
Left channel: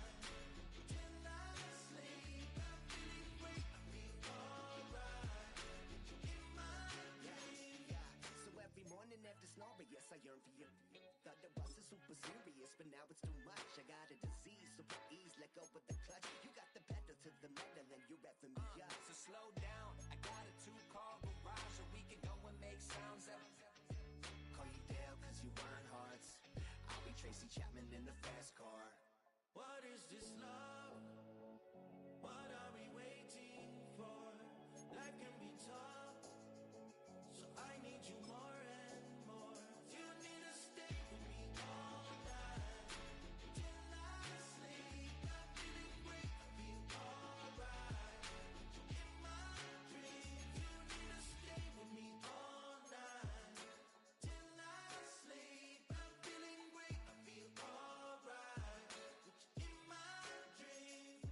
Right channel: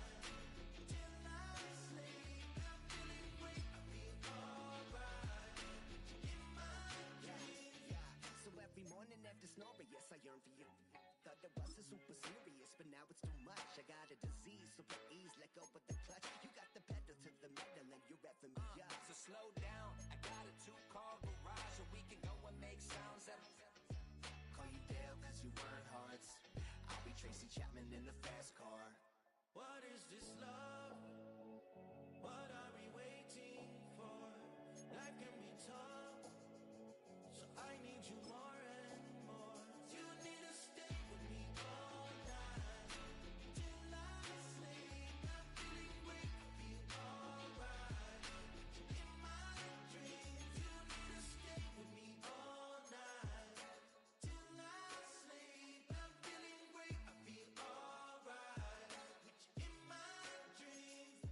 till I sleep. I'm feeling great, I feel alright. In my dreams. Yeah. So every morning after snoring, yes, I yearn for you. Thought it wasn't super serious, but now it's too much. I got a disease, so please let go of the clutch. You got the pedal to the metal and you're reffing me up. So slow down, I got a 2-car garage, or we can go and make sounds up. Call you Dale, cause you weren't hearts. I'll be Tracy Chapman in the fast car. What is this love? What are we waiting for? Life can be tough, so I need you more and more. You need to stay with me all night till I sleep. I'm feeling great, I feel alright. In my dreams, you need to stay with me all night till I sleep. I'm feeling great, I feel alright. In my dreams.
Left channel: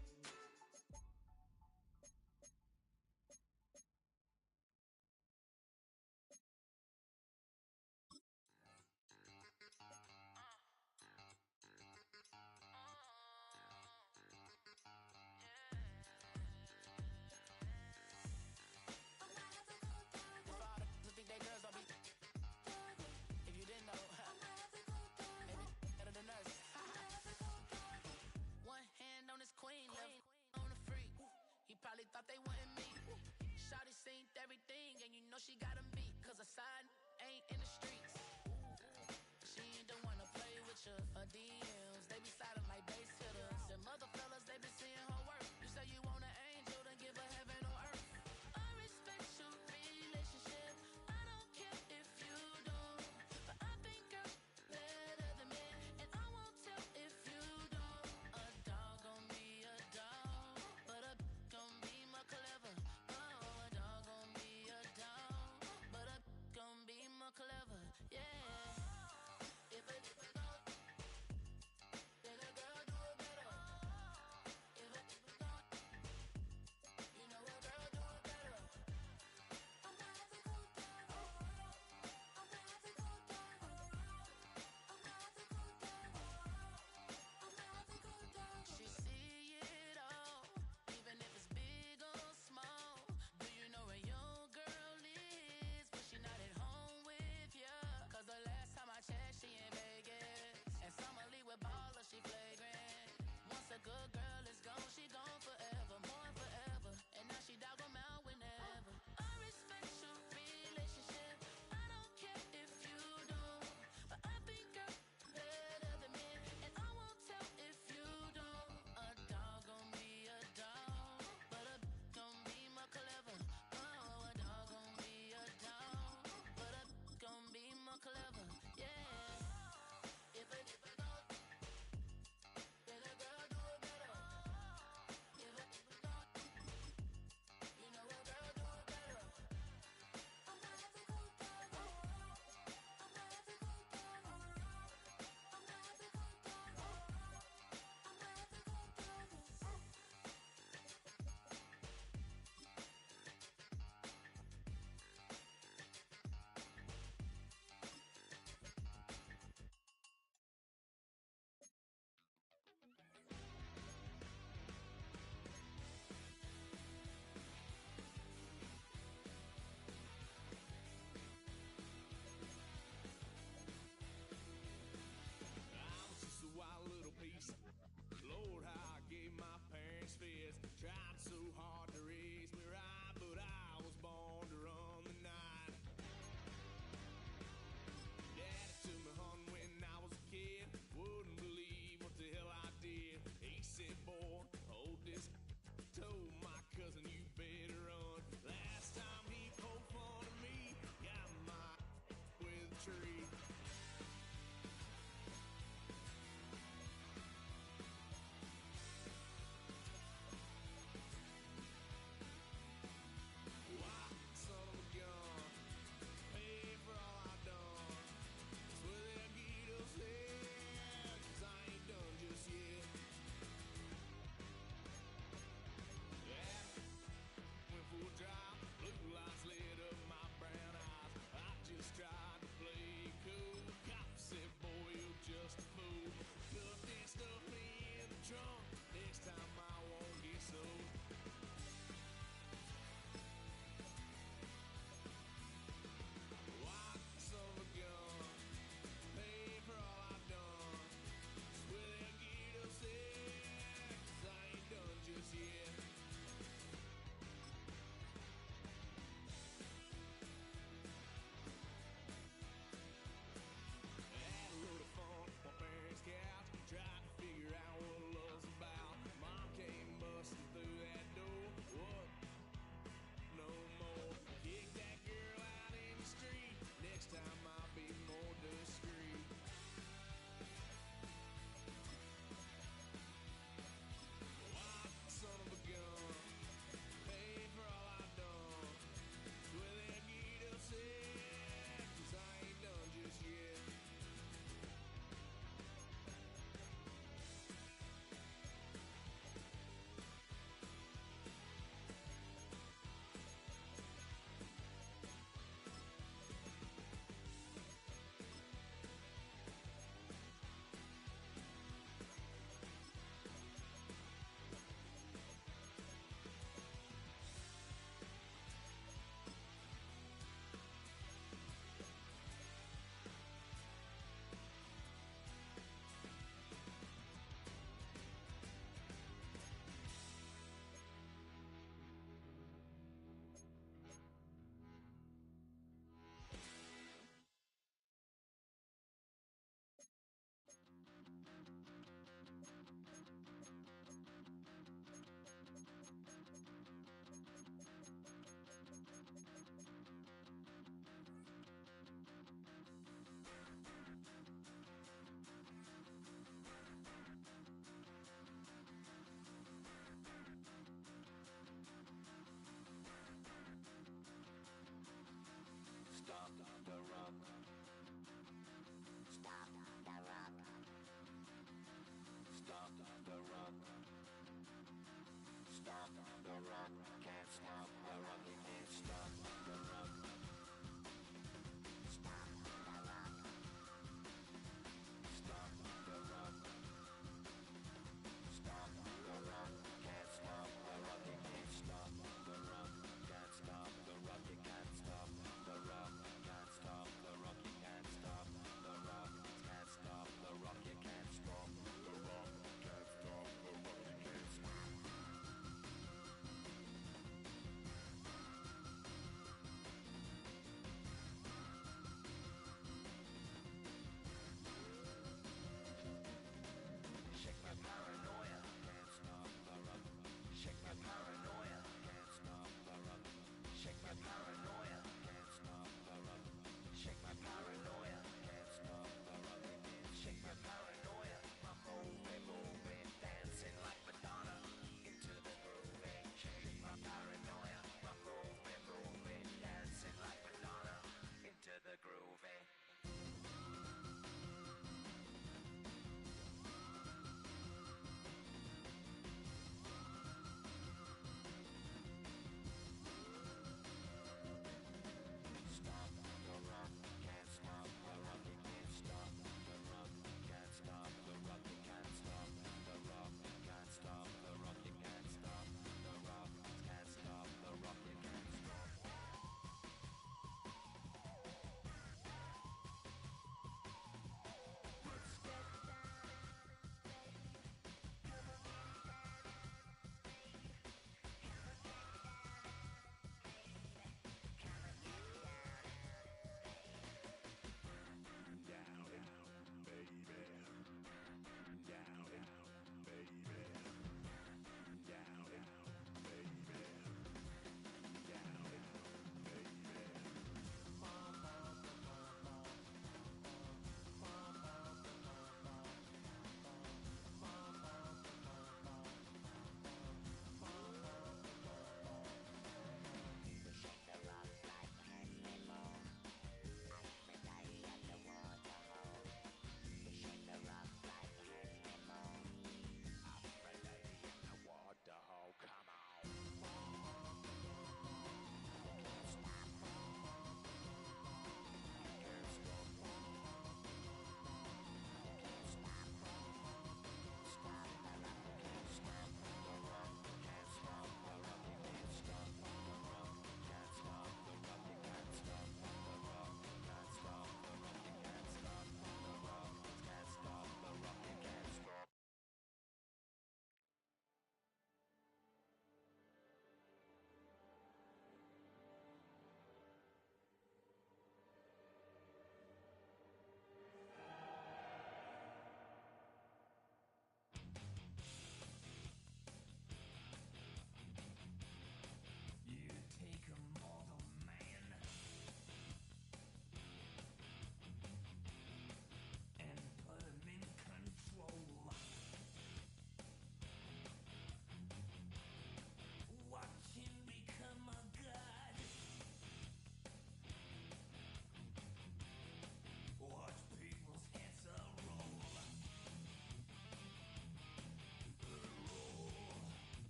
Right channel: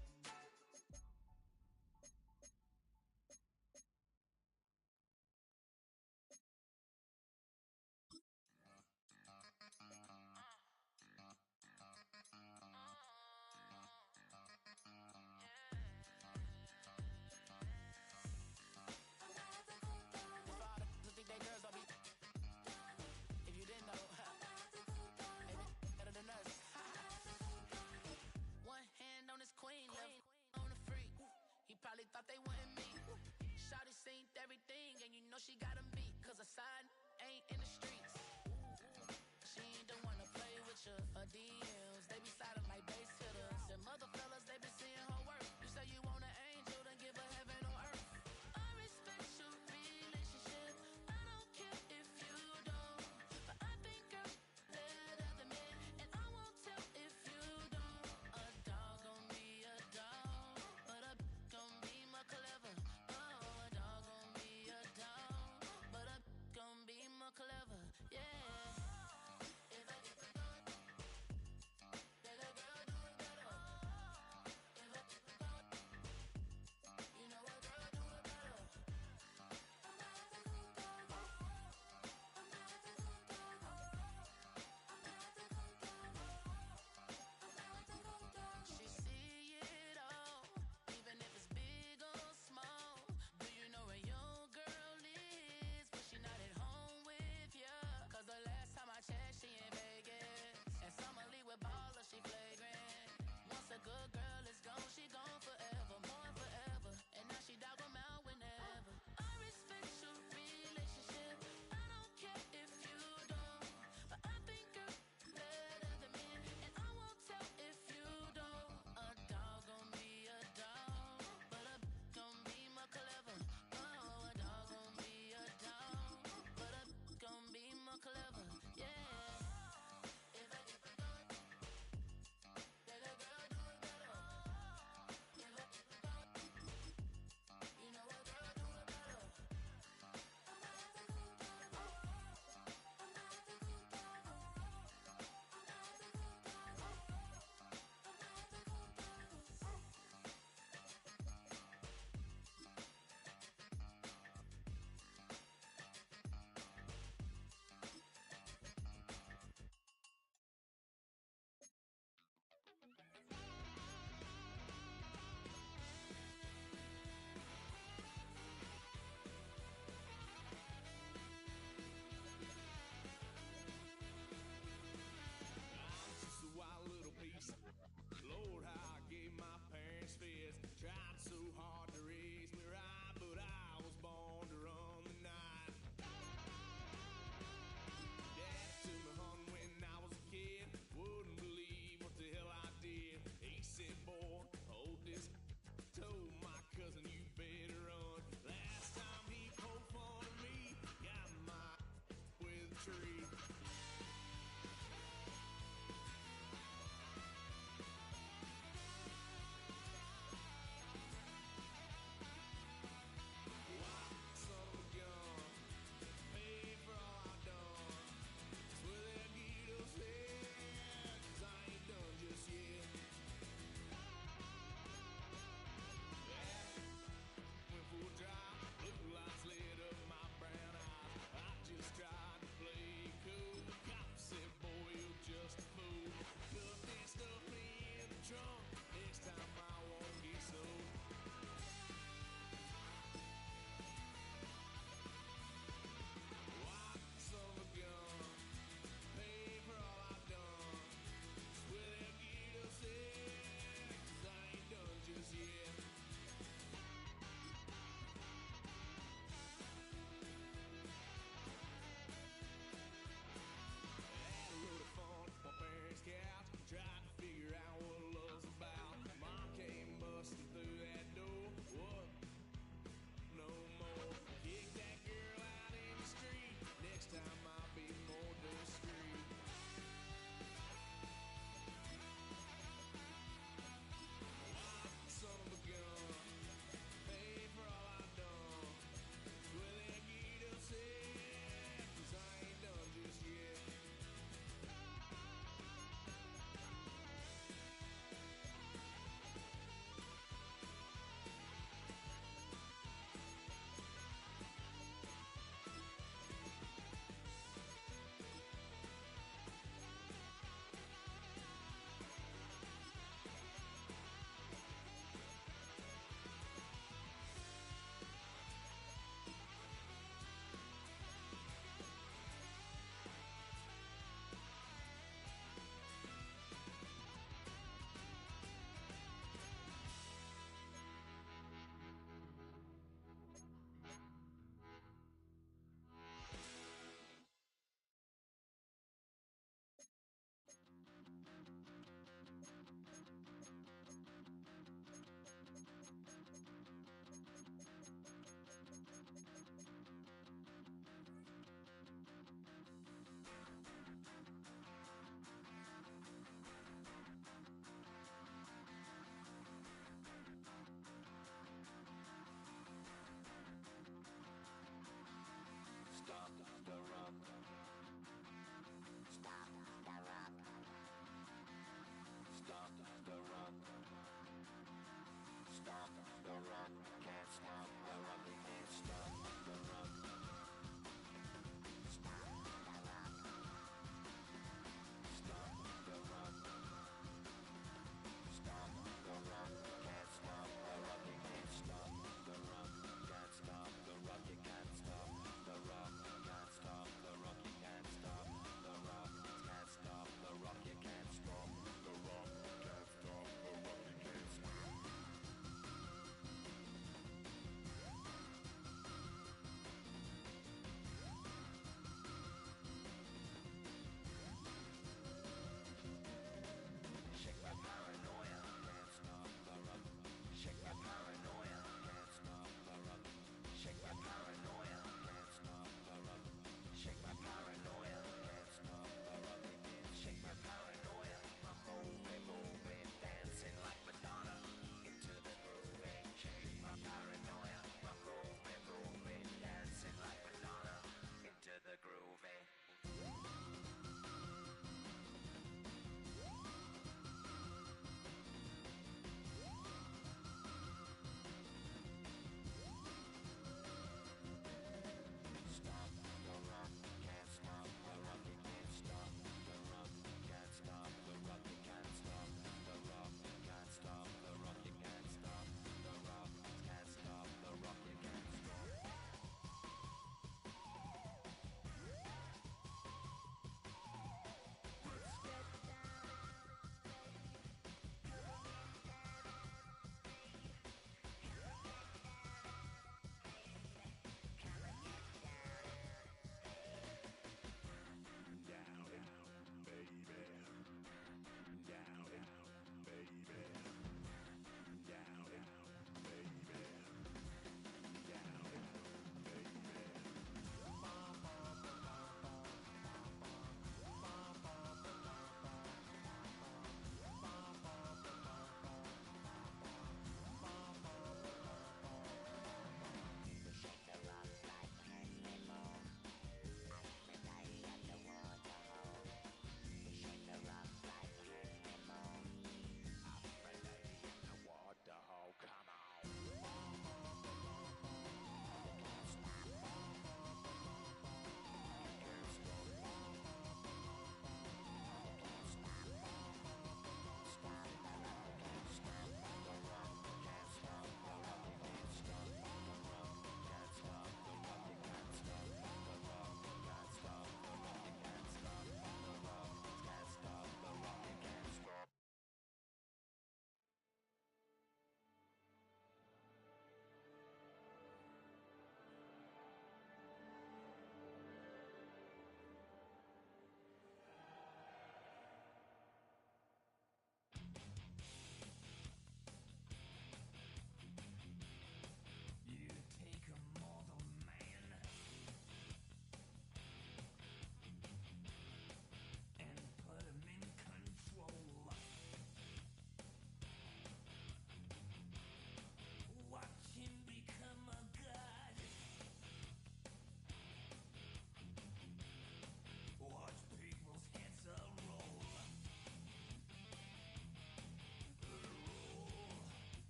Think they girls don't be. If you didn't know, maybe better than us. One hand on his queen, left on the freak. He probably thought they wanted me. Shawty seen everything, and you know she got him beat. Cause her side ain't in the streets. She ain't the one to play with you. Her DMs, they be sliding like base hitters. Them other fellas, they be seeing her work. You say you want an angel, then give her heaven on earth. I respect your relationship. I don't care if you don't. But I think girls better than men. And I won't tell if you don't. A dog gon' be a dog, but a gon' be more clever. Oh, a dog gon' be a dog, but a gon' be more clever. Yeah. If a girl do it better. If a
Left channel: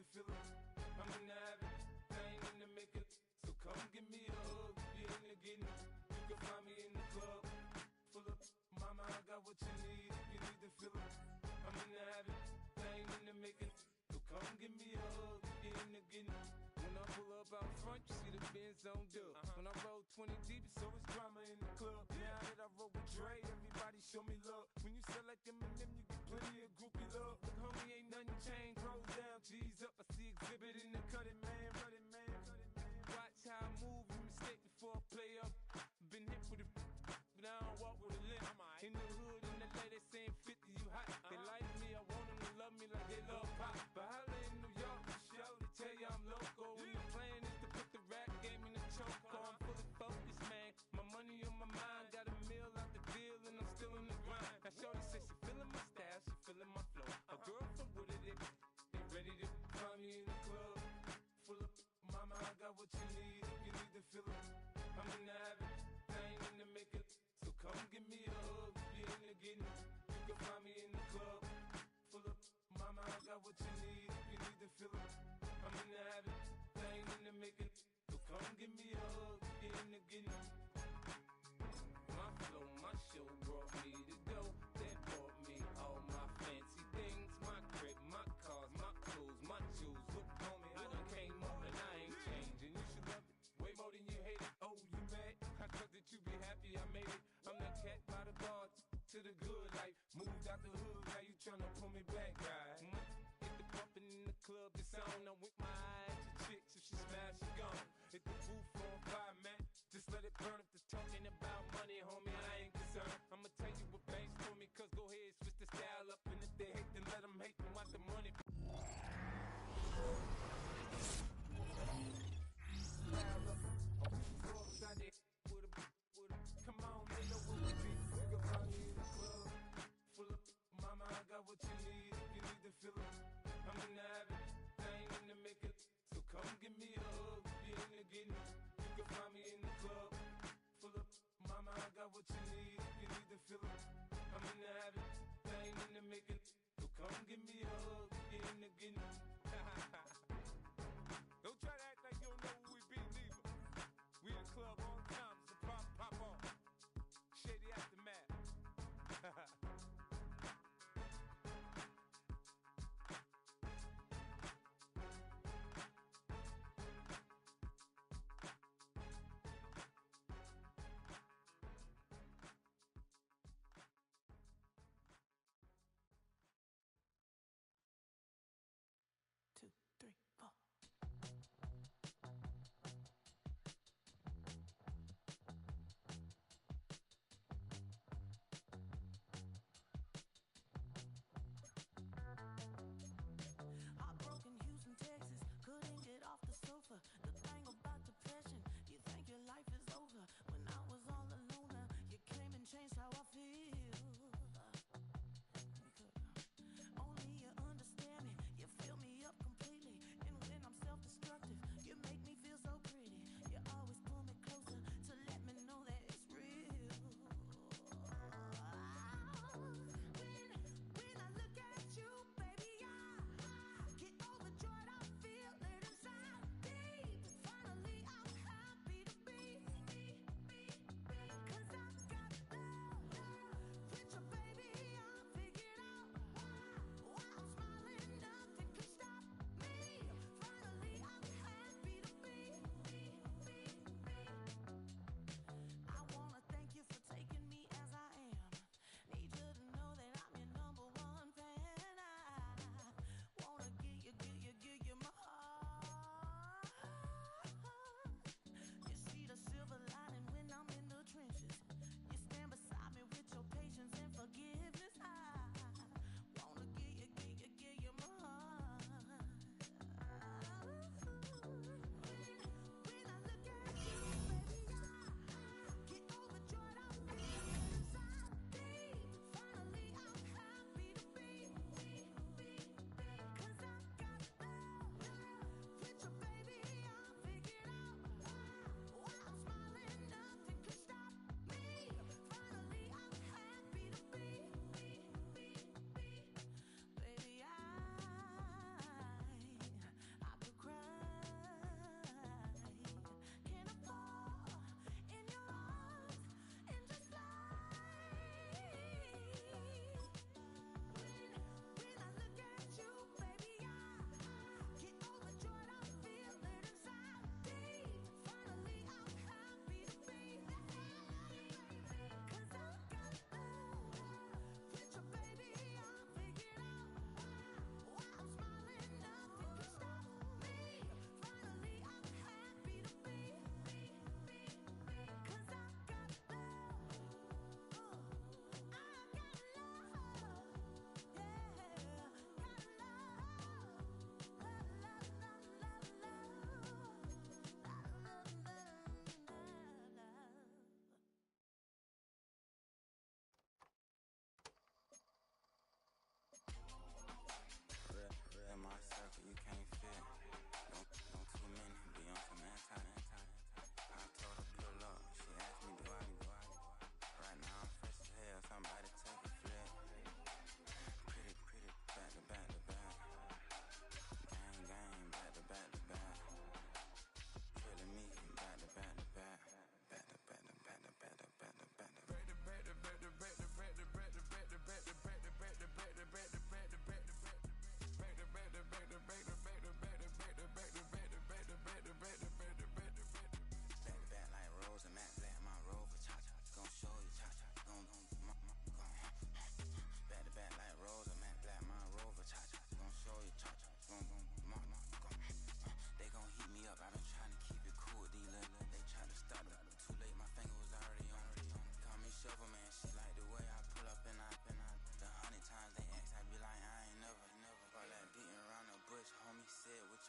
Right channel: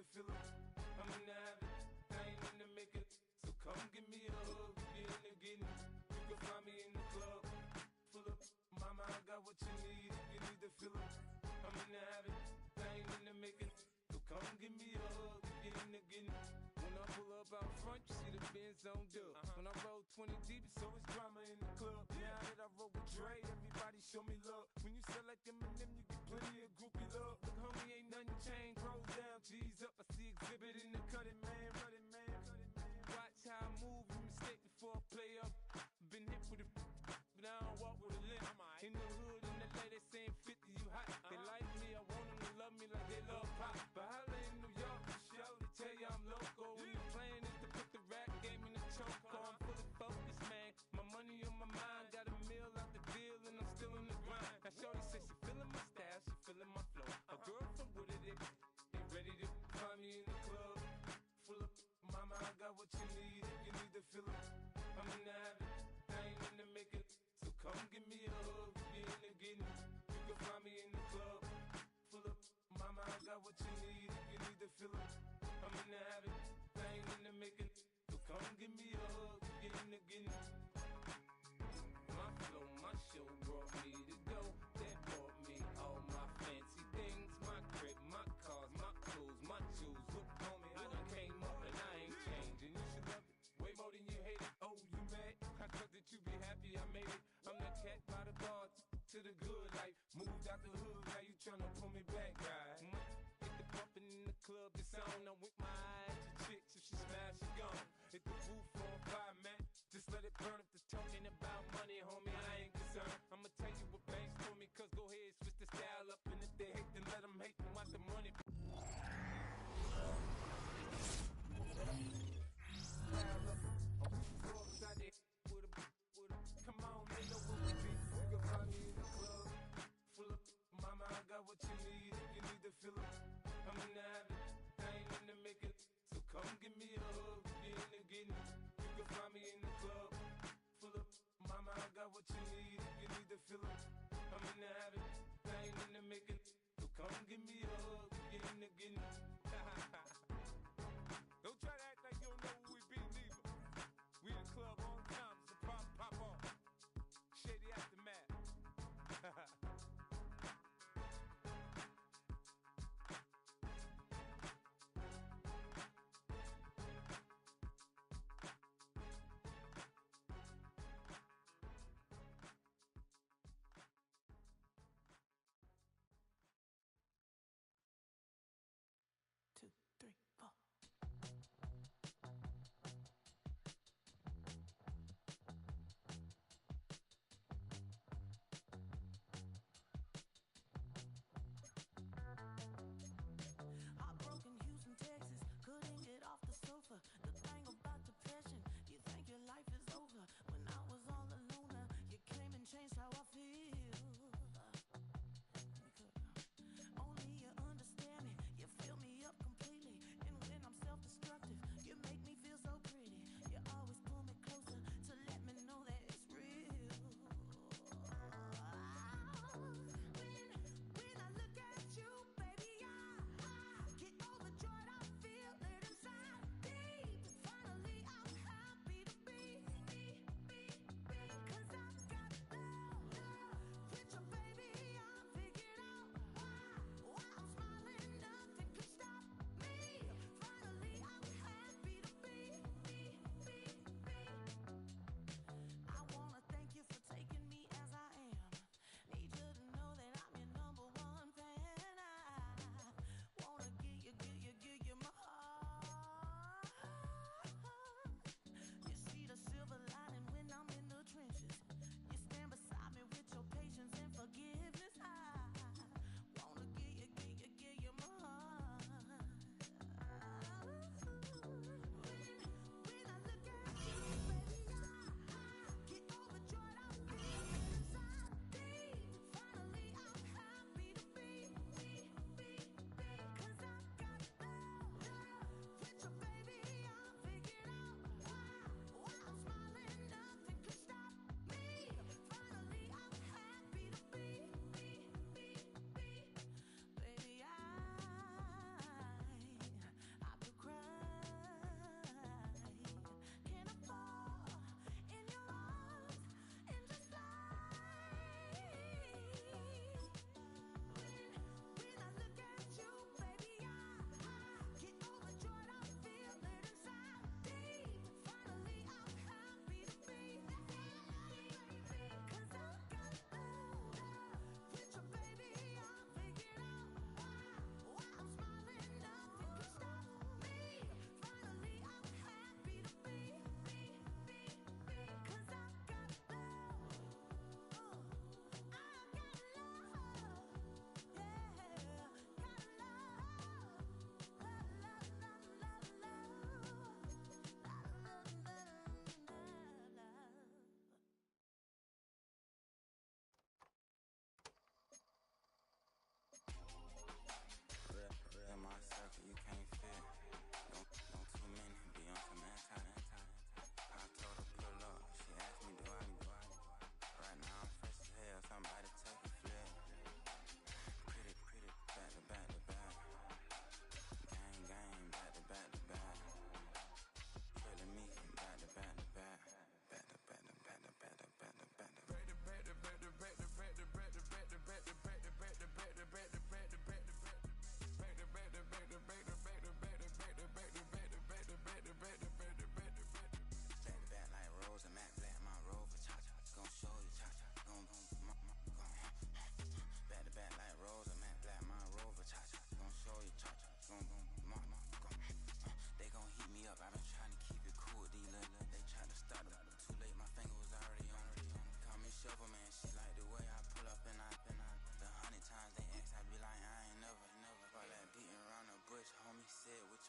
the feeling. I'm in the habit, I ain't in the making. So come give me a hug, if you're in the getting. You can find me in the club, full of mama, I got what you need, if you need the feeling. I'm in the habit, I ain't in the making. So come give me a hug, if you're in the getting. When I pull up out front, you see the Benz on dub. When I roll 20 deep, so it's drama in the club. Now that I roll with Dre, everybody show me love. When you sell like Eminem, you get plenty of groupie love. Look, homie, ain't nothing changed. Rolls down, G's up. I see exhibit in the cutting, man. Watch how I move, you mistake before I play up. Been hit with a but I don't walk with a limp. In the hood, in the lady saying 50, you hot. They like me, I want them to love me like they love pop. But holla in New York, show to tell you I'm local. And the plan is to put the rap game in the choke. I'm fully focused, man. My money on my mind, got a meal out the deal, and I'm still in the grind. Now shorty says she feeling my style, she feeling my flow. A girl from Wooded, ain't ready to find me in the club. Full of mama, I got what you need if you need the feeling. I'm in the habit, I ain't in the making. So come give me a hug, if you're in the getting. You can find me in the club. Full of mama, I got what you need if you need the feeling. I'm in the habit, I ain't in the making. So come give me a hug, if you're in the getting. My flow, my show brought me to go. That brought me all my fancy things. My crib, my cars, my clothes, my shoes. Look, homie, I done came up and I ain't changing. You should love it way more than you hate it. Oh, you mad? I thought that you be happy I made it. I'm that cat by the bar to the good life. Moved out the hood, now you tryna pull me back, right? Hit the bumpin' in the club, it's on. I'm with my eyes to chicks, if she smash, she gone. Hit the roof on fire, man. Just let it burn. If they're talking about money, homie, I ain't concerned. I'ma tell you what banks told me, cause go ahead, switch the style up. And if they hate, then let them hate, and watch the money. Come on, they know what we be. You can find me in the club, full of mama, I got what you need if you need the feeling. I'm in the habit, I ain't in the making. So come give me a hug, if you're in the getting. You can find me in the club, full of mama, I got what you need if you need the feeling. I'm in the habit, I ain't in the making. So come give me a hug, if you're in the getting. Don't try to act like you don't know who we be, neither. We the club all the time, so pop on. Shady Aftermath.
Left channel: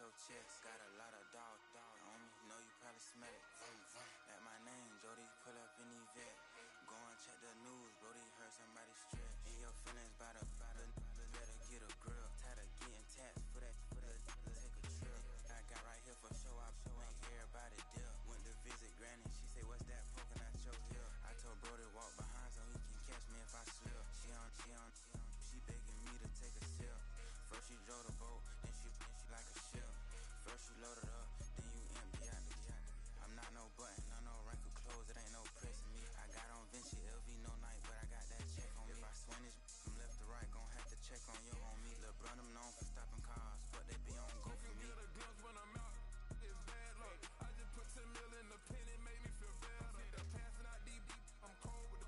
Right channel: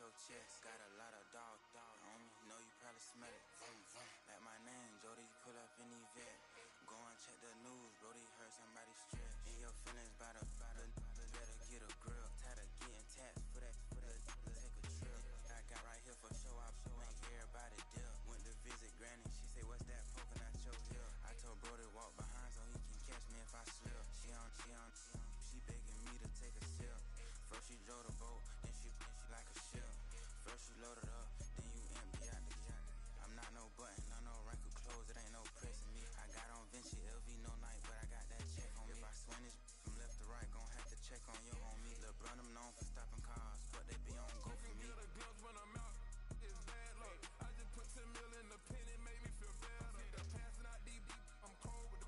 your chest. Got a lot of dog on me, know you probably smell it. Vroom, vroom. Like my name, Jody, pull up in the vet. Go and check the news, Brody heard somebody stretch. In your feelings, better get a grill. Tired of getting taxed for that, take a trip. I got right here for show, I make everybody dip. Went to visit Granny, she say, what's that poking out your heel? I told Brody walk behind so he can catch me if I slip. She begging me to take a sip. First she drove the boat, then she like a ship. First you load it up, then you empty out the yacht. I'm not no button, no wrinkled clothes, it ain't no pressing me. I got on Vinci LV no night, but I got that check on me. If I swing this from left to right, gon' have to check on your homie. Lil' Brun, I'm known for stopping cars, but they be on go for me. Get a glimpse when I'm out, it's bad luck. I just put 10 mil in the pen, it made me feel better. They're passing out deep, I'm cold with the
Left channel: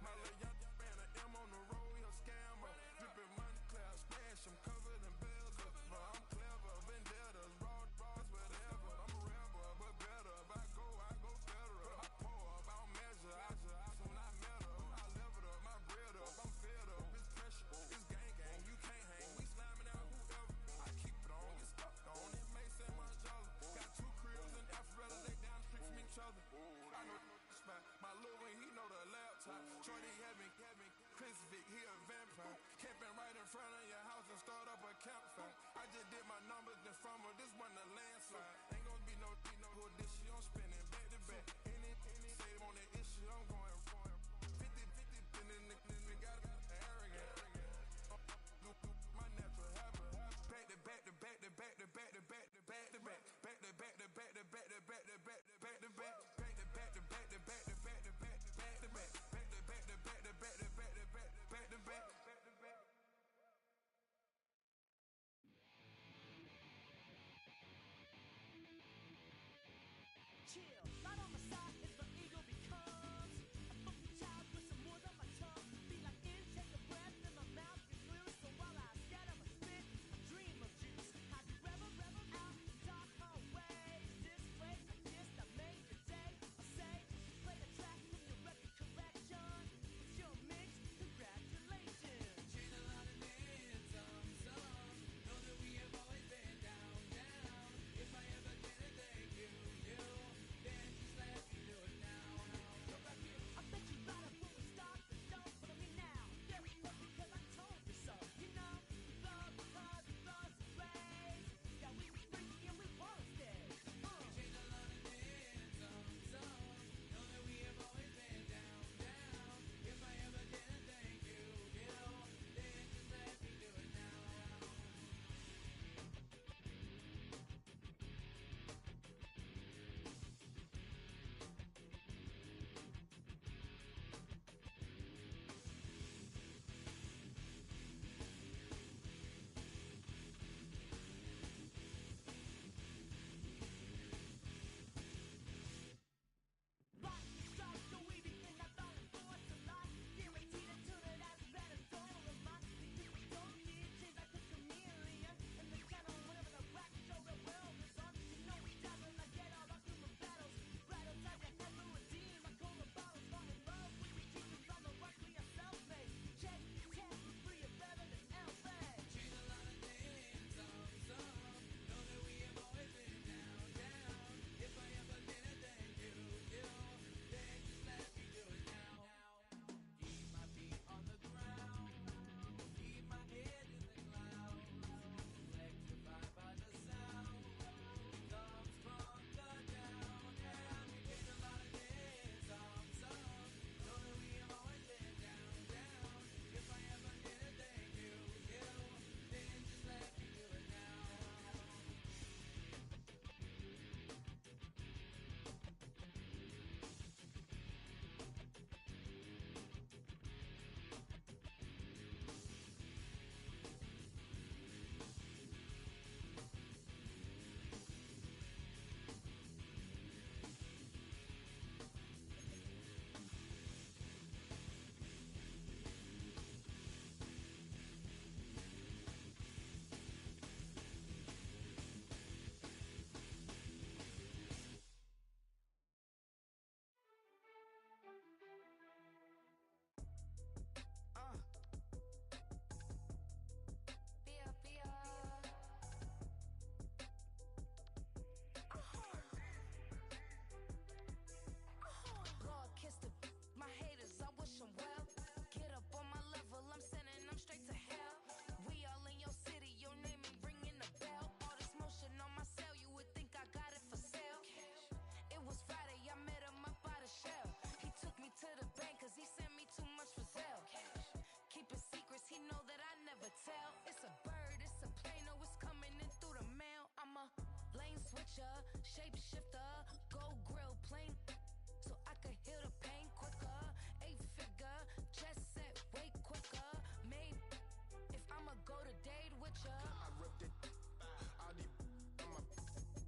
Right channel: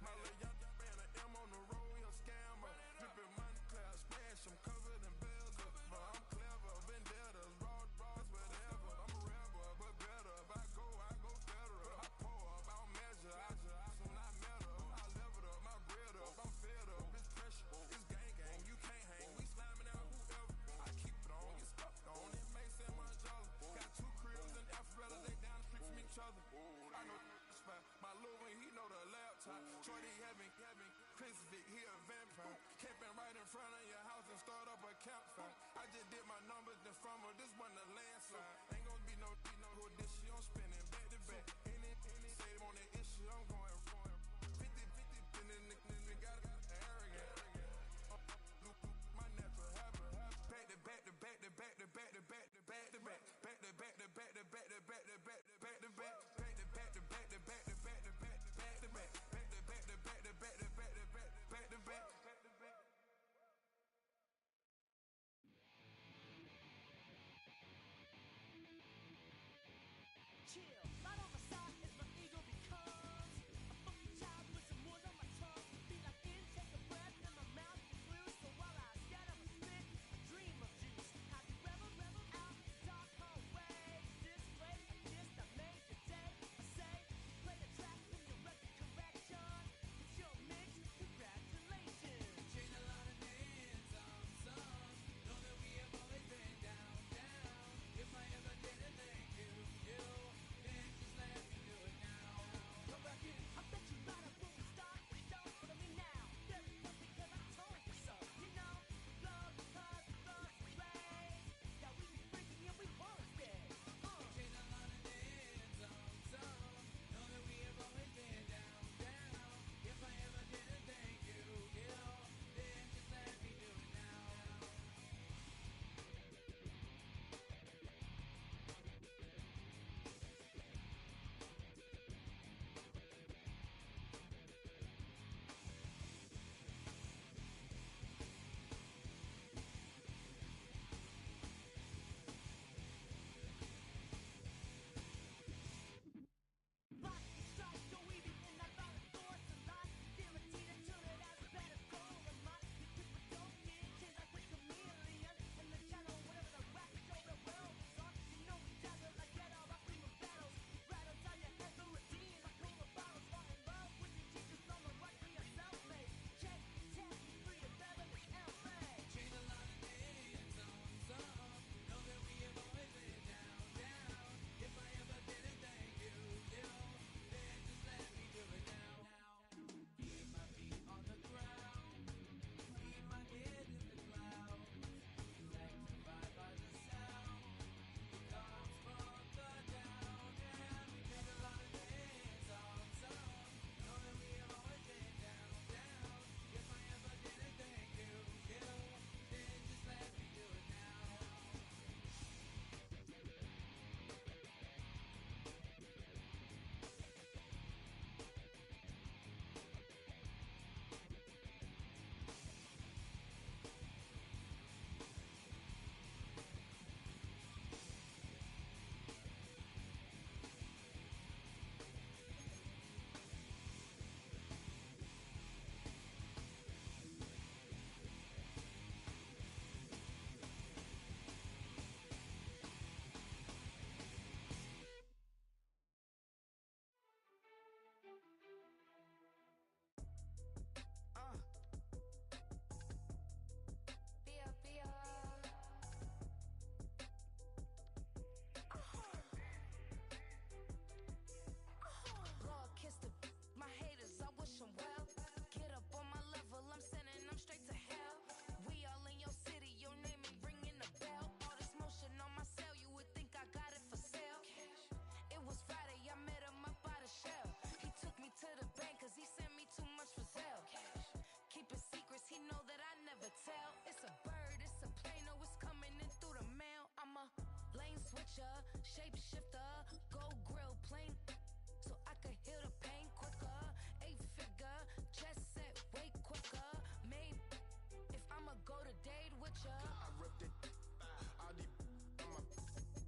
my little young ran an M on the road, he a scammer. Dripping money, clear splash, I'm covered in bells. I'm clever, vendettas, raw, whatever. I'm a rebel, but better. If I go federal. I pour up, I don't measure. I soon I met her. I leveled up, my bread up, I'm fed up. It's pressure, it's gang, you can't hang. We slamming out whoever. I keep it on, get stuck on. It may say Manjala. Got 2 cribs in Alpharetta, they down the street from each other. I know the spot. My little one, he know the laptop. Shorty having Chris Vic, he a vampire. Camping right in front of your house and start up a campfire. I just did my numbers in front of this one a landslide. Ain't gonna be no who this shit, I'm spinning back to back. Any save on that issue, I'm going 50, and then the got arrogant. My natural habit. Back to back to back to back to back to back to back to back. Back to back to back to back to back to back to back to back. Back to back to back to back to back to back to back to back. Back to back to back to back to back to back to back. switcher. I rep that all these on my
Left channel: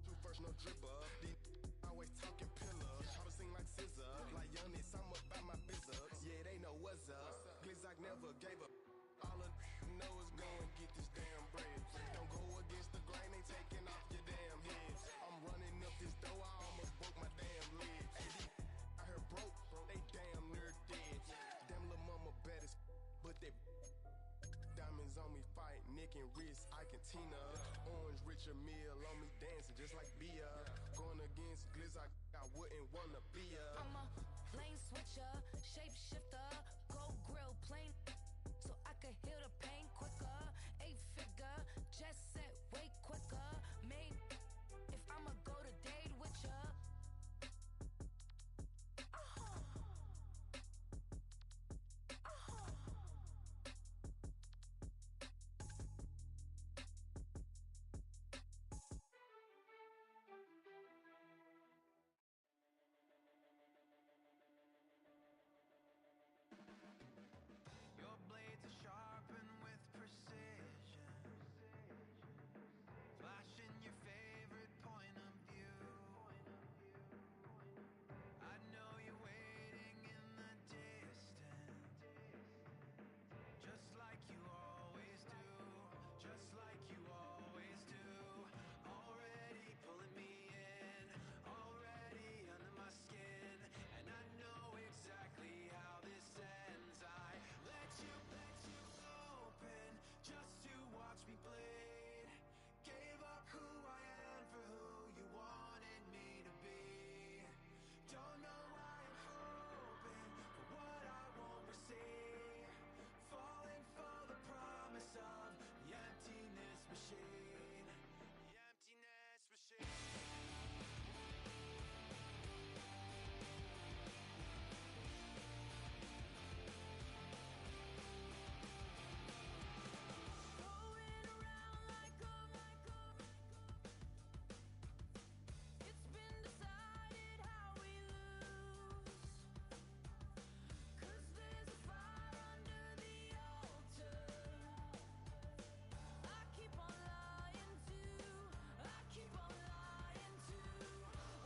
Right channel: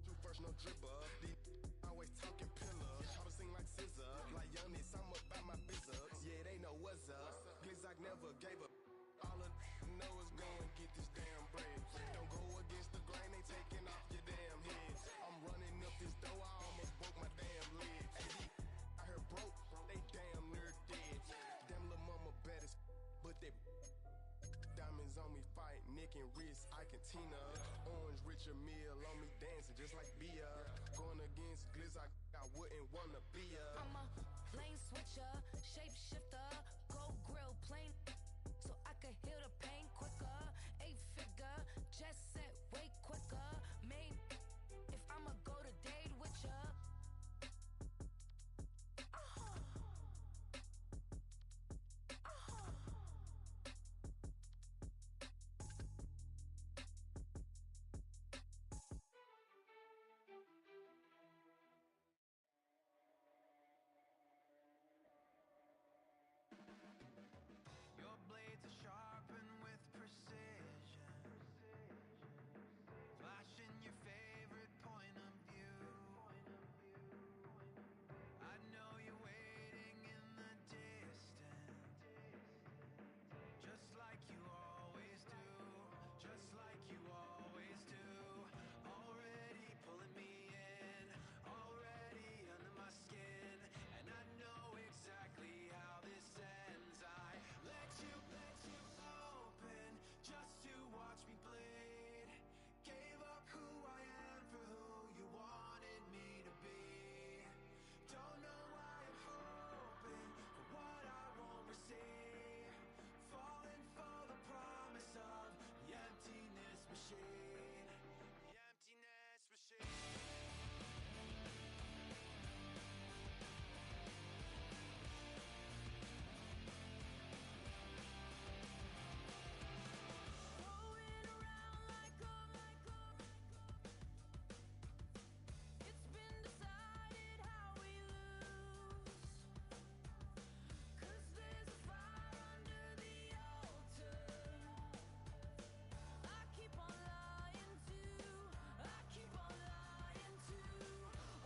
two first no dribble. These always talking pillars. Chopper sing like scissor. Like Youngest, I'm about my business. Yeah, they know what's up. Glizzock never gave up. All of know is go and get this damn bread. Don't go against the grain, they taking off your damn heads. I'm running up this door, I almost broke my damn leg. AD, I heard broke, they damn near dead. Damn little mama bad as but they diamonds on me fight, Nick and wrist, Ike and Tina. Orange Richard Mill on me dancing just like Bia. Going against Glizzock, I wouldn't wanna be a. I'm a lane switcher, shapeshifter, go grill plane, so I could heal the pain quicker. 8-figure, jet set way quicker. Made if I'ma go to date with ya. Your blades are sharpened with precision, flashing your favorite point of view. I know you're waiting in the distance, just like you always do, just like you always do. Already pulling me in, already under my skin, and I know exactly how this ends. I let you open just to watch me bleed. Gave up who I am for who you wanted me to be. Don't know why I'm hoping for what I won't receive. Falling for the promise of the emptiness machine. The emptiness machine. Going around like a it's been decided how we lose. 'Cause there's a fire under the altar. I keep on lying to, I keep on lying to.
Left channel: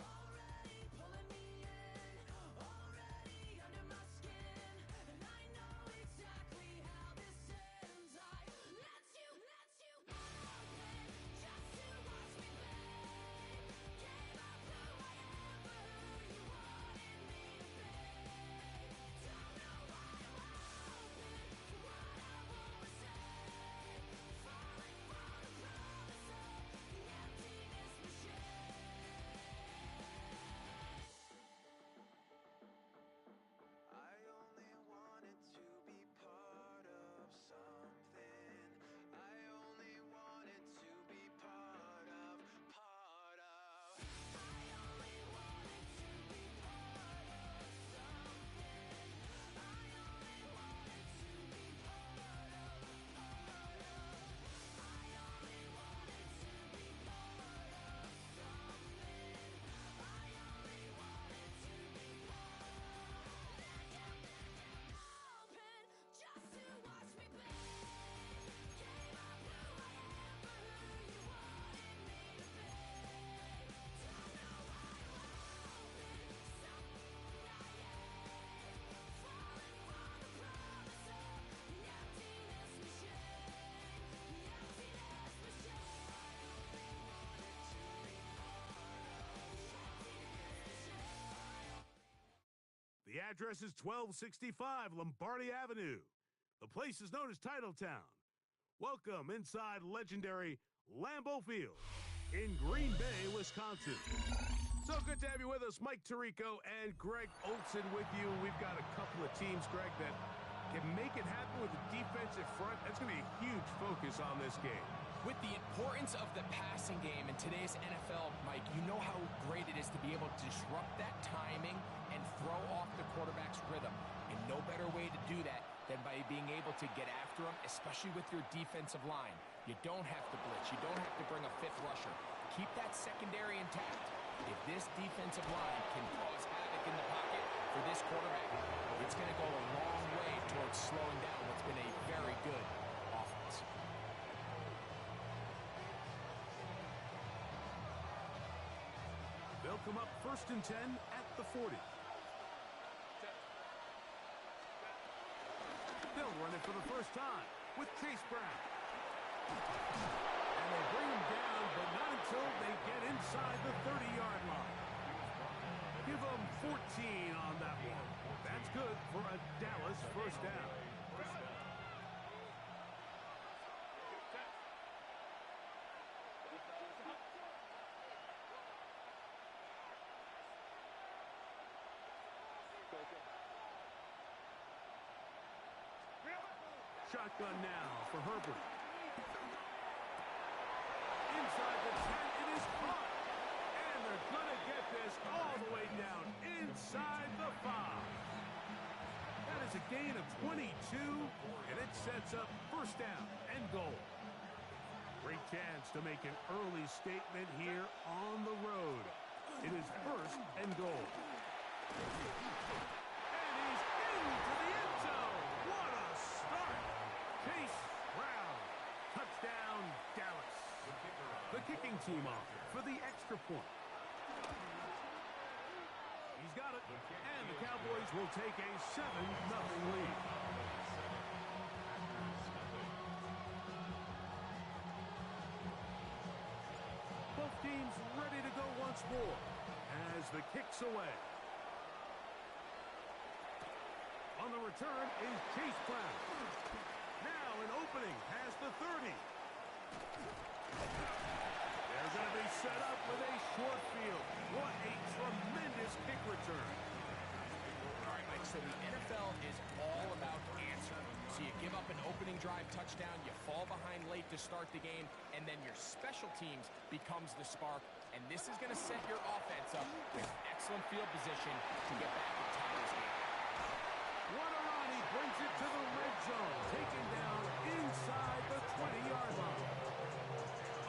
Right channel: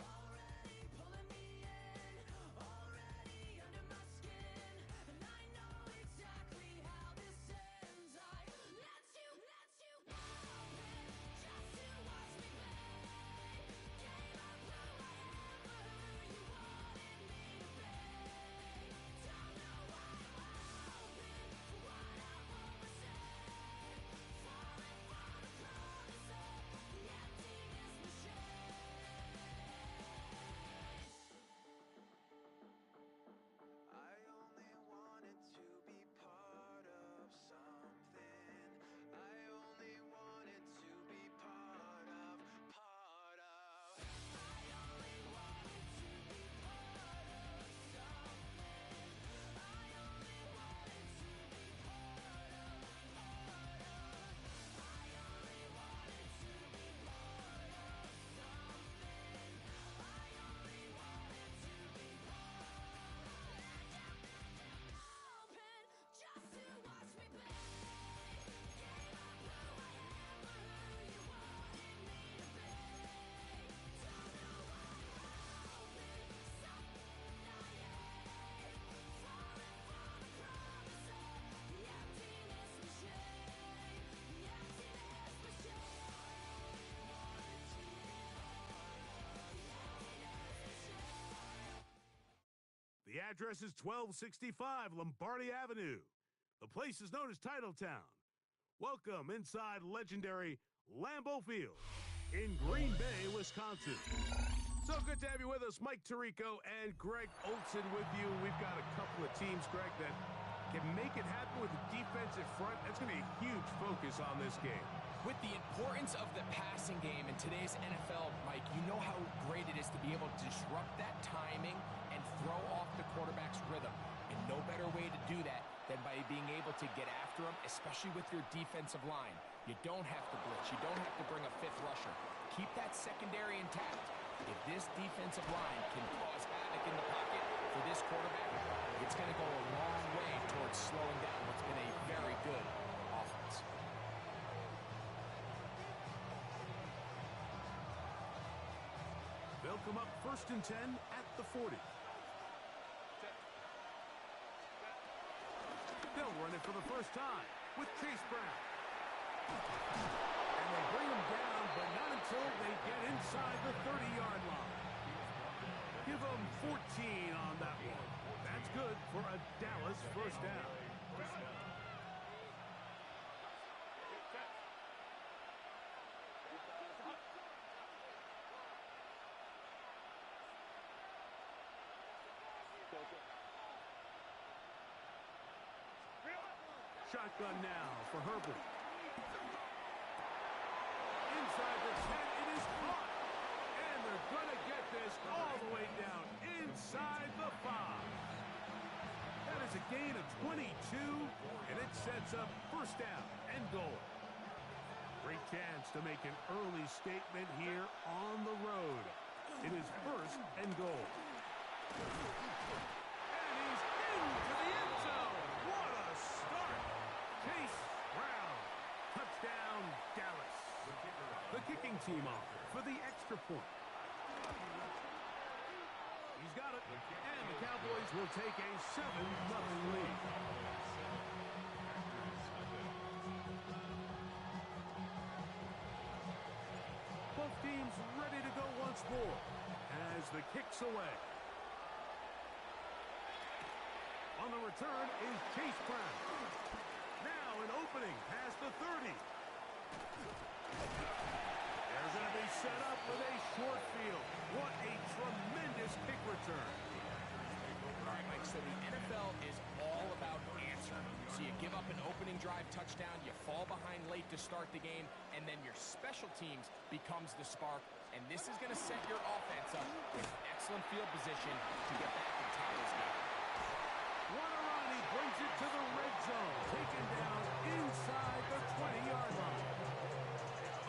Already pulling me in, already under my skin, and I know exactly how this ends. I let you open just to watch me bleed. Gave up who I am for who you wanted me to be. Don't know why I'm hoping for what I won't receive. Falling for the promise of the emptiness machine. I only wanted to be part of something. I only wanted to be part of. I only wanted to be part of something. I only wanted to be part of. I only wanted to be part of something. I only wanted to be open just to watch me bleed. Gave up who I am for who you wanted me to be. Don't know why I'm hoping something naive. Falling for the promise of the emptiness machine. The emptiness machine. The emptiness machine. The address is 1265 Lombardi Avenue. The place is known as Titletown. Welcome inside legendary Lambeau Field in Green Bay, Wisconsin. So good to have you with us. Mike Tirico and Greg Olson with you. We've got a couple of teams, Greg, that can make it happen with the defensive front. That's going to be a huge focus on this game. With the importance of the passing game in today's NFL, Mike, you know how great it is to be able to disrupt that timing and throw off the quarterback's rhythm. And no better way to do that than by being able to get after him, especially with your defensive line. You don't have to blitz. You don't have to bring a fifth rusher. Keep that secondary intact. If this defensive line can cause havoc in the pocket for this quarterback, it's going to go a long way towards slowing down what's been a very good offense. They'll come up 1st and 10 at the 40. They'll run it for the first time with Chase Brown. And they bring him down, but not until they get inside the 30-yard line. Give them 14 on that one. That's good for a Dallas first down. Shotgun now for Herbert. Inside the 10, it is caught. And they're going to get this all the way down inside the 5. That is a gain of 22, and it sets up first down and goal. Great chance to make an early statement here on the road. It is first and goal. And he's into the end zone. What a start. Chase Brown. Touchdown, Dallas. The kicking team off for the extra point. He's got it. And the Cowboys will take a 7-0 lead. Both teams ready to go once more as the kick's away. On the return is Chase Brown. Now an opening past the 30. They're going to be set up with a short field. What a tremendous kick return. All right, Mike, so the NFL is all about answering. So you give up an opening drive touchdown, you fall behind late to start the game, and then your special teams becomes the spark. And this is going to set your offense up with excellent field position to get back and tie this game. Guarani brings it to the red zone, taken down inside the 20-yard line.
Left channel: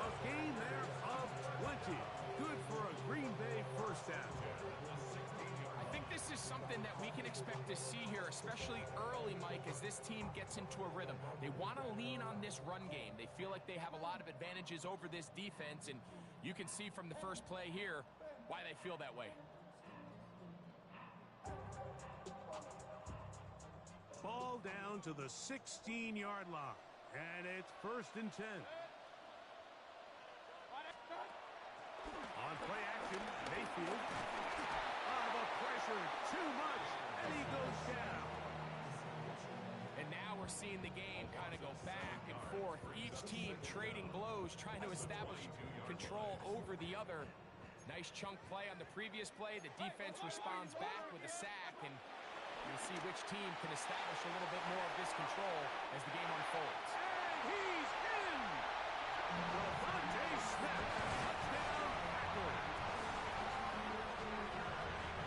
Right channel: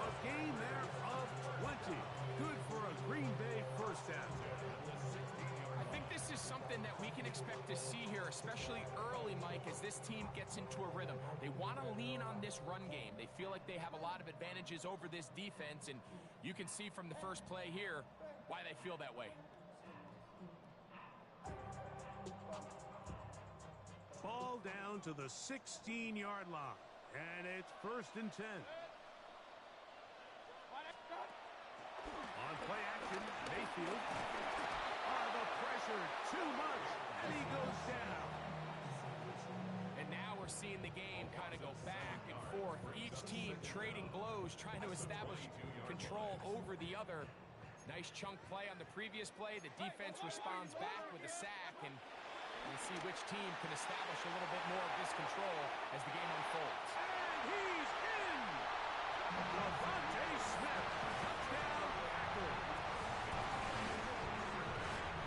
A gain there of 20. Good for a Green Bay first down. I think this is something that we can expect to see here, especially early, Mike, as this team gets into a rhythm. They want to lean on this run game. They feel like they have a lot of advantages over this defense, and you can see from the first play here why they feel that way. Ball down to the 16-yard line, and it's 1st and 10. On play action, Mayfield. The pressure, too much, and he goes down. And now we're seeing the game kind of go back and forth. Each team trading blows, trying to establish control over the other. Nice chunk play on the previous play. The defense responds back with a sack, and we'll see which team can establish a little bit more of this control as the game unfolds. And he's in! Devontae Smith, touchdown, Packers.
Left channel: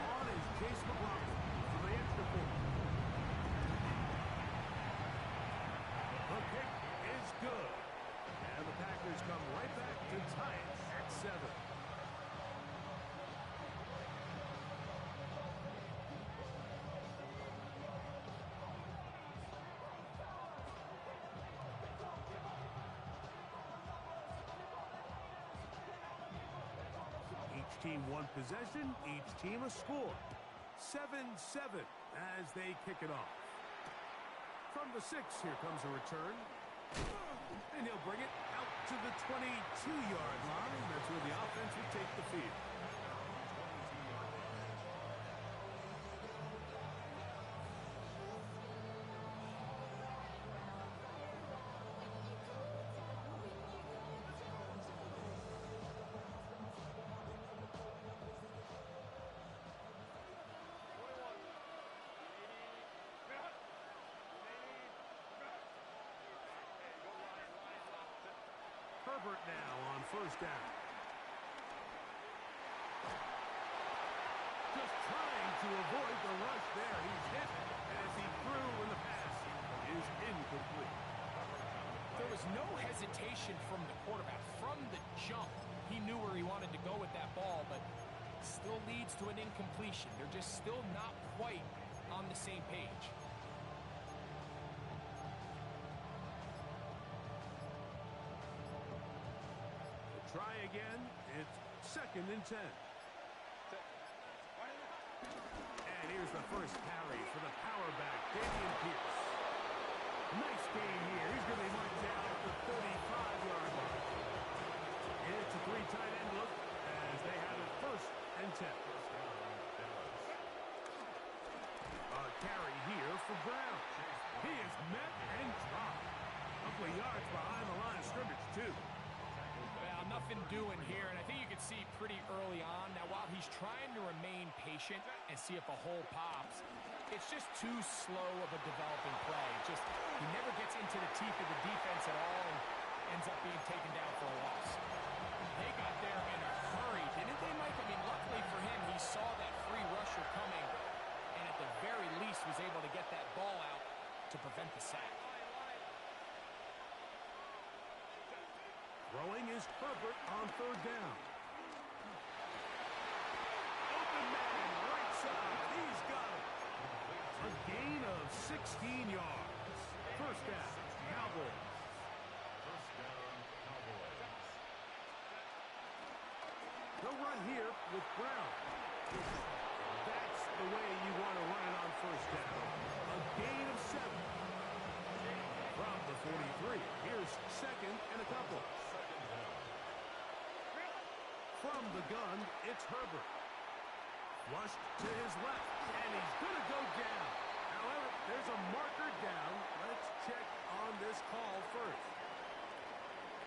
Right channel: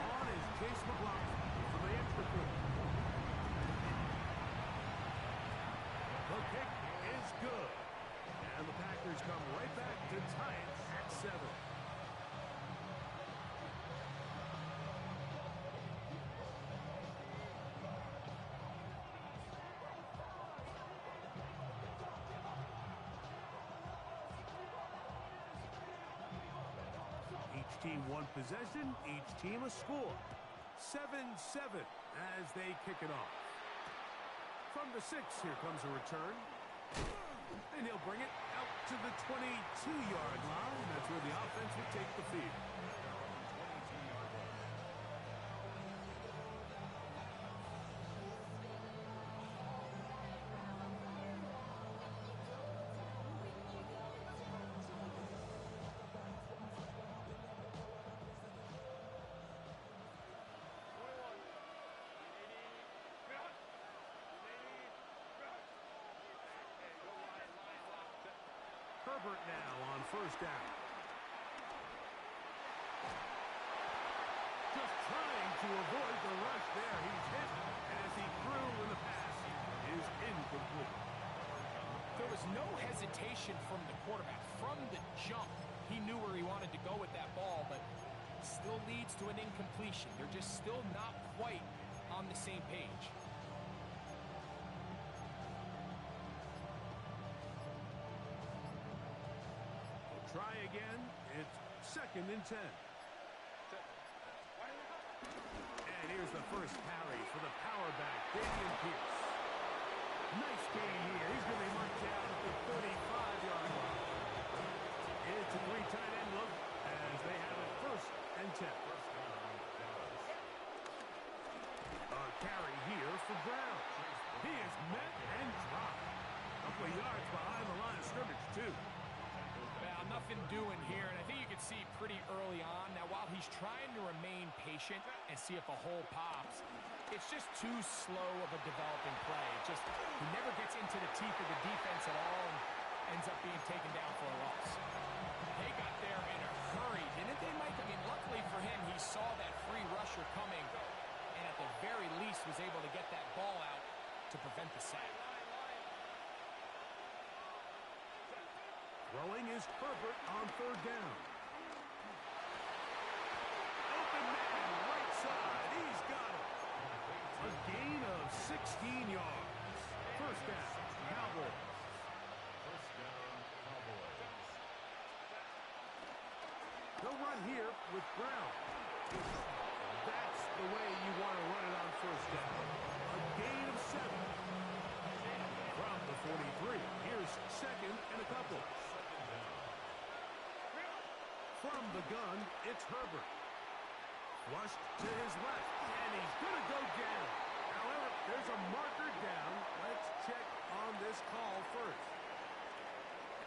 On is Chase McLaughlin for the extra point. The kick is good. And the Packers come right back to tie it at 7. Each team one possession, each team a score. 7-7 as they kick it off. From the 6, here comes a return. And he'll bring it out to the 22-yard line. That's where the offense will take the field. Herbert now on first down. Just trying to avoid the rush there. He's hit as he threw when the pass is incomplete. There was no hesitation from the quarterback. From the jump, he knew where he wanted to go with that ball, but still leads to an incompletion. They're just still not quite on the same page. Try again. It's 2nd and 10. Here's the first carry for the power back, Dameon Pierce. Nice gain here. He's going to be marked down at the 35-yard line. It's a three tight end look as they have it 1st and 10. A carry here for Brown. He is met and dropped. A couple of yards behind the line of scrimmage, too. Well, nothing doing here, and I think you can see pretty early on. Now, while he's trying to remain patient and see if a hole pops, it's just too slow of a developing play. He never gets into the teeth of the defense at all and ends up being taken down for a loss. They got there in a hurry, didn't they, Mike? I mean, luckily for him, he saw that free rusher coming, and at the very least was able to get that ball out to prevent the sack. Throwing is Herbert on 3rd down. Open man, right side. He's got it. A gain of 16 yards. 1st down, Cowboys. First down, Cowboys. They'll run here with Brown. That's the way you want to run it on 1st down. A gain of 7. From the 43, here's 2nd and a couple. From the gun, it's Herbert. Flushed to his left, and he's going to go down. However, there's a marker down. Let's check on this call first.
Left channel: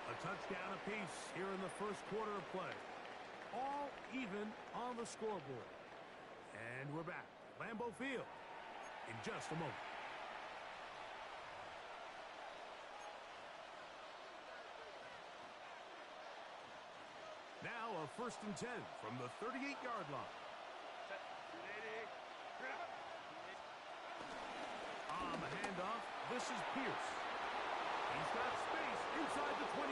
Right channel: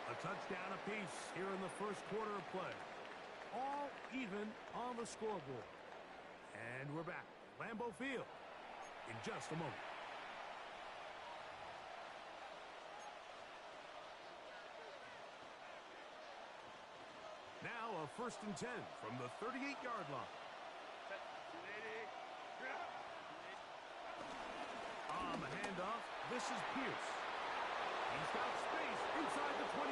A touchdown apiece here in the 1st quarter of play. All even on the scoreboard. And we're back at Lambeau Field in just a moment. Now a 1st and 10 from the 38-yard line. On the handoff, this is Pierce. He's got space inside the 25.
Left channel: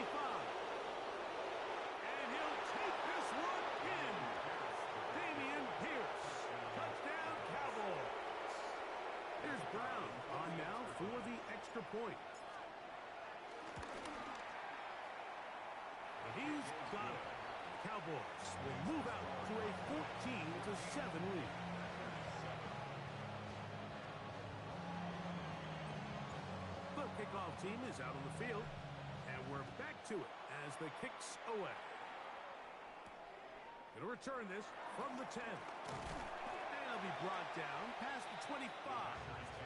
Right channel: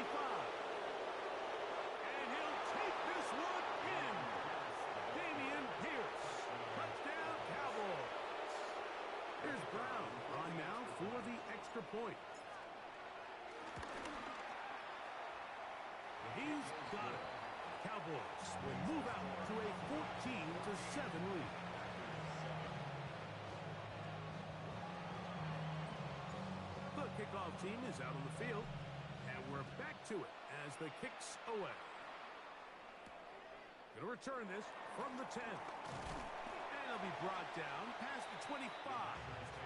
And he'll take this one in. Dameon Pierce. Touchdown, Cowboys. Here's Brown on now for the extra point. He's got it. The Cowboys will move out to a 14-7 lead. The kickoff team is out on the field, and we're back to it as the kick's away. Going to return this from the 10. And he'll be brought down past the 25.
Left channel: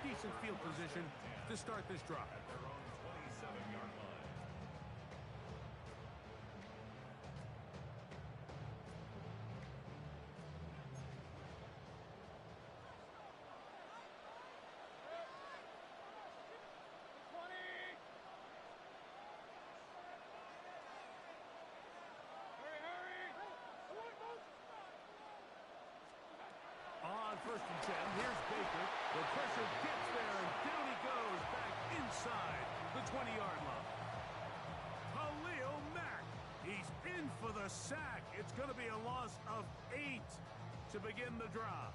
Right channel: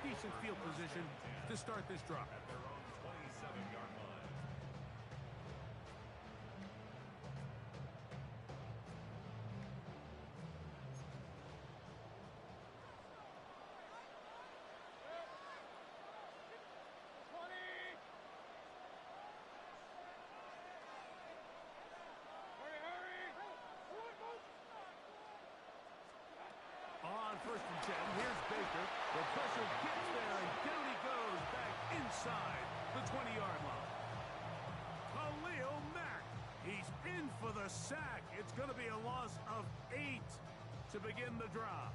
Decent field position to start this drive. At their own 27-yard line. On 1st and 10, here's Baker. The pressure gets there, and down he goes back inside the 20-yard line. Khalil Mack. He's in for the sack. It's going to be a loss of 8 to begin the drive.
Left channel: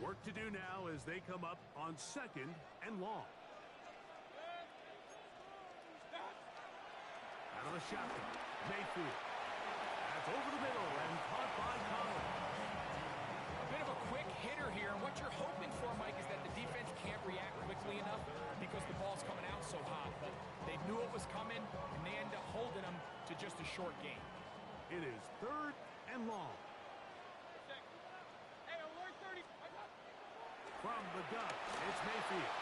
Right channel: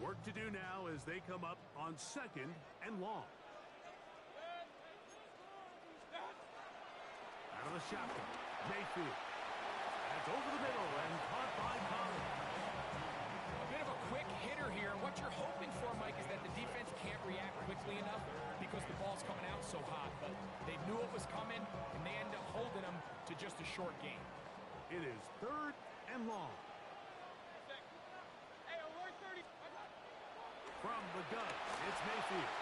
Work to do now as they come up on 2nd and long. Out of the shotgun, Mayfield. That's over the middle and caught by Collins. A bit of a quick hitter here, and what you're hoping for, Mike, is that the defense can't react quickly enough because the ball's coming out so hot. But they knew it was coming, and they end up holding them to just a short gain. It is 3rd and long. From the gun, it's Mayfield.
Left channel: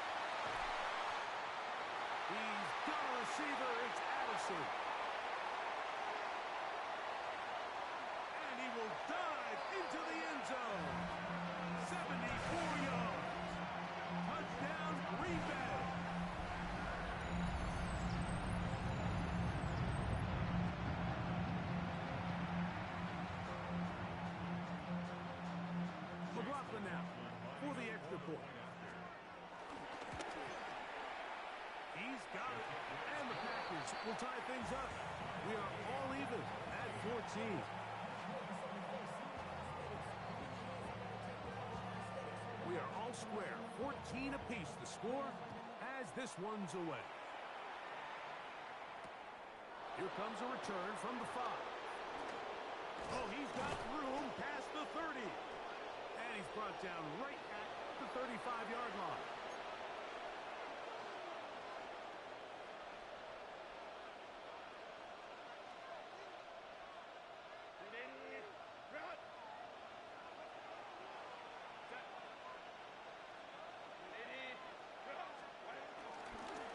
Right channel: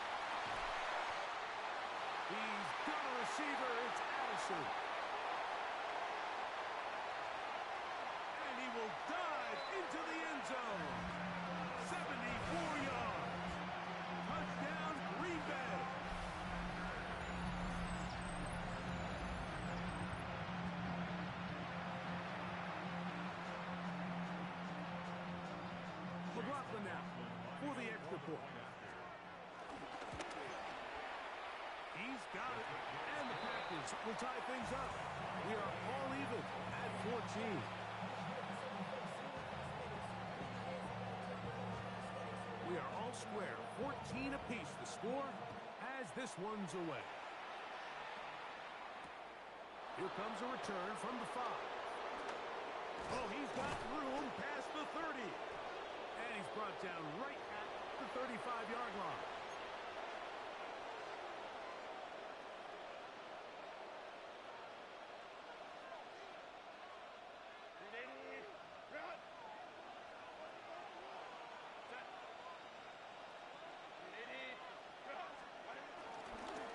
He's got a receiver. It's Addison. And he will dive into the end zone. 74 yards. Touchdown, Green Bay. McLaughlin now for the extra point. He's got it, and the Packers will tie things up. We are all even at 14. We are all square, 14 apiece the score as this one's away. Here comes a return from the 5. Oh, he's got room past the 30. And he's brought down right at the 35-yard line.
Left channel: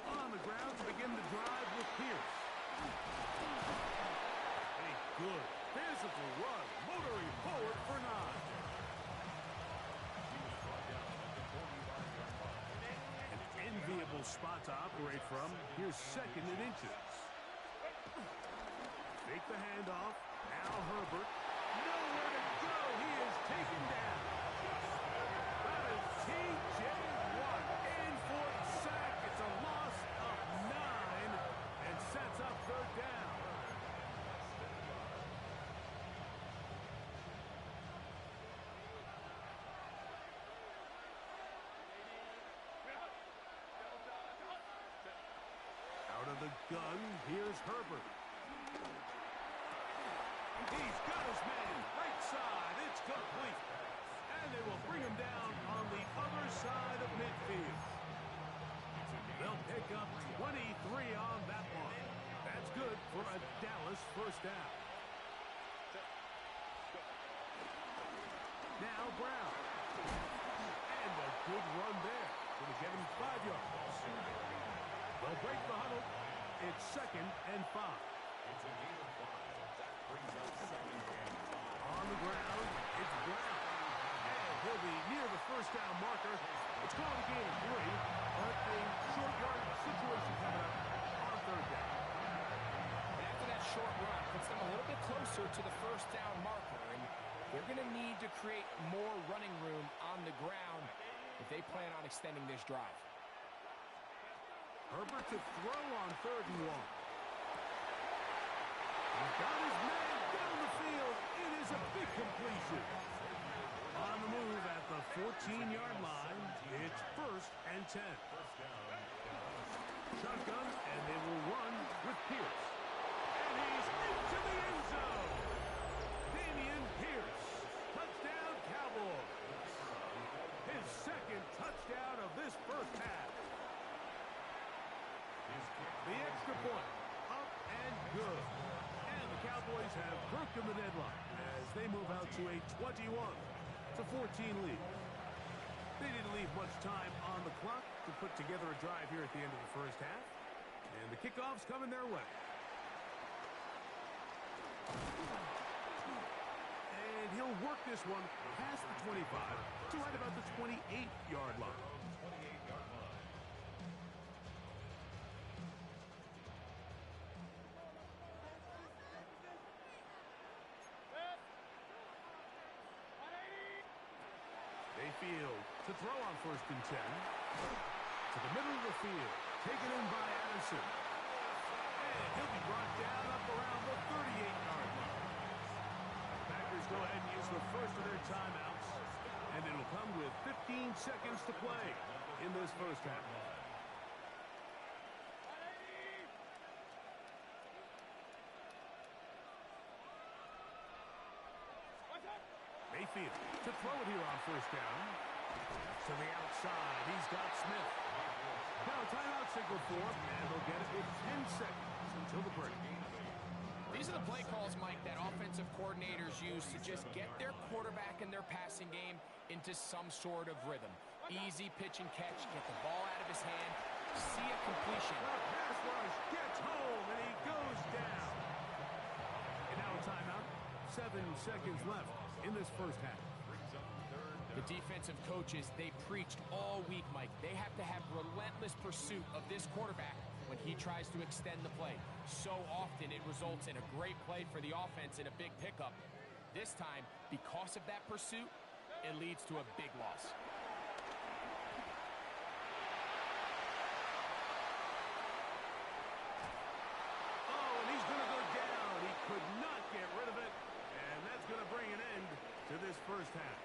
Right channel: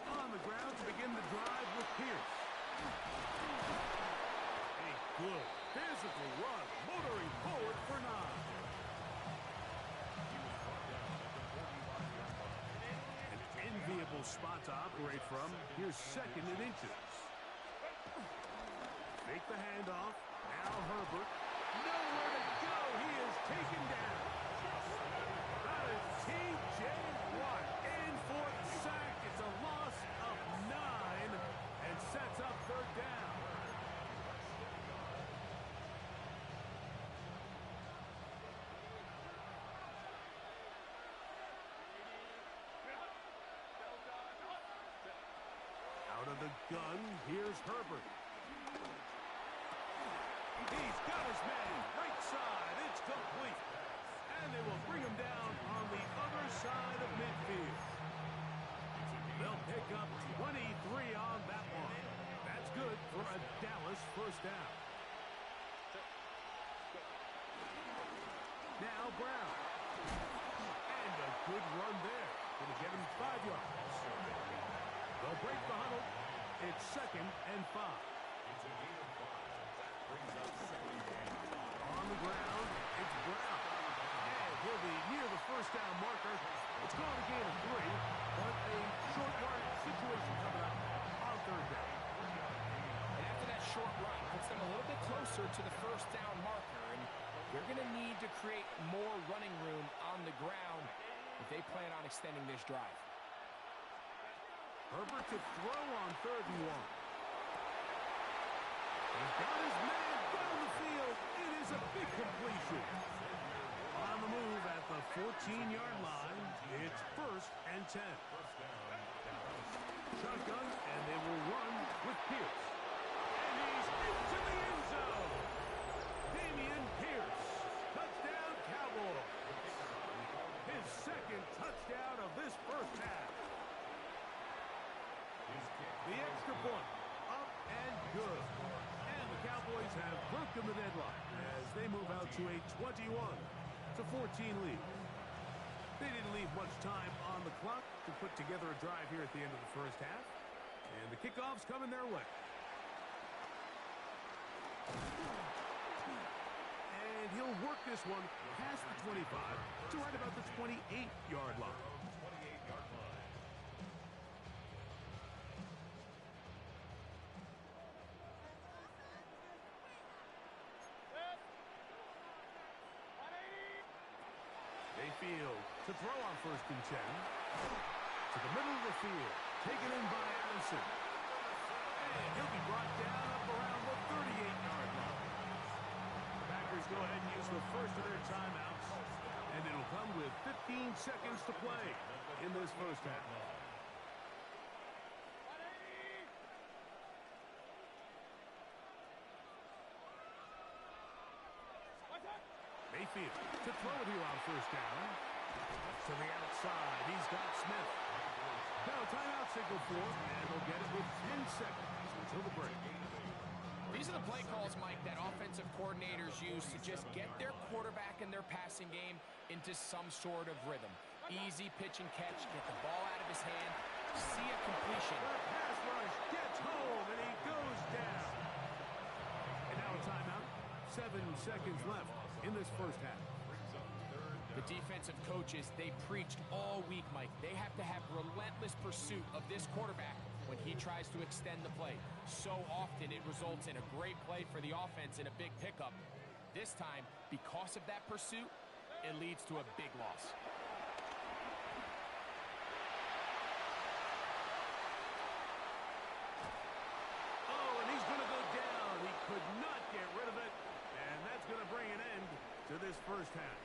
On the ground to begin the drive with Pierce. A good physical run, motoring forward for 9. An enviable spot to operate from. Here's 2nd and inches. Fake the handoff. Now Herbert. Nowhere to go. He is taken down. That is T.J. Watt in for the sack. It's a loss of 9 and sets up 3rd down. Out of the gun, here's Herbert. He's got his man, right side, it's complete. And they will bring him down on the other side of midfield. They'll pick up 23 on that one. That's good for a Dallas 1st down. Now Brown. And a good run there. Going to get him 5 yards. They'll break the huddle. It's 2nd and 5. On the ground, it's Brown. And he'll be near the 1st down marker. It's going to gain a 3, but a short yardage situation coming up on 3rd down. And after that short run, puts them a little bit closer to the 1st down marker. And they're going to need to create more running room on the ground if they plan on extending this drive. Herbert to throw on 3rd and 1. He's got his man down the field. It is a big completion. On the move at the 14-yard line, it's 1st and 10. Shotgun, and they will run with Pierce. And he's into the end zone. Dameon Pierce. Touchdown, Cowboys. His 2nd touchdown of this 1st half. The extra point, up and good. And the Cowboys have broken the deadlock as they move out to a 21-14 lead. They didn't leave much time on the clock to put together a drive here at the end of the 1st half. And the kickoff's coming their way. And he'll work this one past the 25 to right about the 28-yard line. Field to throw on 1st and 10. To the middle of the field. Taken in by Addison. And he'll be brought down up around the 38-yard line. The Packers go ahead and use the first of their timeouts. And it'll come with 15 seconds to play in this 1st half. Mayfield to throw it here on 1st down. To the outside, he's got Smith. Now timeout signal for him, and they'll get it with 10 seconds until the break. These are the play calls, Mike, that offensive coordinators use to just get their quarterback and their passing game into some sort of rhythm. Easy pitch and catch, get the ball out of his hand, see a completion. The pass rush gets home, and he goes down. And now a timeout. 7 seconds left in this 1st half. The defensive coaches, they preached all week, Mike. They have to have relentless pursuit of this quarterback when he tries to extend the play. So often it results in a great play for the offense and a big pickup. This time, because of that pursuit, it leads to a big loss. Oh, and he's going to go down. He could not get rid of it. And that's going to bring an end to this 1st half.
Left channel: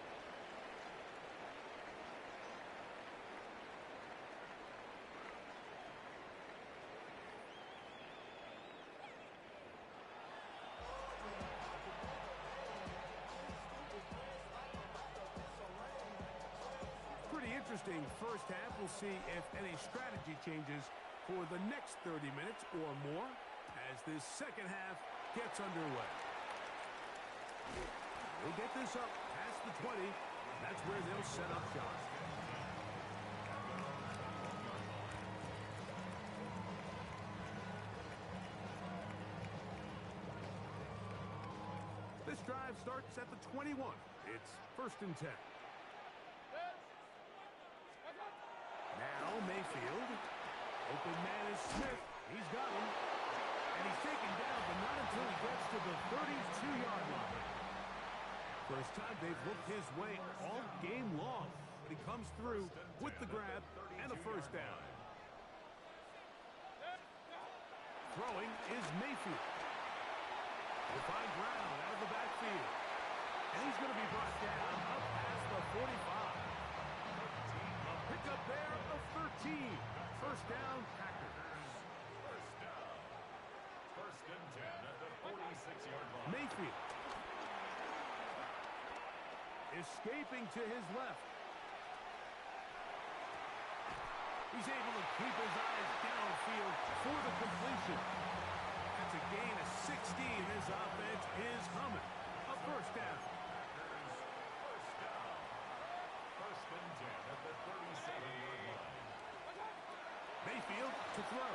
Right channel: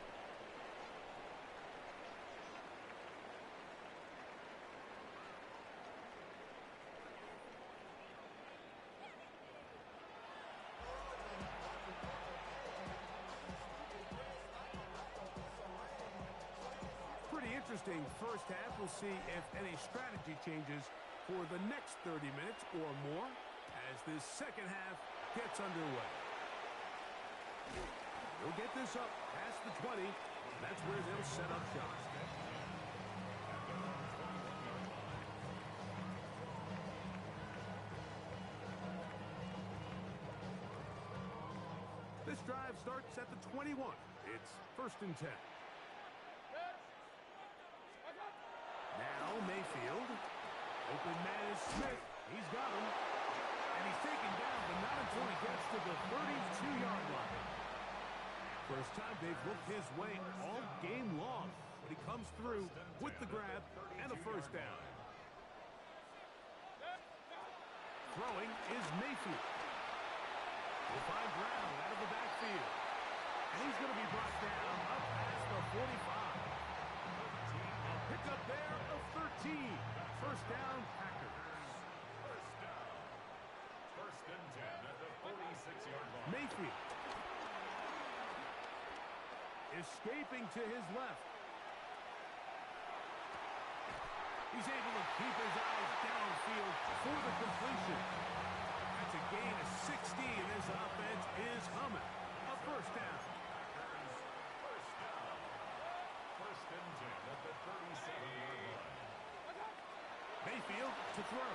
interesting first half. We'll see if any strategy changes for the next 30 minutes or more as this second half gets underway. They'll get this up past the 20. That's where they'll set up shop. This drive starts at the 21. It's 1st and 10. Now Mayfield. Open man is Smith. He's got him. And he's taken down, but not until he gets to the 32-yard line. First time they've looked his way all game long, but he comes through with the grab and a first down. Throwing is Mayfield. Will find Brown out of the backfield. And he's going to be brought down up past the 45. A pickup there of 13. First down, Packers. First down. 1st and 10 at the 46-yard line. Mayfield. Escaping to his left. He's able to keep his eyes downfield for the completion. That's a gain of 16. This offense is humming. A first down. First down. 1st and 10 at the 37-yard line. Mayfield to throw.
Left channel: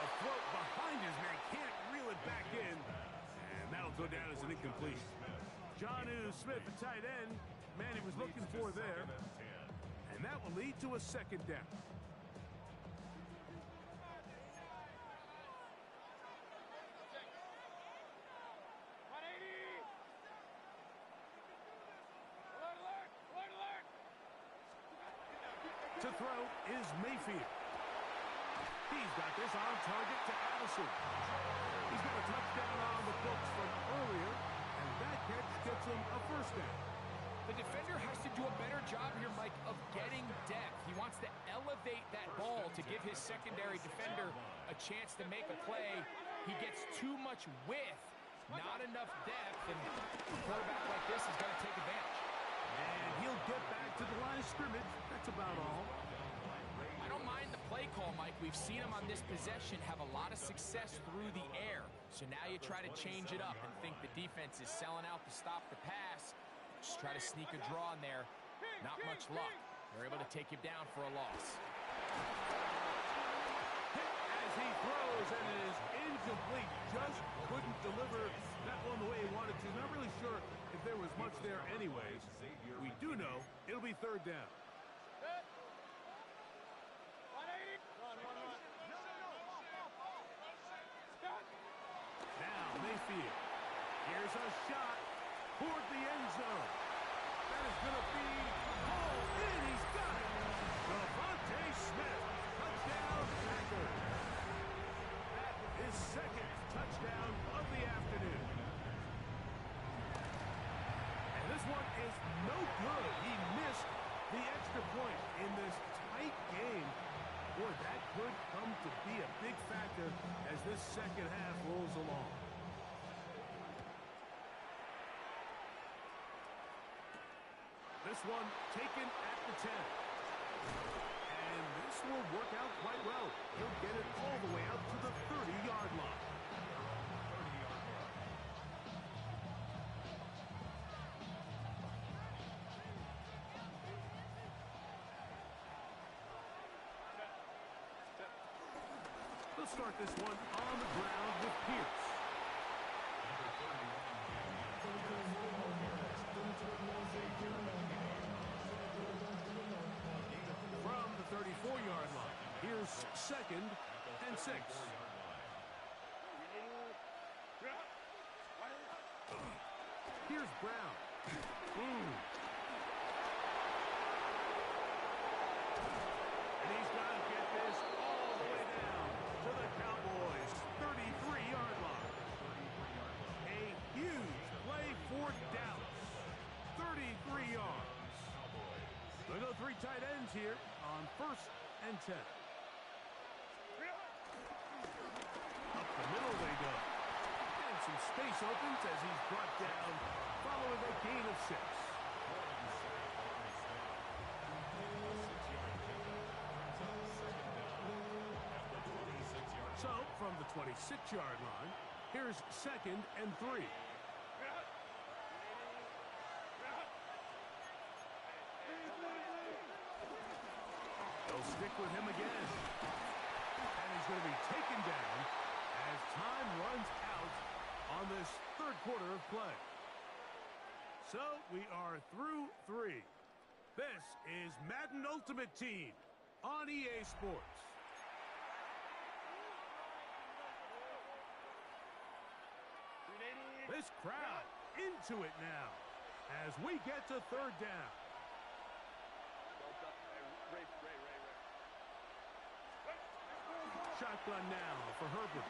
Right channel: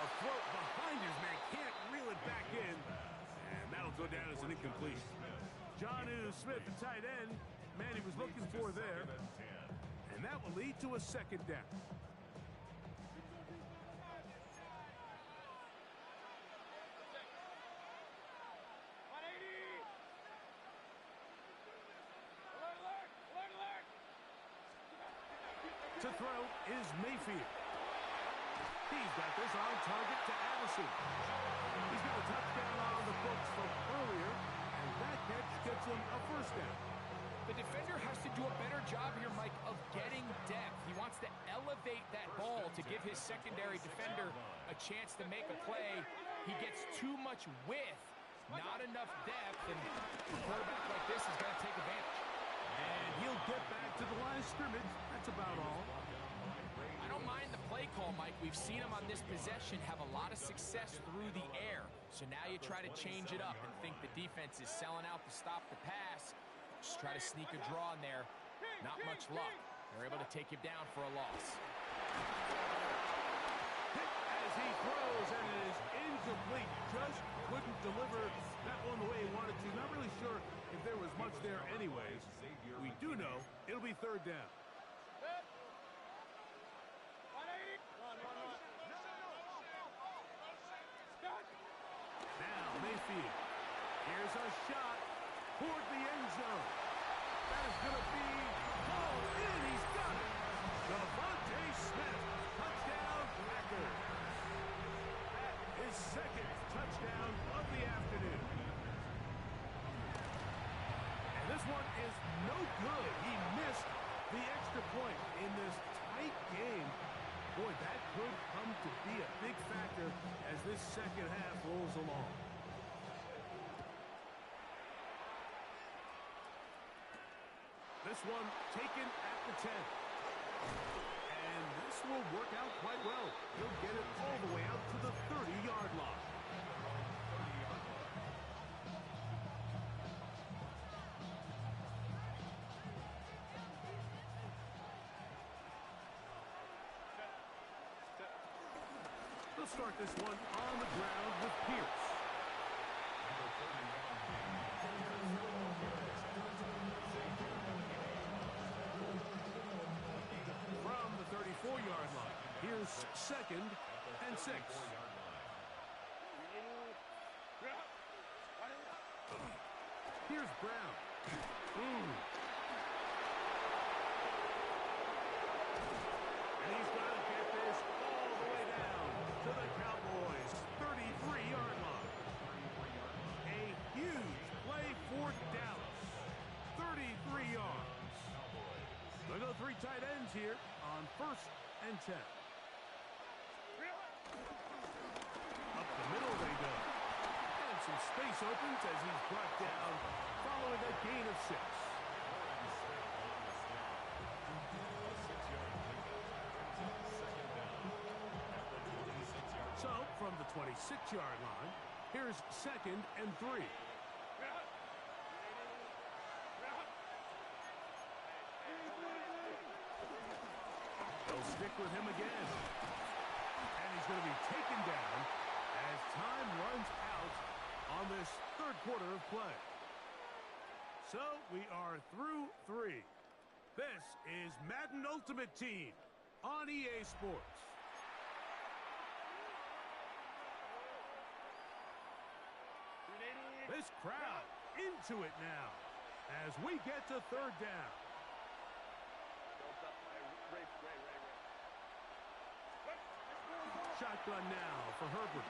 A throw behind his man. Can't reel it back in. And that'll go down as an incompletion. Jonnu Smith, the tight end, man he was looking for there. And that will lead to a second down. To throw is Mayfield. He's got this on target to Addison. He's got a touchdown on the books from earlier, and that catch gets him a first down. The defender has to do a better job here, Mike, of getting depth. He wants to elevate that ball to give his secondary defender a chance to make a play. He gets too much width, not enough depth, and a quarterback like this is going to take advantage. And he'll get back to the line of scrimmage. That's about all. I don't mind the play call, Mike. We've seen him on this possession have a lot of success through the air. So now you try to change it up and think the defense is selling out to stop the pass. Just try to sneak a draw in there. Not much luck. They're able to take him down for a loss. Hit as he throws, and it is incomplete. Just couldn't deliver that one the way he wanted to. Not really sure if there was much there anyways. We do know it'll be third down. Now Mayfield. Here's a shot toward the end zone. That is going to be hauled in. He's got it. Devontae Smith. Touchdown, Packers. That is second touchdown of the afternoon. And this one is no good. He missed the extra point in this tight game. Boy, that could come to be a big factor as this second half rolls along. This one taken at the 10. And this will work out quite well. He'll get it all the way out to the 30-yard line. They'll start this one on the ground with Pierce. From the 34-yard line, here's 2nd and 6. Here's Brown. And he's going to get this all the way down to the Cowboys' 33-yard line. A huge play for Dallas. 33 yards. They'll go 3 tight ends here on 1st and 10. Up the middle they go. And some space opens as he's brought down following a gain of 6. from the 26-yard line. Here's 2nd and 3. They'll stick with him again. And he's going to be taken down as time runs out on this third quarter of play. So we are through 3. This is Madden Ultimate Team on EA Sports. This crowd into it now as we get to third down. Shotgun now for Herbert.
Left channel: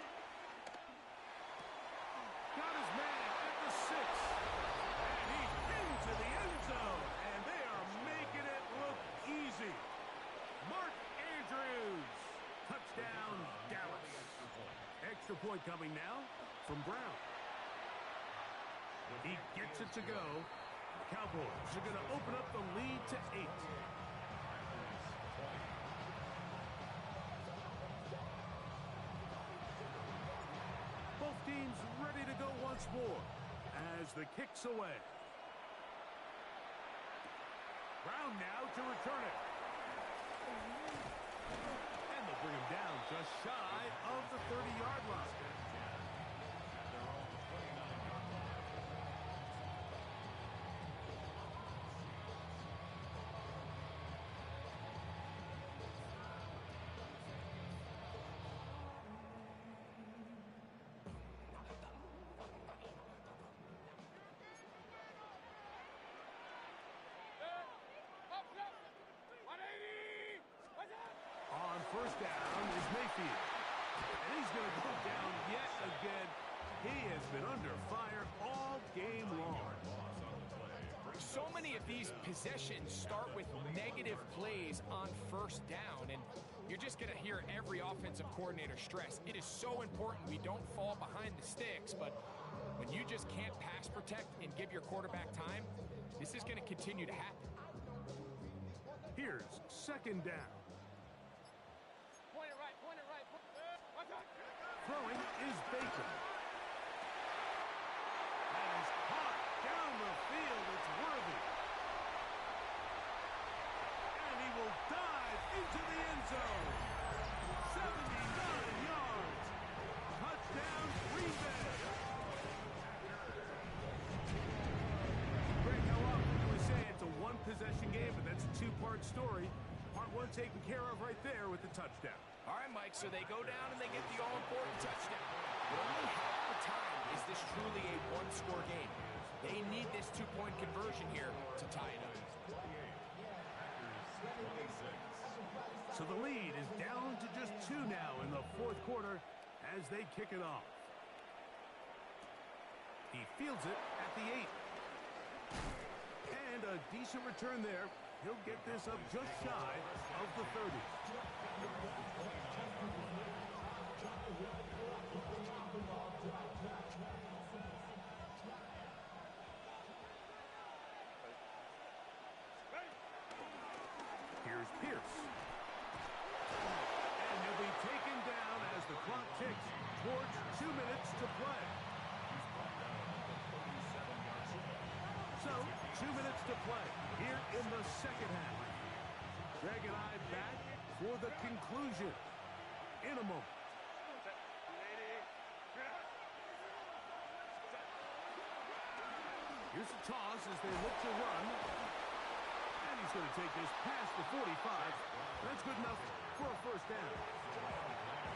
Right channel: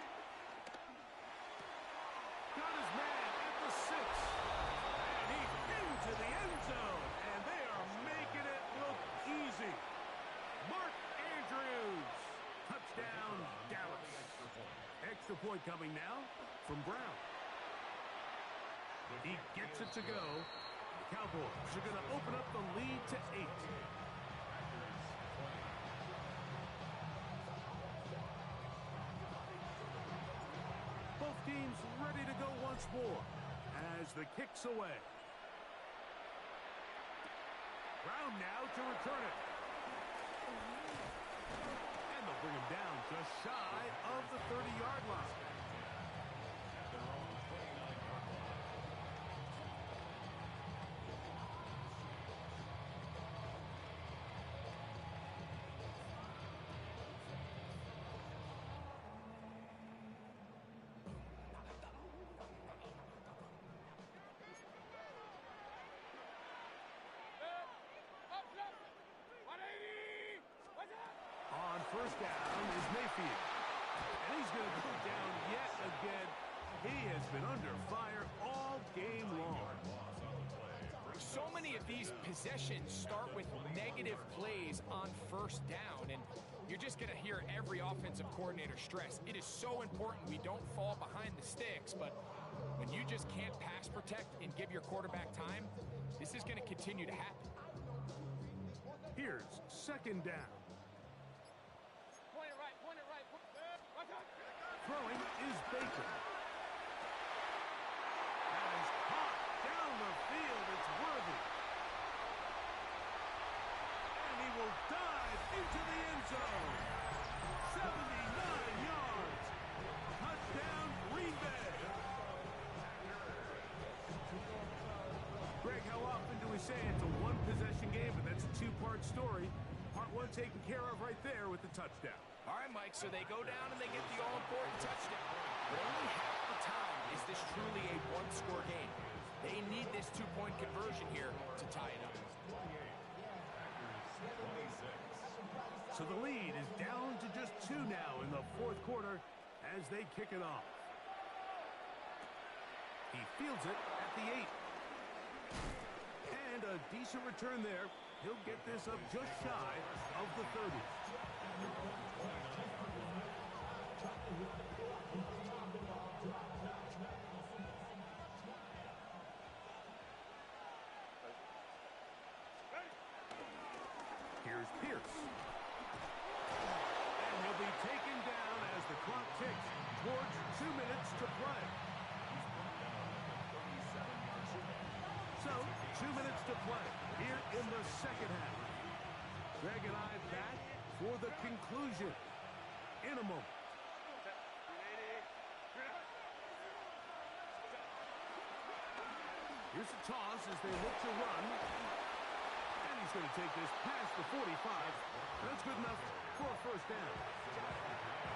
Got his man at the 6. And he's into the end zone. And they are making it look easy. Mark Andrews. Touchdown, Dallas. Extra point coming now from Brown. He gets it to go. The Cowboys are going to open up the lead to 8. Both teams ready to go once more as the kick's away. Brown now to return it. And they'll bring him down just shy of the 30-yard line. On first down is Mayfield. And he's going to go down yet again. He has been under fire all game long. So many of these possessions start with negative plays on first down, and you're just going to hear every offensive coordinator stress. It is so important we don't fall behind the sticks, but when you just can't pass protect and give your quarterback time, this is going to continue to happen. Here's 2nd down. Point it right. Throwing is Baker. That is caught down the field. It's Worthy. And he will dive into the end zone. 79 yards. Touchdown, Green Bay. Greg, how often do we say it's a one-possession game, but that's a two-part story? Part 1 taken care of right there with the touchdown. All right, Mike, so they go down and they get the all-important touchdown. But only half the time is this truly a one-score game. They need this two-point conversion here to tie it up. So the lead is down to just 2 now in the fourth quarter as they kick it off. He fields it at the 8. And a decent return there. He'll get this up just shy of the 30. Here's Pierce. And he'll be taken down as the clock ticks towards 2 minutes to play. So, 2 minutes to play here in the second half. Greg and I back for the conclusion in a moment. Here's a toss as they look to run. And he's going to take this past the 45. That's good enough for a first down.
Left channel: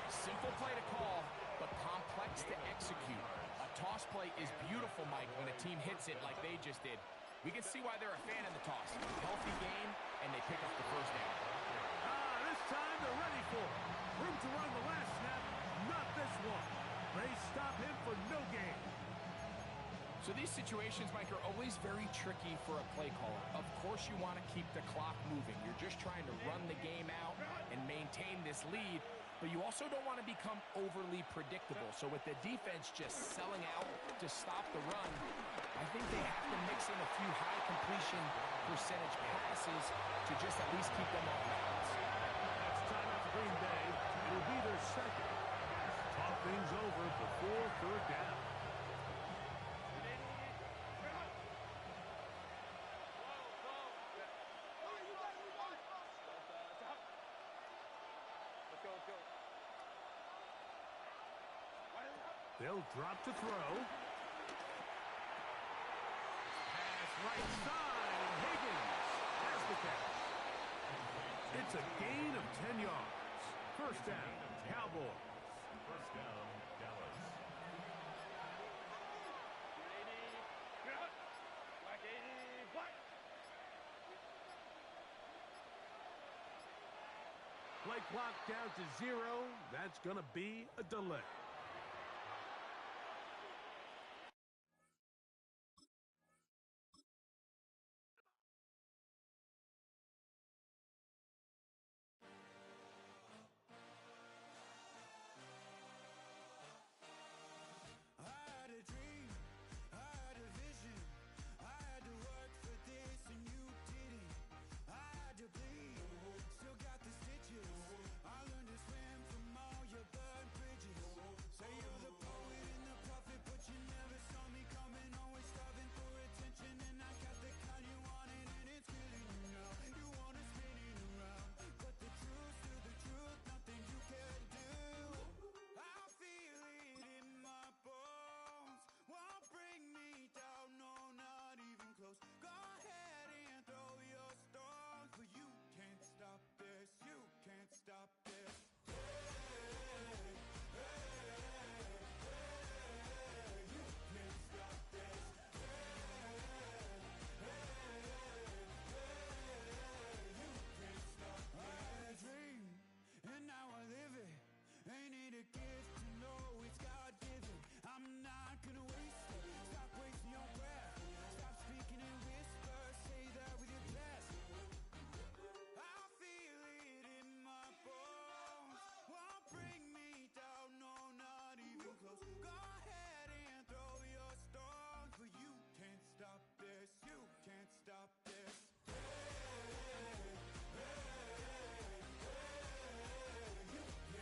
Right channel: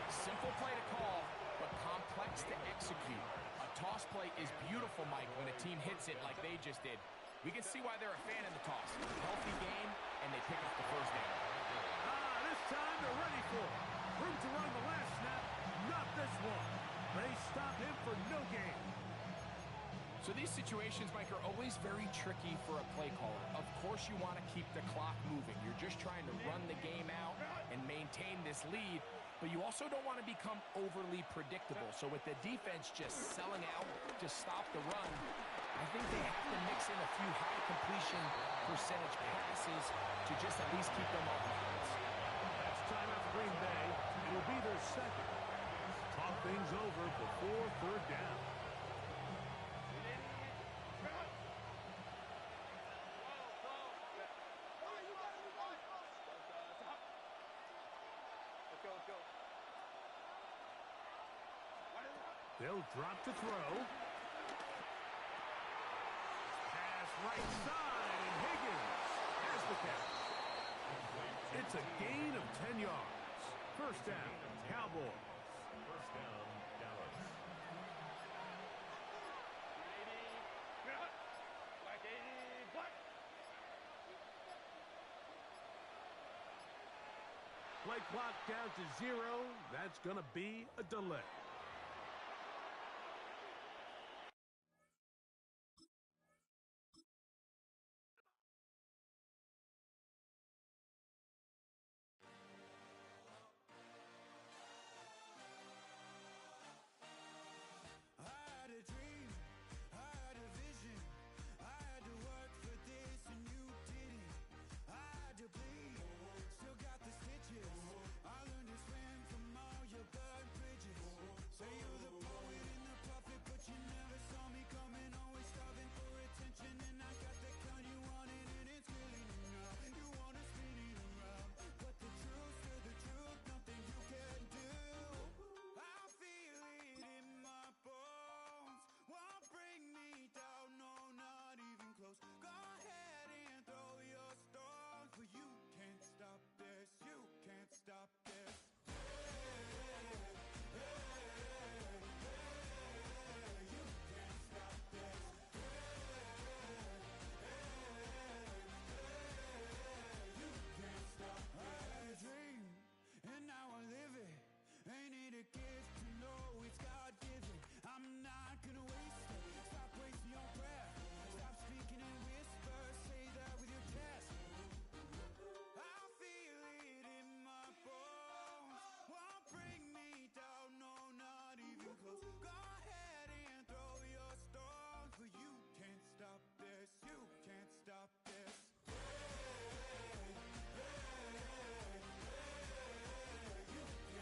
Simple play to call, but complex to execute. A toss play is beautiful, Mike, when a team hits it like they just did. We can see why they're a fan in the toss. Healthy game, and they pick up the first down. This time they're ready for it. Room to run the last snap, not this one. They stop him for no gain. So these situations, Mike, are always very tricky for a play caller. Of course you want to keep the clock moving. You're just trying to run the game out and maintain this lead, but you also don't want to become overly predictable. So with the defense just selling out to stop the run, I think they have to mix in a few high completion percentage passes to just at least keep them off balance. That's timeout for Green Bay. It'll be their second. Talk things over before third down. They'll drop to throw. Pass right side, and Higgins has the catch. It's a gain of 10 yards. First down, Cowboys. First down, Dallas. Play clock down to 0. That's going to be a delay.